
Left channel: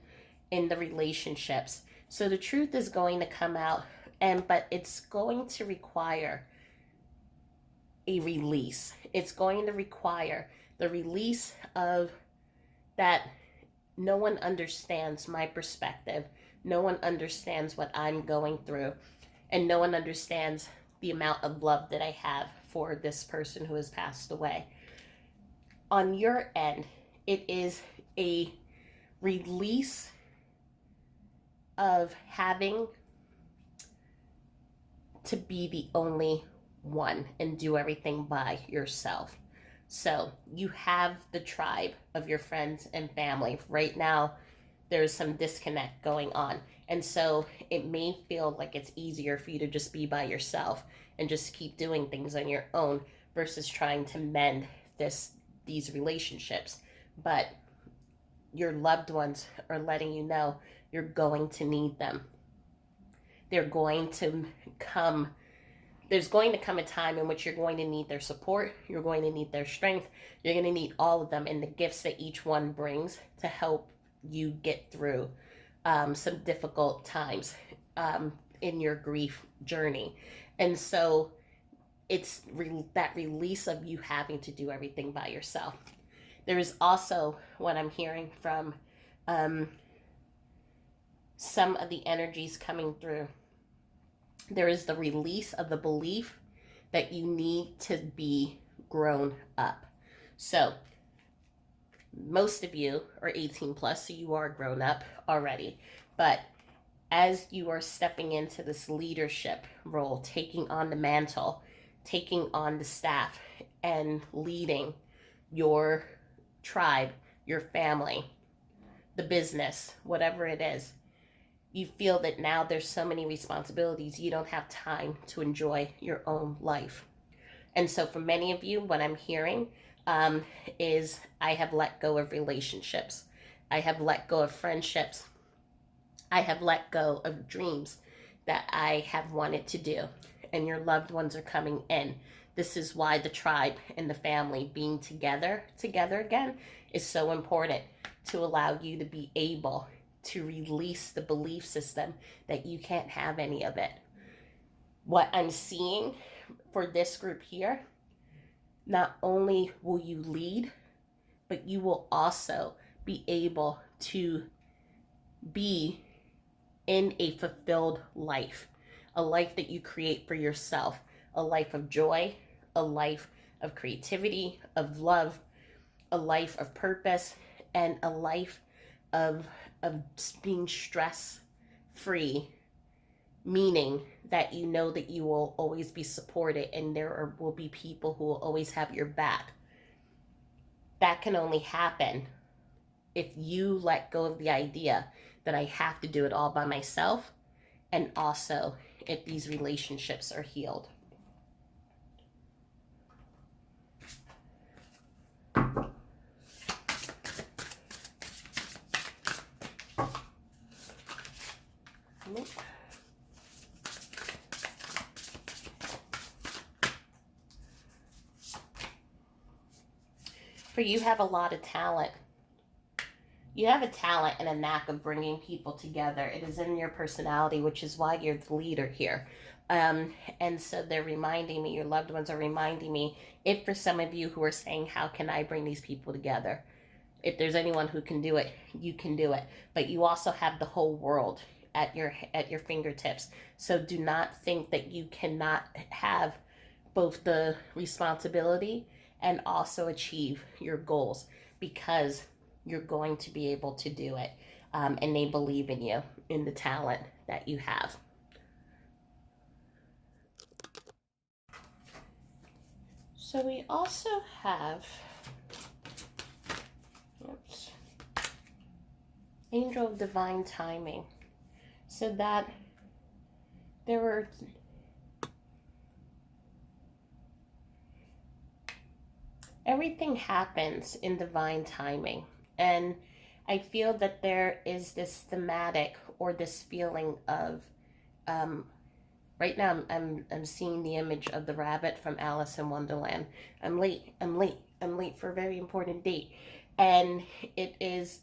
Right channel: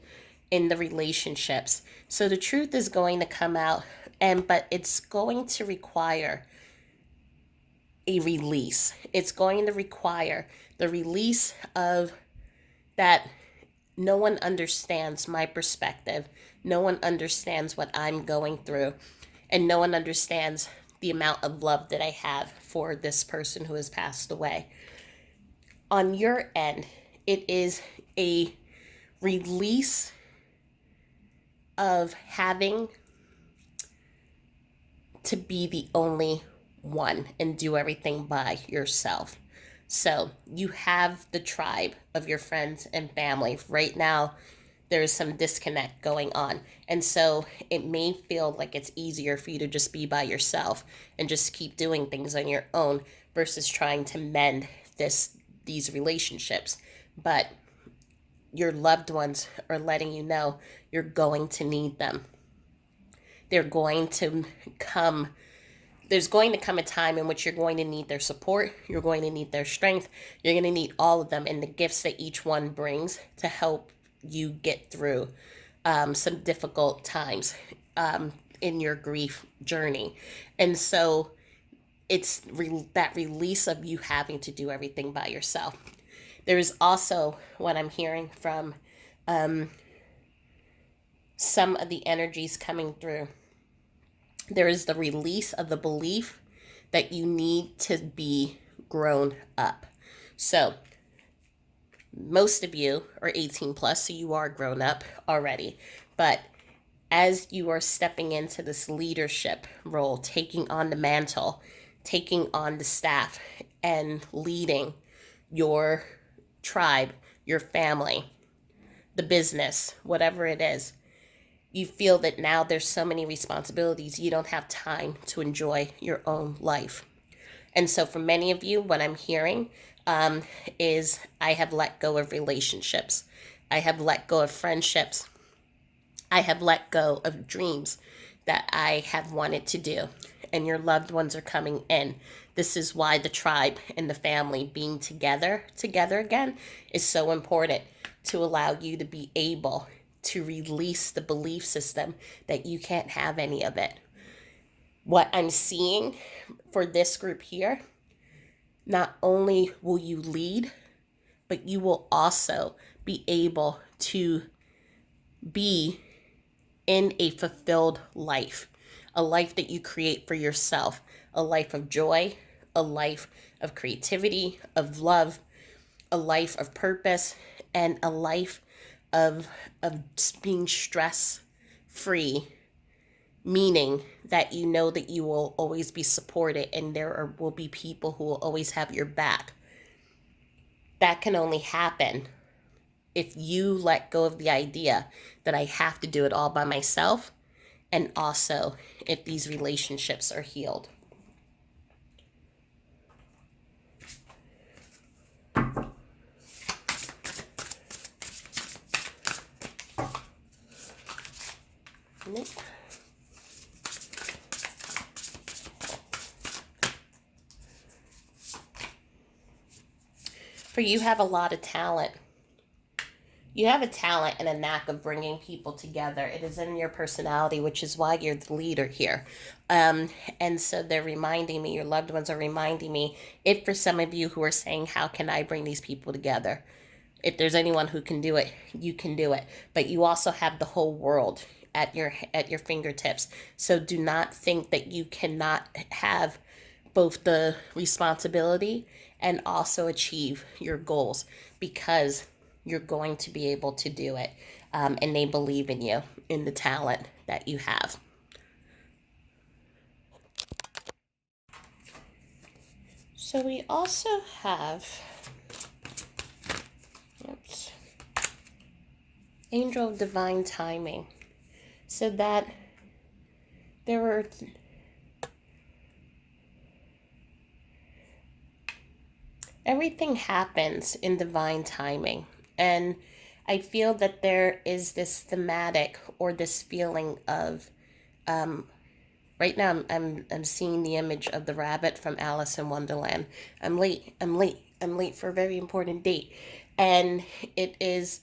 the relationships. So the truth is going to come out, but it's going to require a release. It's going to require the release of that. No one understands my perspective. No one understands what I'm going through. And no one understands the amount of love that I have for this person who has passed away. On your end, it is a release of having to be the only one and do everything by yourself. So you have the tribe of your friends and family. Right now, there's some disconnect going on. And so it may feel like it's easier for you to just be by yourself and just keep doing things on your own versus trying to mend these relationships. But your loved ones are letting you know you're going to need them. They're going to come There's going to come a time in which you're going to need their support, you're going to need their strength, you're going to need all of them and the gifts that each one brings to help you get through some difficult times in your grief journey. And so it's that release of you having to do everything by yourself. There is also what I'm hearing from some of the energies coming through. There is the release of the belief that you need to be grown up. So most of you are 18 plus, so you are grown up already. But as you are stepping into this leadership role, taking on the mantle, taking on the staff, and leading your tribe, your family, the business, whatever it is, you feel that now there's so many responsibilities, you don't have time to enjoy your own life. And so for many of you, what I'm hearing is I have let go of relationships. I have let go of friendships. I have let go of dreams that I have wanted to do. And your loved ones are coming in. This is why the tribe and the family being together again is so important, to allow you to be able to release the belief system that you can't have any of it. What I'm seeing for this group here, not only will you lead, but you will also be able to be in a fulfilled life, a life that you create for yourself, a life of joy, a life of creativity, of love, a life of purpose, and a life of being stress free, meaning that you know that you will always be supported and will be people who will always have your back. That can only happen if you let go of the idea that I have to do it all by myself, and also if these relationships are healed. For you have a lot of talent. You have a talent and a knack of bringing people together. It is in your personality, which is why you're the leader here. And so they're reminding me, your loved ones are reminding me, if for some of you who are saying, how can I bring these people together? If there's anyone who can do it, you can do it. But you also have the whole world at your fingertips. So do not think that you cannot have both the responsibility and also achieve your goals, because you're going to be able to do it. And they believe in you, in the talent that you have. So we also have, Angel of Divine Timing. So that there were everything happens in divine timing. And I feel that there is this thematic or this feeling of, um, right now I'm seeing the image of the rabbit from Alice in Wonderland. I'm late, I'm late, I'm late for a very important date. And it is,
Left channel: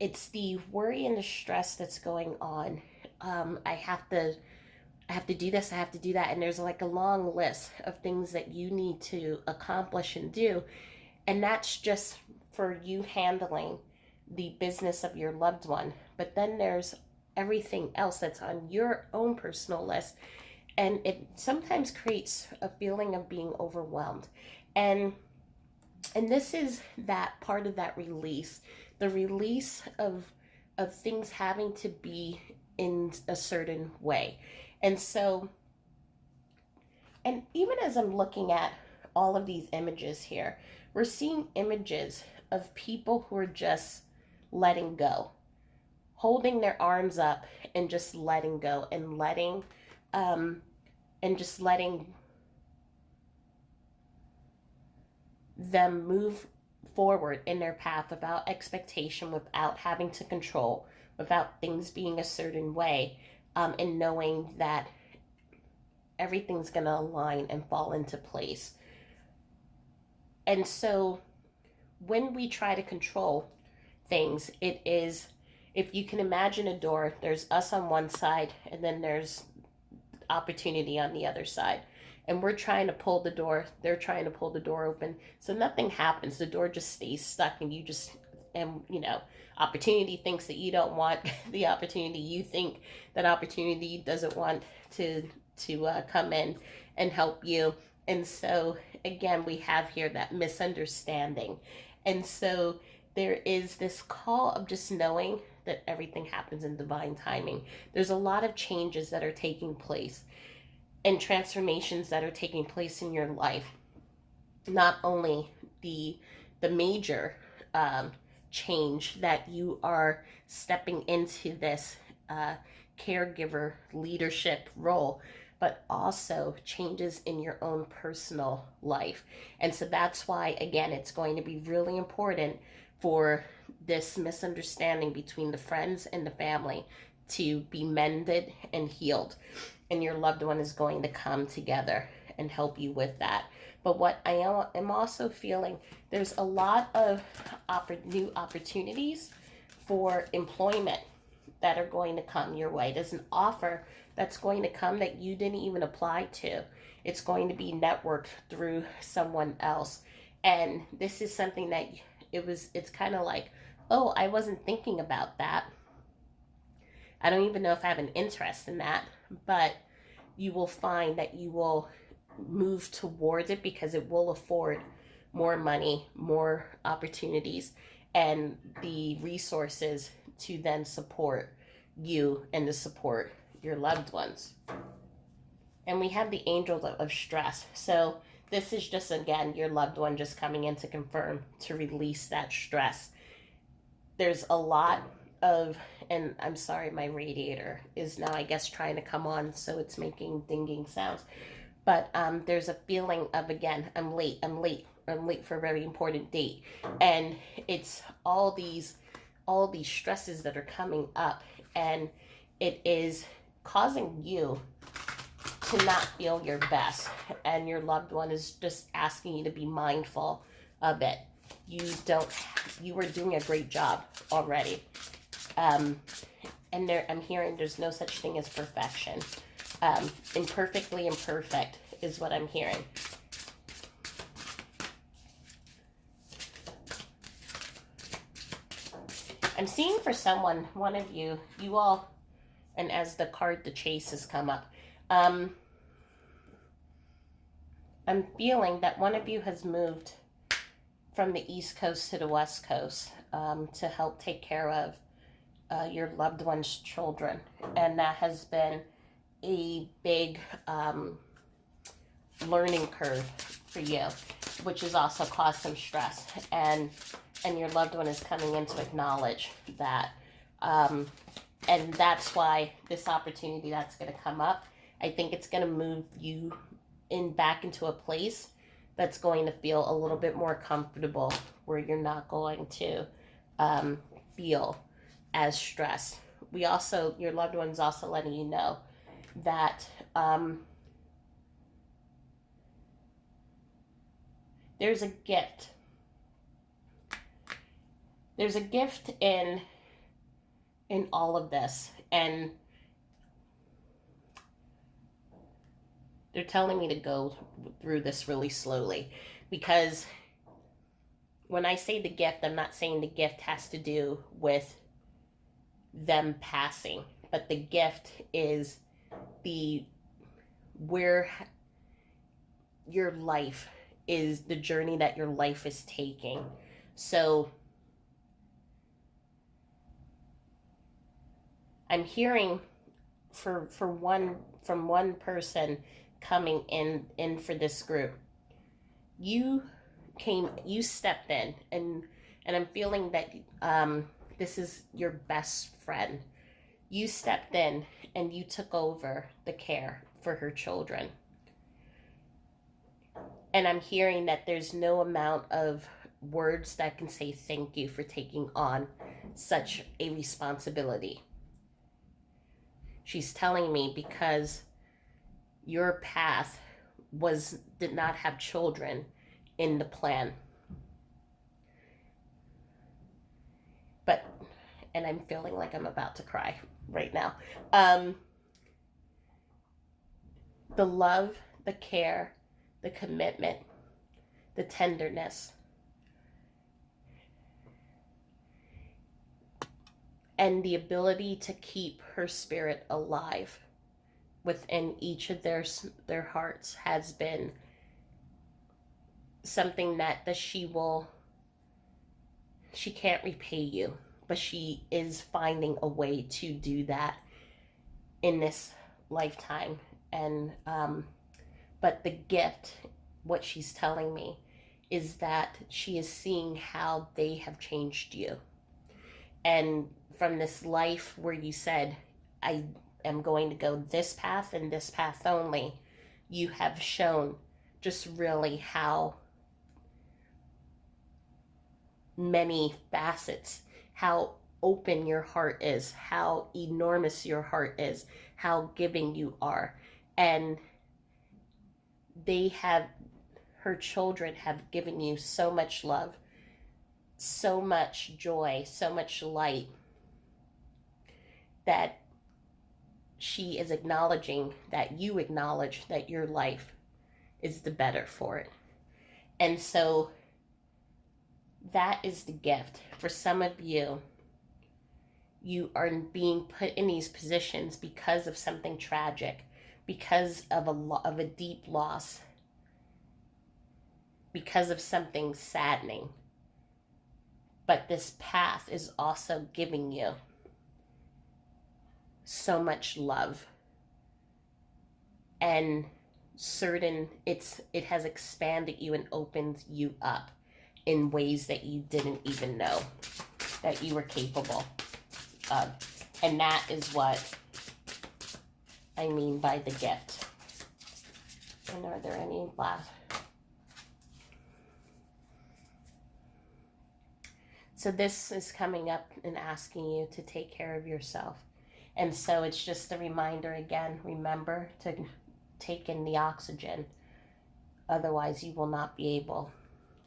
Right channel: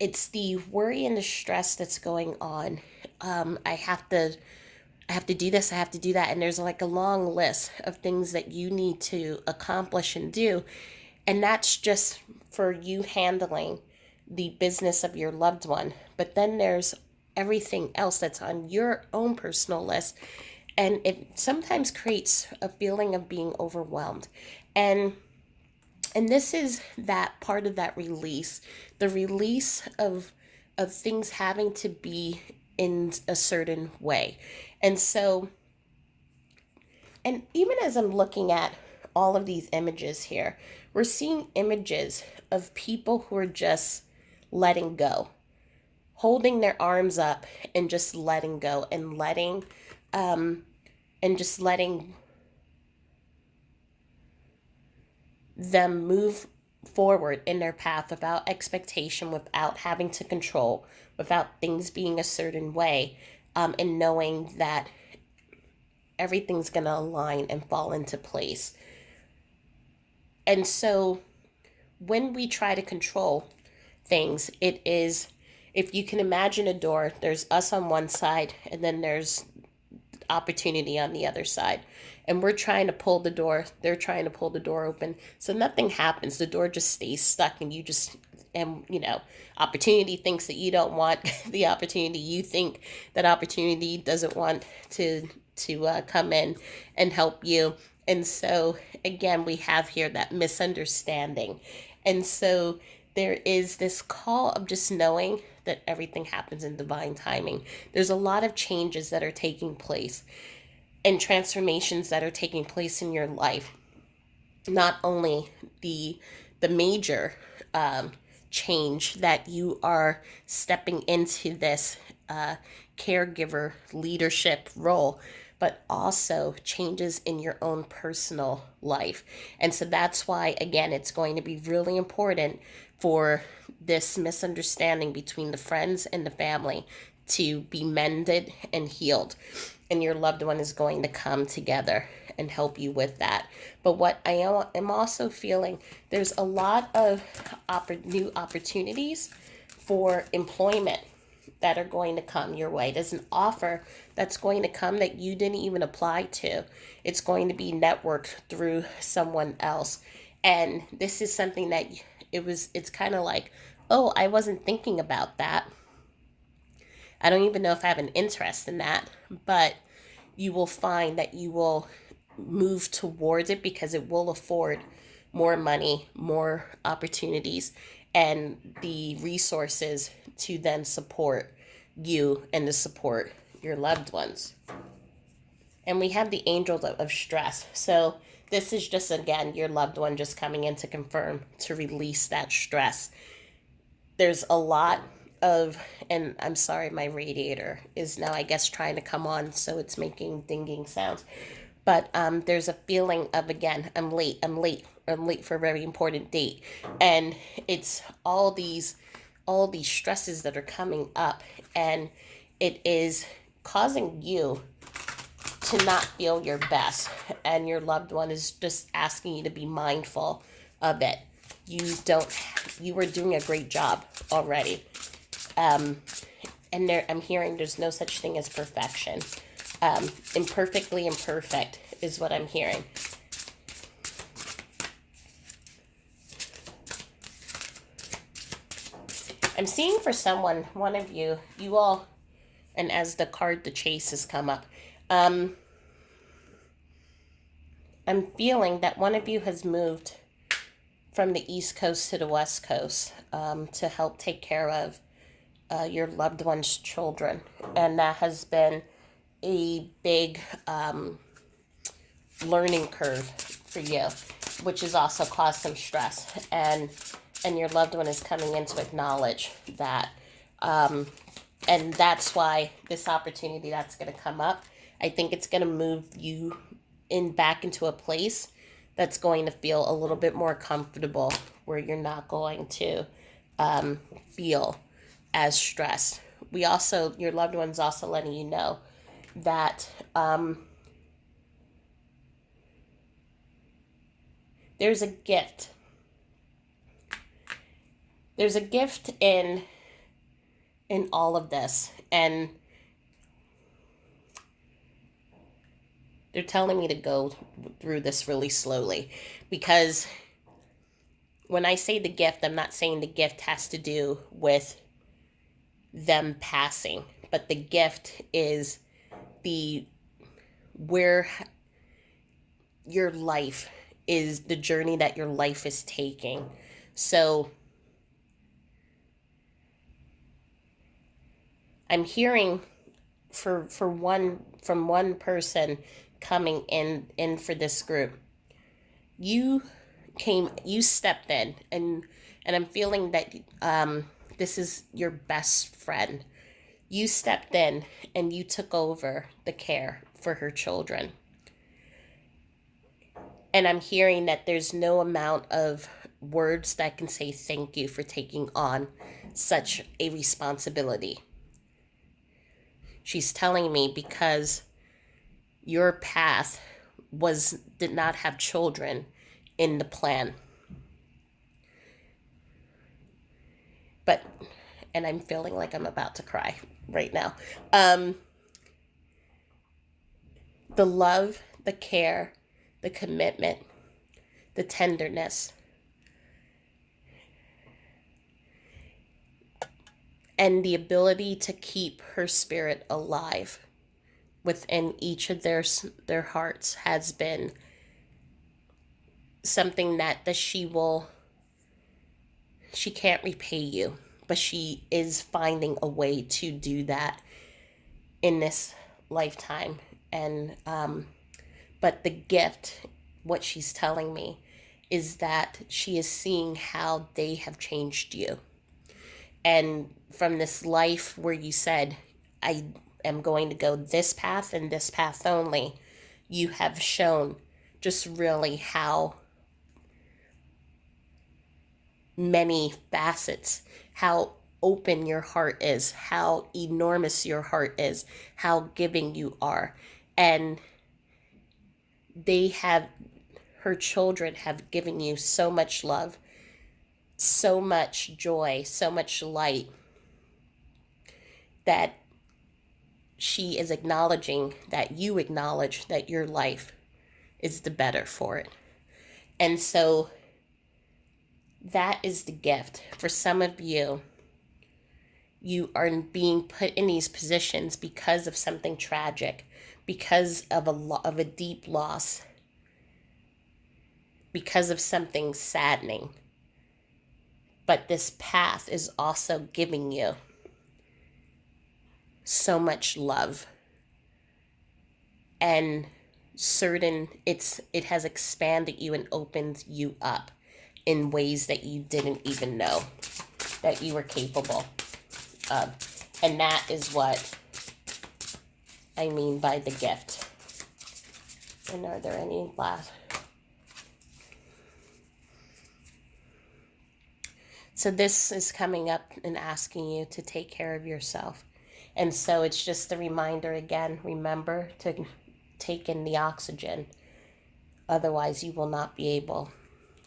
it's the worry and the stress that's going on. I have to do this, I have to do that. And there's like a long list of things that you need to accomplish and do. And that's just for you handling the business of your loved one. But then there's everything else that's on your own personal list. And it sometimes creates a feeling of being overwhelmed. And and this is that part of that release, the release of things having to be in a certain way. And so, and even as I'm looking at all of these images here, we're seeing images of people who are just letting go, holding their arms up and just letting go and letting, um, and just letting them move forward in their path without expectation, without having to control, without things being a certain way, and knowing that everything's going to align and fall into place. And so when we try to control things, it is, if you can imagine a door, there's us on one side and then there's opportunity on the other side. And we're trying to pull the door, they're trying to pull the door open. So nothing happens. The door just stays stuck and you just, and opportunity thinks that you don't want the opportunity. You think that opportunity doesn't want to come in and help you. And so again, we have here that misunderstanding. And so there is this call of just knowing that everything happens in divine timing. There's a lot of changes that are taking place and transformations that are taking place in your life. Not only the major change that you are stepping into this uh, caregiver leadership role, but also changes in your own personal life. And so that's why, again, it's going to be really important for this misunderstanding between the friends and the family to be mended and healed. And your loved one is going to come together and help you with that. But what I am also feeling, there's a lot of new opportunities for employment that are going to come your way. There's an offer that's going to come that you didn't even apply to. It's going to be networked through someone else. And this is something that it's kind of like, oh, I wasn't thinking about that. I don't even know if I have an interest in that, but you will find that you will move towards it because it will afford more money, more opportunities, and the resources to then support you and to support your loved ones. And we have the angels of stress. So this is just, again, your loved one just coming in to confirm, to release that stress. There's a lot of, and I'm sorry, my radiator is now, I guess, trying to come on, so it's making dinging sounds. But there's a feeling of, again, I'm late, I'm late, I'm late for a very important date. And it's all these stresses that are coming up, and it is causing you to not feel your best, and your loved one is just asking you to be mindful of it. You were doing a great job already. um, and I'm hearing there's no such thing as perfection. Imperfectly imperfect is what I'm hearing. I'm seeing for someone, one of you, you all, and as the card, the chase has come up, um, I'm feeling that one of you has moved from the East Coast to the West Coast to help take care of your loved one's children. And that has been a big learning curve for you, which has also caused some stress. And your loved one is coming in to acknowledge that. And that's why this opportunity that's going to come up, I think it's going to move you back into a place that's going to feel a little bit more comfortable, where you're not going to feel as stressed. We also, your loved one's also letting you know that there's a gift. There's a gift in all of this, and they're telling me to go through this really slowly, because when I say the gift, I'm not saying the gift has to do with them passing, but the gift is the where your life is, the journey that your life is taking. So I'm hearing for one, from one person coming in for this group, you you stepped in, and I'm feeling that this is your best friend. You stepped in and you took over the care for her children. And I'm hearing that there's no amount of words that can say thank you for taking on such a responsibility. She's telling me because your path did not have children in the plan. But, and I'm feeling like I'm about to cry right now. The love, the care, the commitment, the tenderness, and the ability to keep her spirit alive within each of their hearts has been something that she can't repay you, but she is finding a way to do that in this lifetime. And but the gift, what she's telling me, is that she is seeing how they have changed you. And from this life where you said, I am going to go this path and this path only, you have shown just really how many facets, how open your heart is, how enormous your heart is, how giving you are. And her children have given you so much love, so much joy, so much light, that she is acknowledging that you acknowledge that your life is the better for it. And so that is the gift. For some of you, you are being put in these positions because of something tragic, because of a deep loss, because of something saddening. But this path is also giving you so much love, and it has expanded you and opened you up in ways that you didn't even know that you were capable of. And that is what I mean by the gift. And are there any last? So this is coming up and asking you to take care of yourself. And so it's just a reminder again, remember to take in the oxygen. Otherwise, you will not be able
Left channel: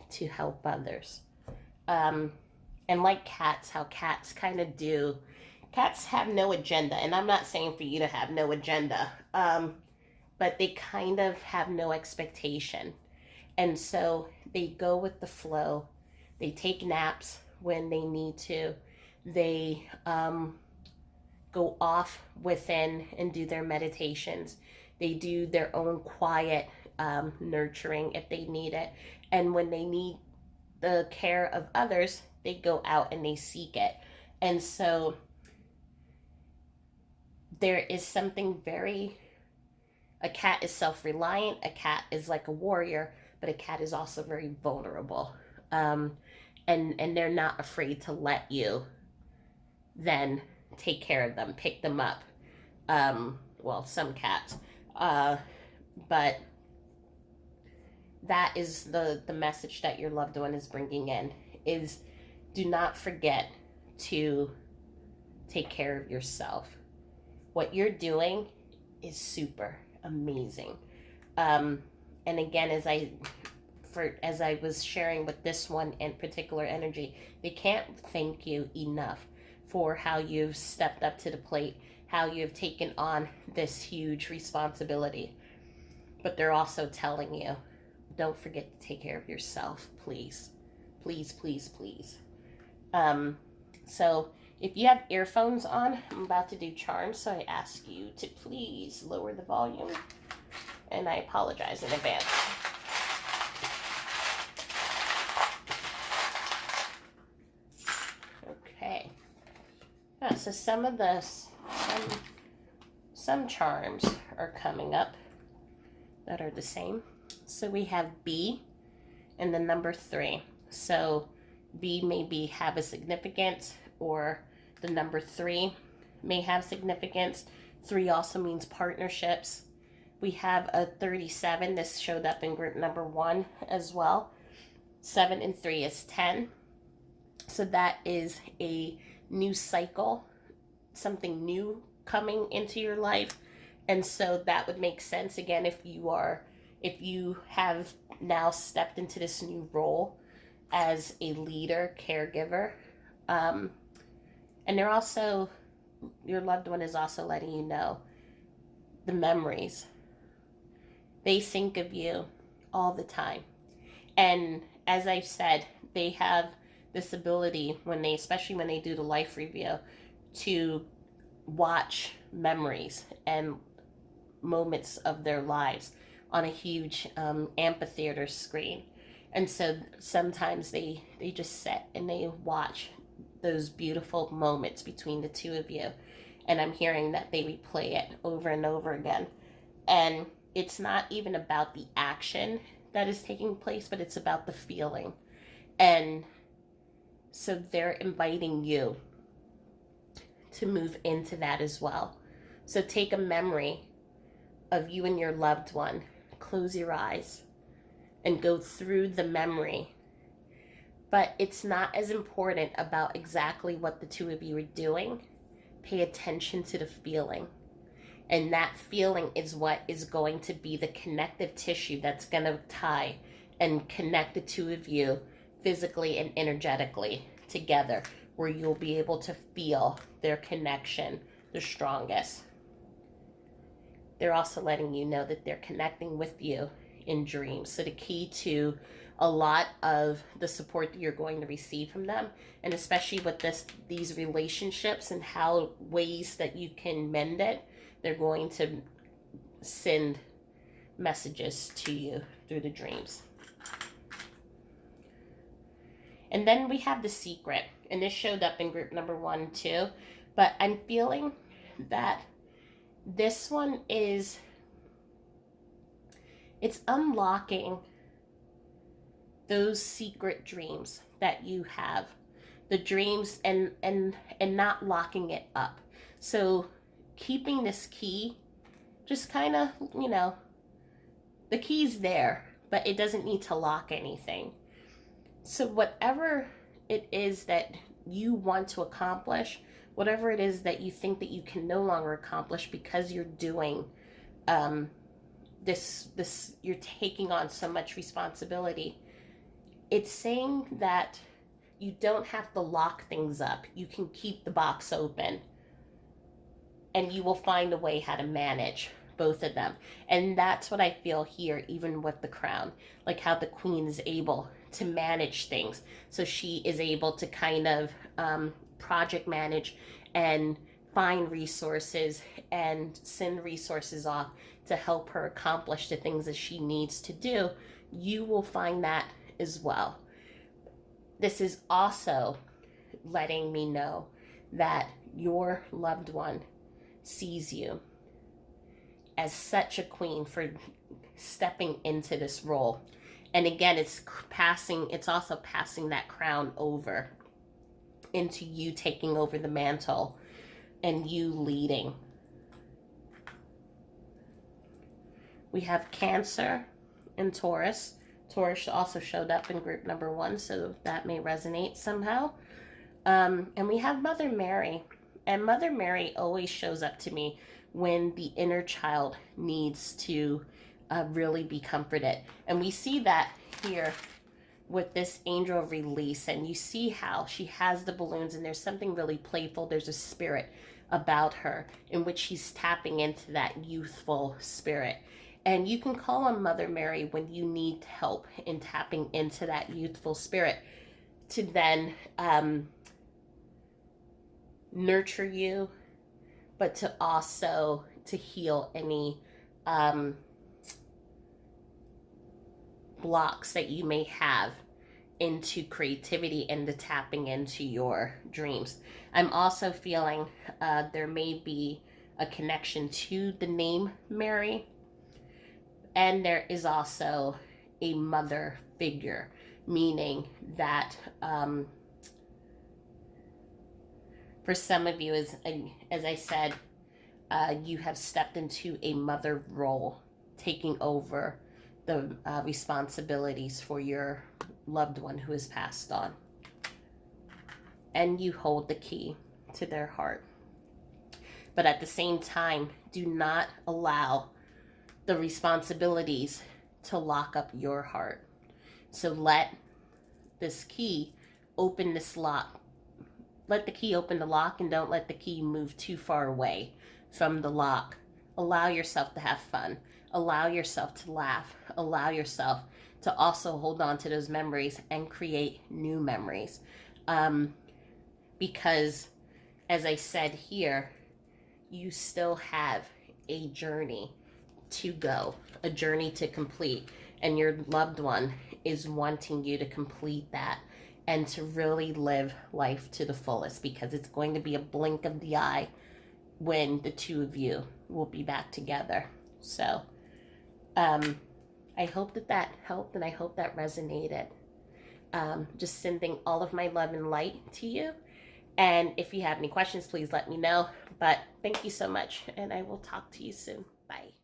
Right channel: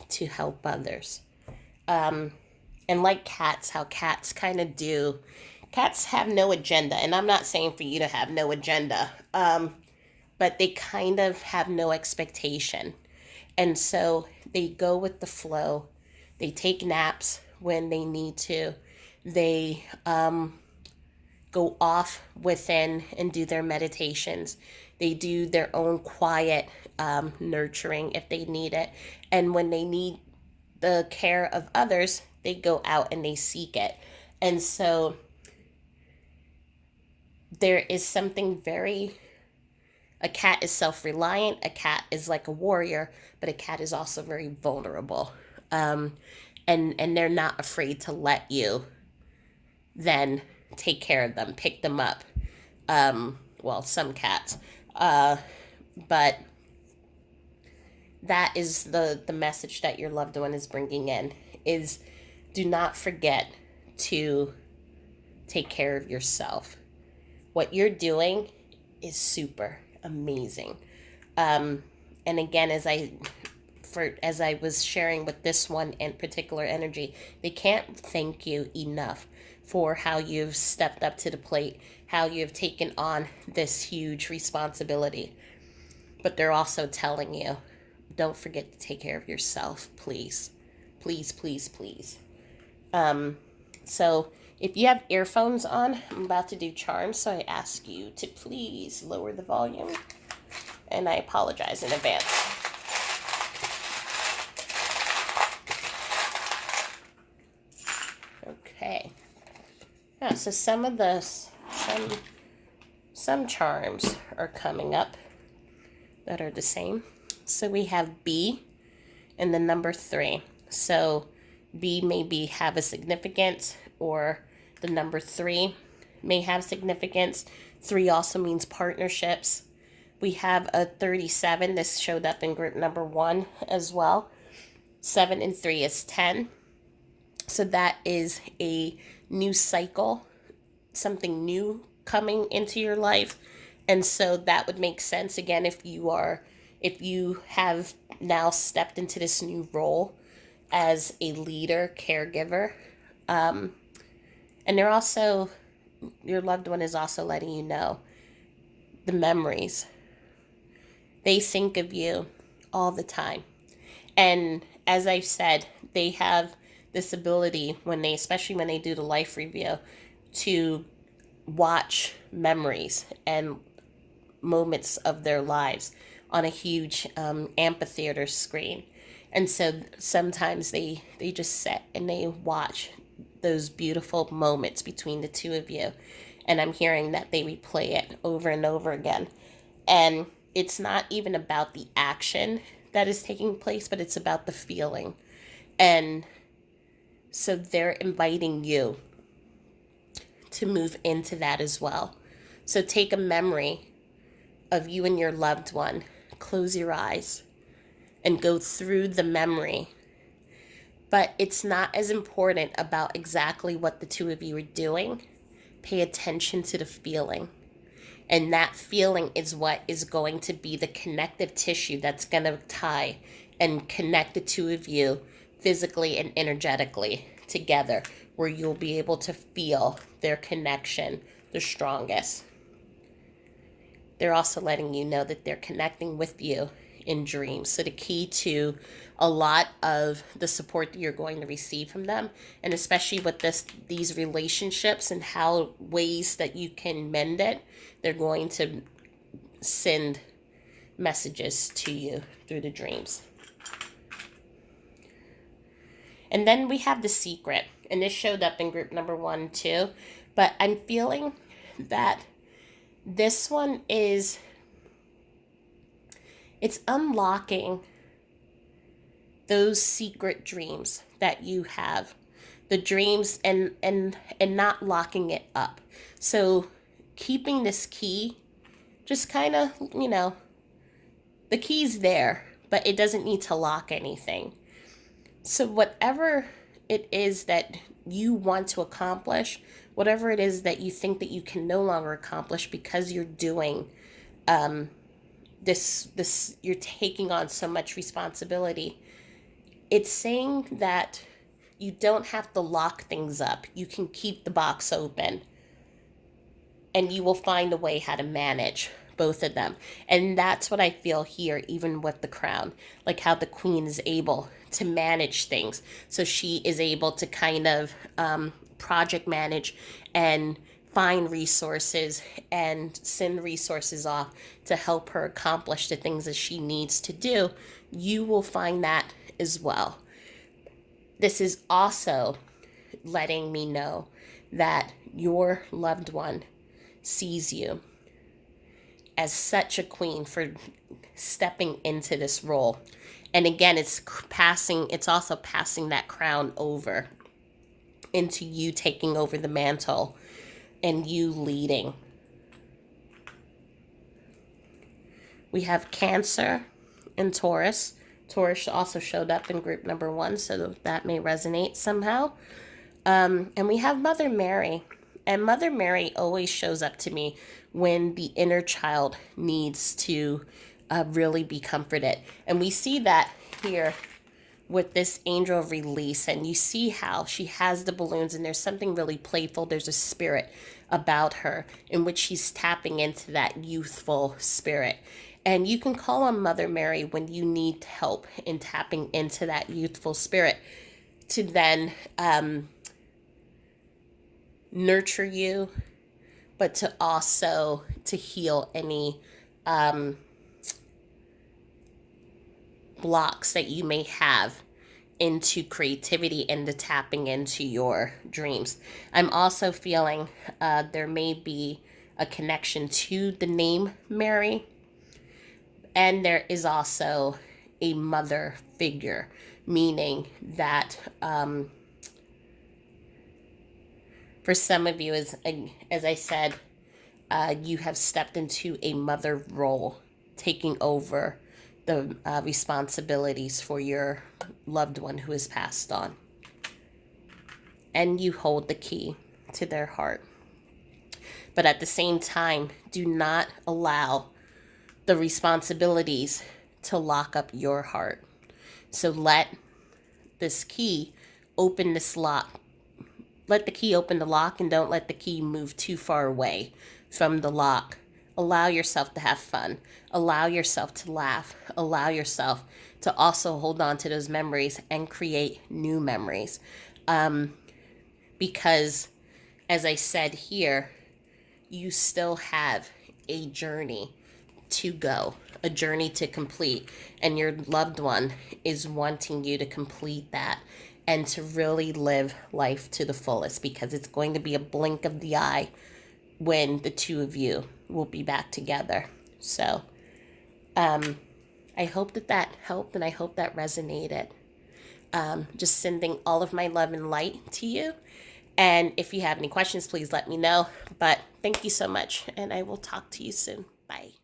to help others. And like cats, how cats kind of do, cats have no agenda. And I'm not saying for you to have no agenda, but they kind of have no expectation. And so they go with the flow. They take naps when they need to. They go off within and do their meditations. They do their own quiet nurturing if they need it. And when they need the care of others, they go out and they seek it. And so there is something a cat is self-reliant, a cat is like a warrior, but a cat is also very vulnerable. And they're not afraid to let you then take care of them, pick them up. Well, some cats. But that is the message that your loved one is bringing in, is do not forget to take care of yourself. What you're doing is super amazing. Um, and again, as I was sharing with this one in particular energy, they can't thank you enough for how you've stepped up to the plate, how you've taken on this huge responsibility. But they're also telling you, don't forget to take care of yourself, please. Please, please, please. Um, so if you have earphones on, I'm about to do charms, so I ask you to please lower the volume. And I apologize in advance. Okay. Yeah, so some charms are coming up that are the same. So we have B and the number 3. So B maybe have a significance, or the number 3 may have significance. 3 also means partnerships. We have a 37. This showed up in group number 1 as well. 7 and 3 is 10. So that is a new cycle, something new coming into your life. And so that would make sense again if you have now stepped into this new role as a leader, caregiver. And they're also, your loved one is also letting you know the memories. They think of you all the time. And as I've said, they have this ability especially when they do the life review, to watch memories and moments of their lives on a huge amphitheater screen. And so sometimes they just sit and they watch those beautiful moments between the two of you. And I'm hearing that they replay it over and over again. And it's not even about the action that is taking place, but it's about the feeling. And so they're inviting you to move into that as well. So take a memory of you and your loved one, close your eyes, and go through the memory. But it's not as important about exactly what the two of you are doing. Pay attention to the feeling. And that feeling is what is going to be the connective tissue that's going to tie and connect the two of you physically and energetically together, where you'll be able to feel their connection the strongest. They're also letting you know that they're connecting with you in dreams. So the key to a lot of the support that you're going to receive from them, and especially with these relationships and how ways that you can mend it, they're going to send messages to you through the dreams. And then we have the secret, and this showed up in group number 1 too, but I'm feeling that this one it's unlocking those secret dreams that you have, the dreams, and not locking it up. So keeping this key, just kind of, the key's there, but it doesn't need to lock anything. So whatever it is that you want to accomplish, whatever it is that you think that you can no longer accomplish because you're doing this, you're taking on so much responsibility, it's saying that you don't have to lock things up. You can keep the box open, and you will find a way how to manage both of them. And that's what I feel here, even with the crown, like how the queen is able to manage things. So she is able to kind of project manage and find resources and send resources off to help her accomplish the things that she needs to do. You will find that as well. This is also letting me know that your loved one sees you as such a queen for stepping into this role. And again, it's also passing that crown over into you taking over the mantle and you leading. We have Cancer and Taurus Taurus also showed up in group number 1, so that may resonate somehow. And we have Mother Mary. And Mother Mary always shows up to me when the inner child needs to really be comforted. And we see that here with this angel of release. And you see how she has the balloons, and there's something really playful. There's a spirit about her in which she's tapping into that youthful spirit. And you can call on Mother Mary when you need help in tapping into that youthful spirit to then nurture you, but to also to heal any blocks that you may have into creativity and the tapping into your dreams. I'm also feeling there may be a connection to the name Mary, and there is also a mother figure, meaning that for some of you, as I said, you have stepped into a mother role, taking over the responsibilities for your loved one who has passed on. And you hold the key to their heart. But at the same time, do not allow the responsibilities to lock up your heart. So let this key open this lock. Let the key open the lock, and don't let the key move too far away from the lock. Allow yourself to have fun. Allow yourself to laugh. Allow yourself to also hold on to those memories and create new memories. Because, as I said here, you still have a journey to go, a journey to complete, and your loved one is wanting you to complete that and to really live life to the fullest, because it's going to be a blink of the eye when the two of you will be back together. So I hope that helped, and I hope that resonated. Just sending all of my love and light to you. And if you have any questions, please let me know. But thank you so much, and I will talk to you soon. Bye.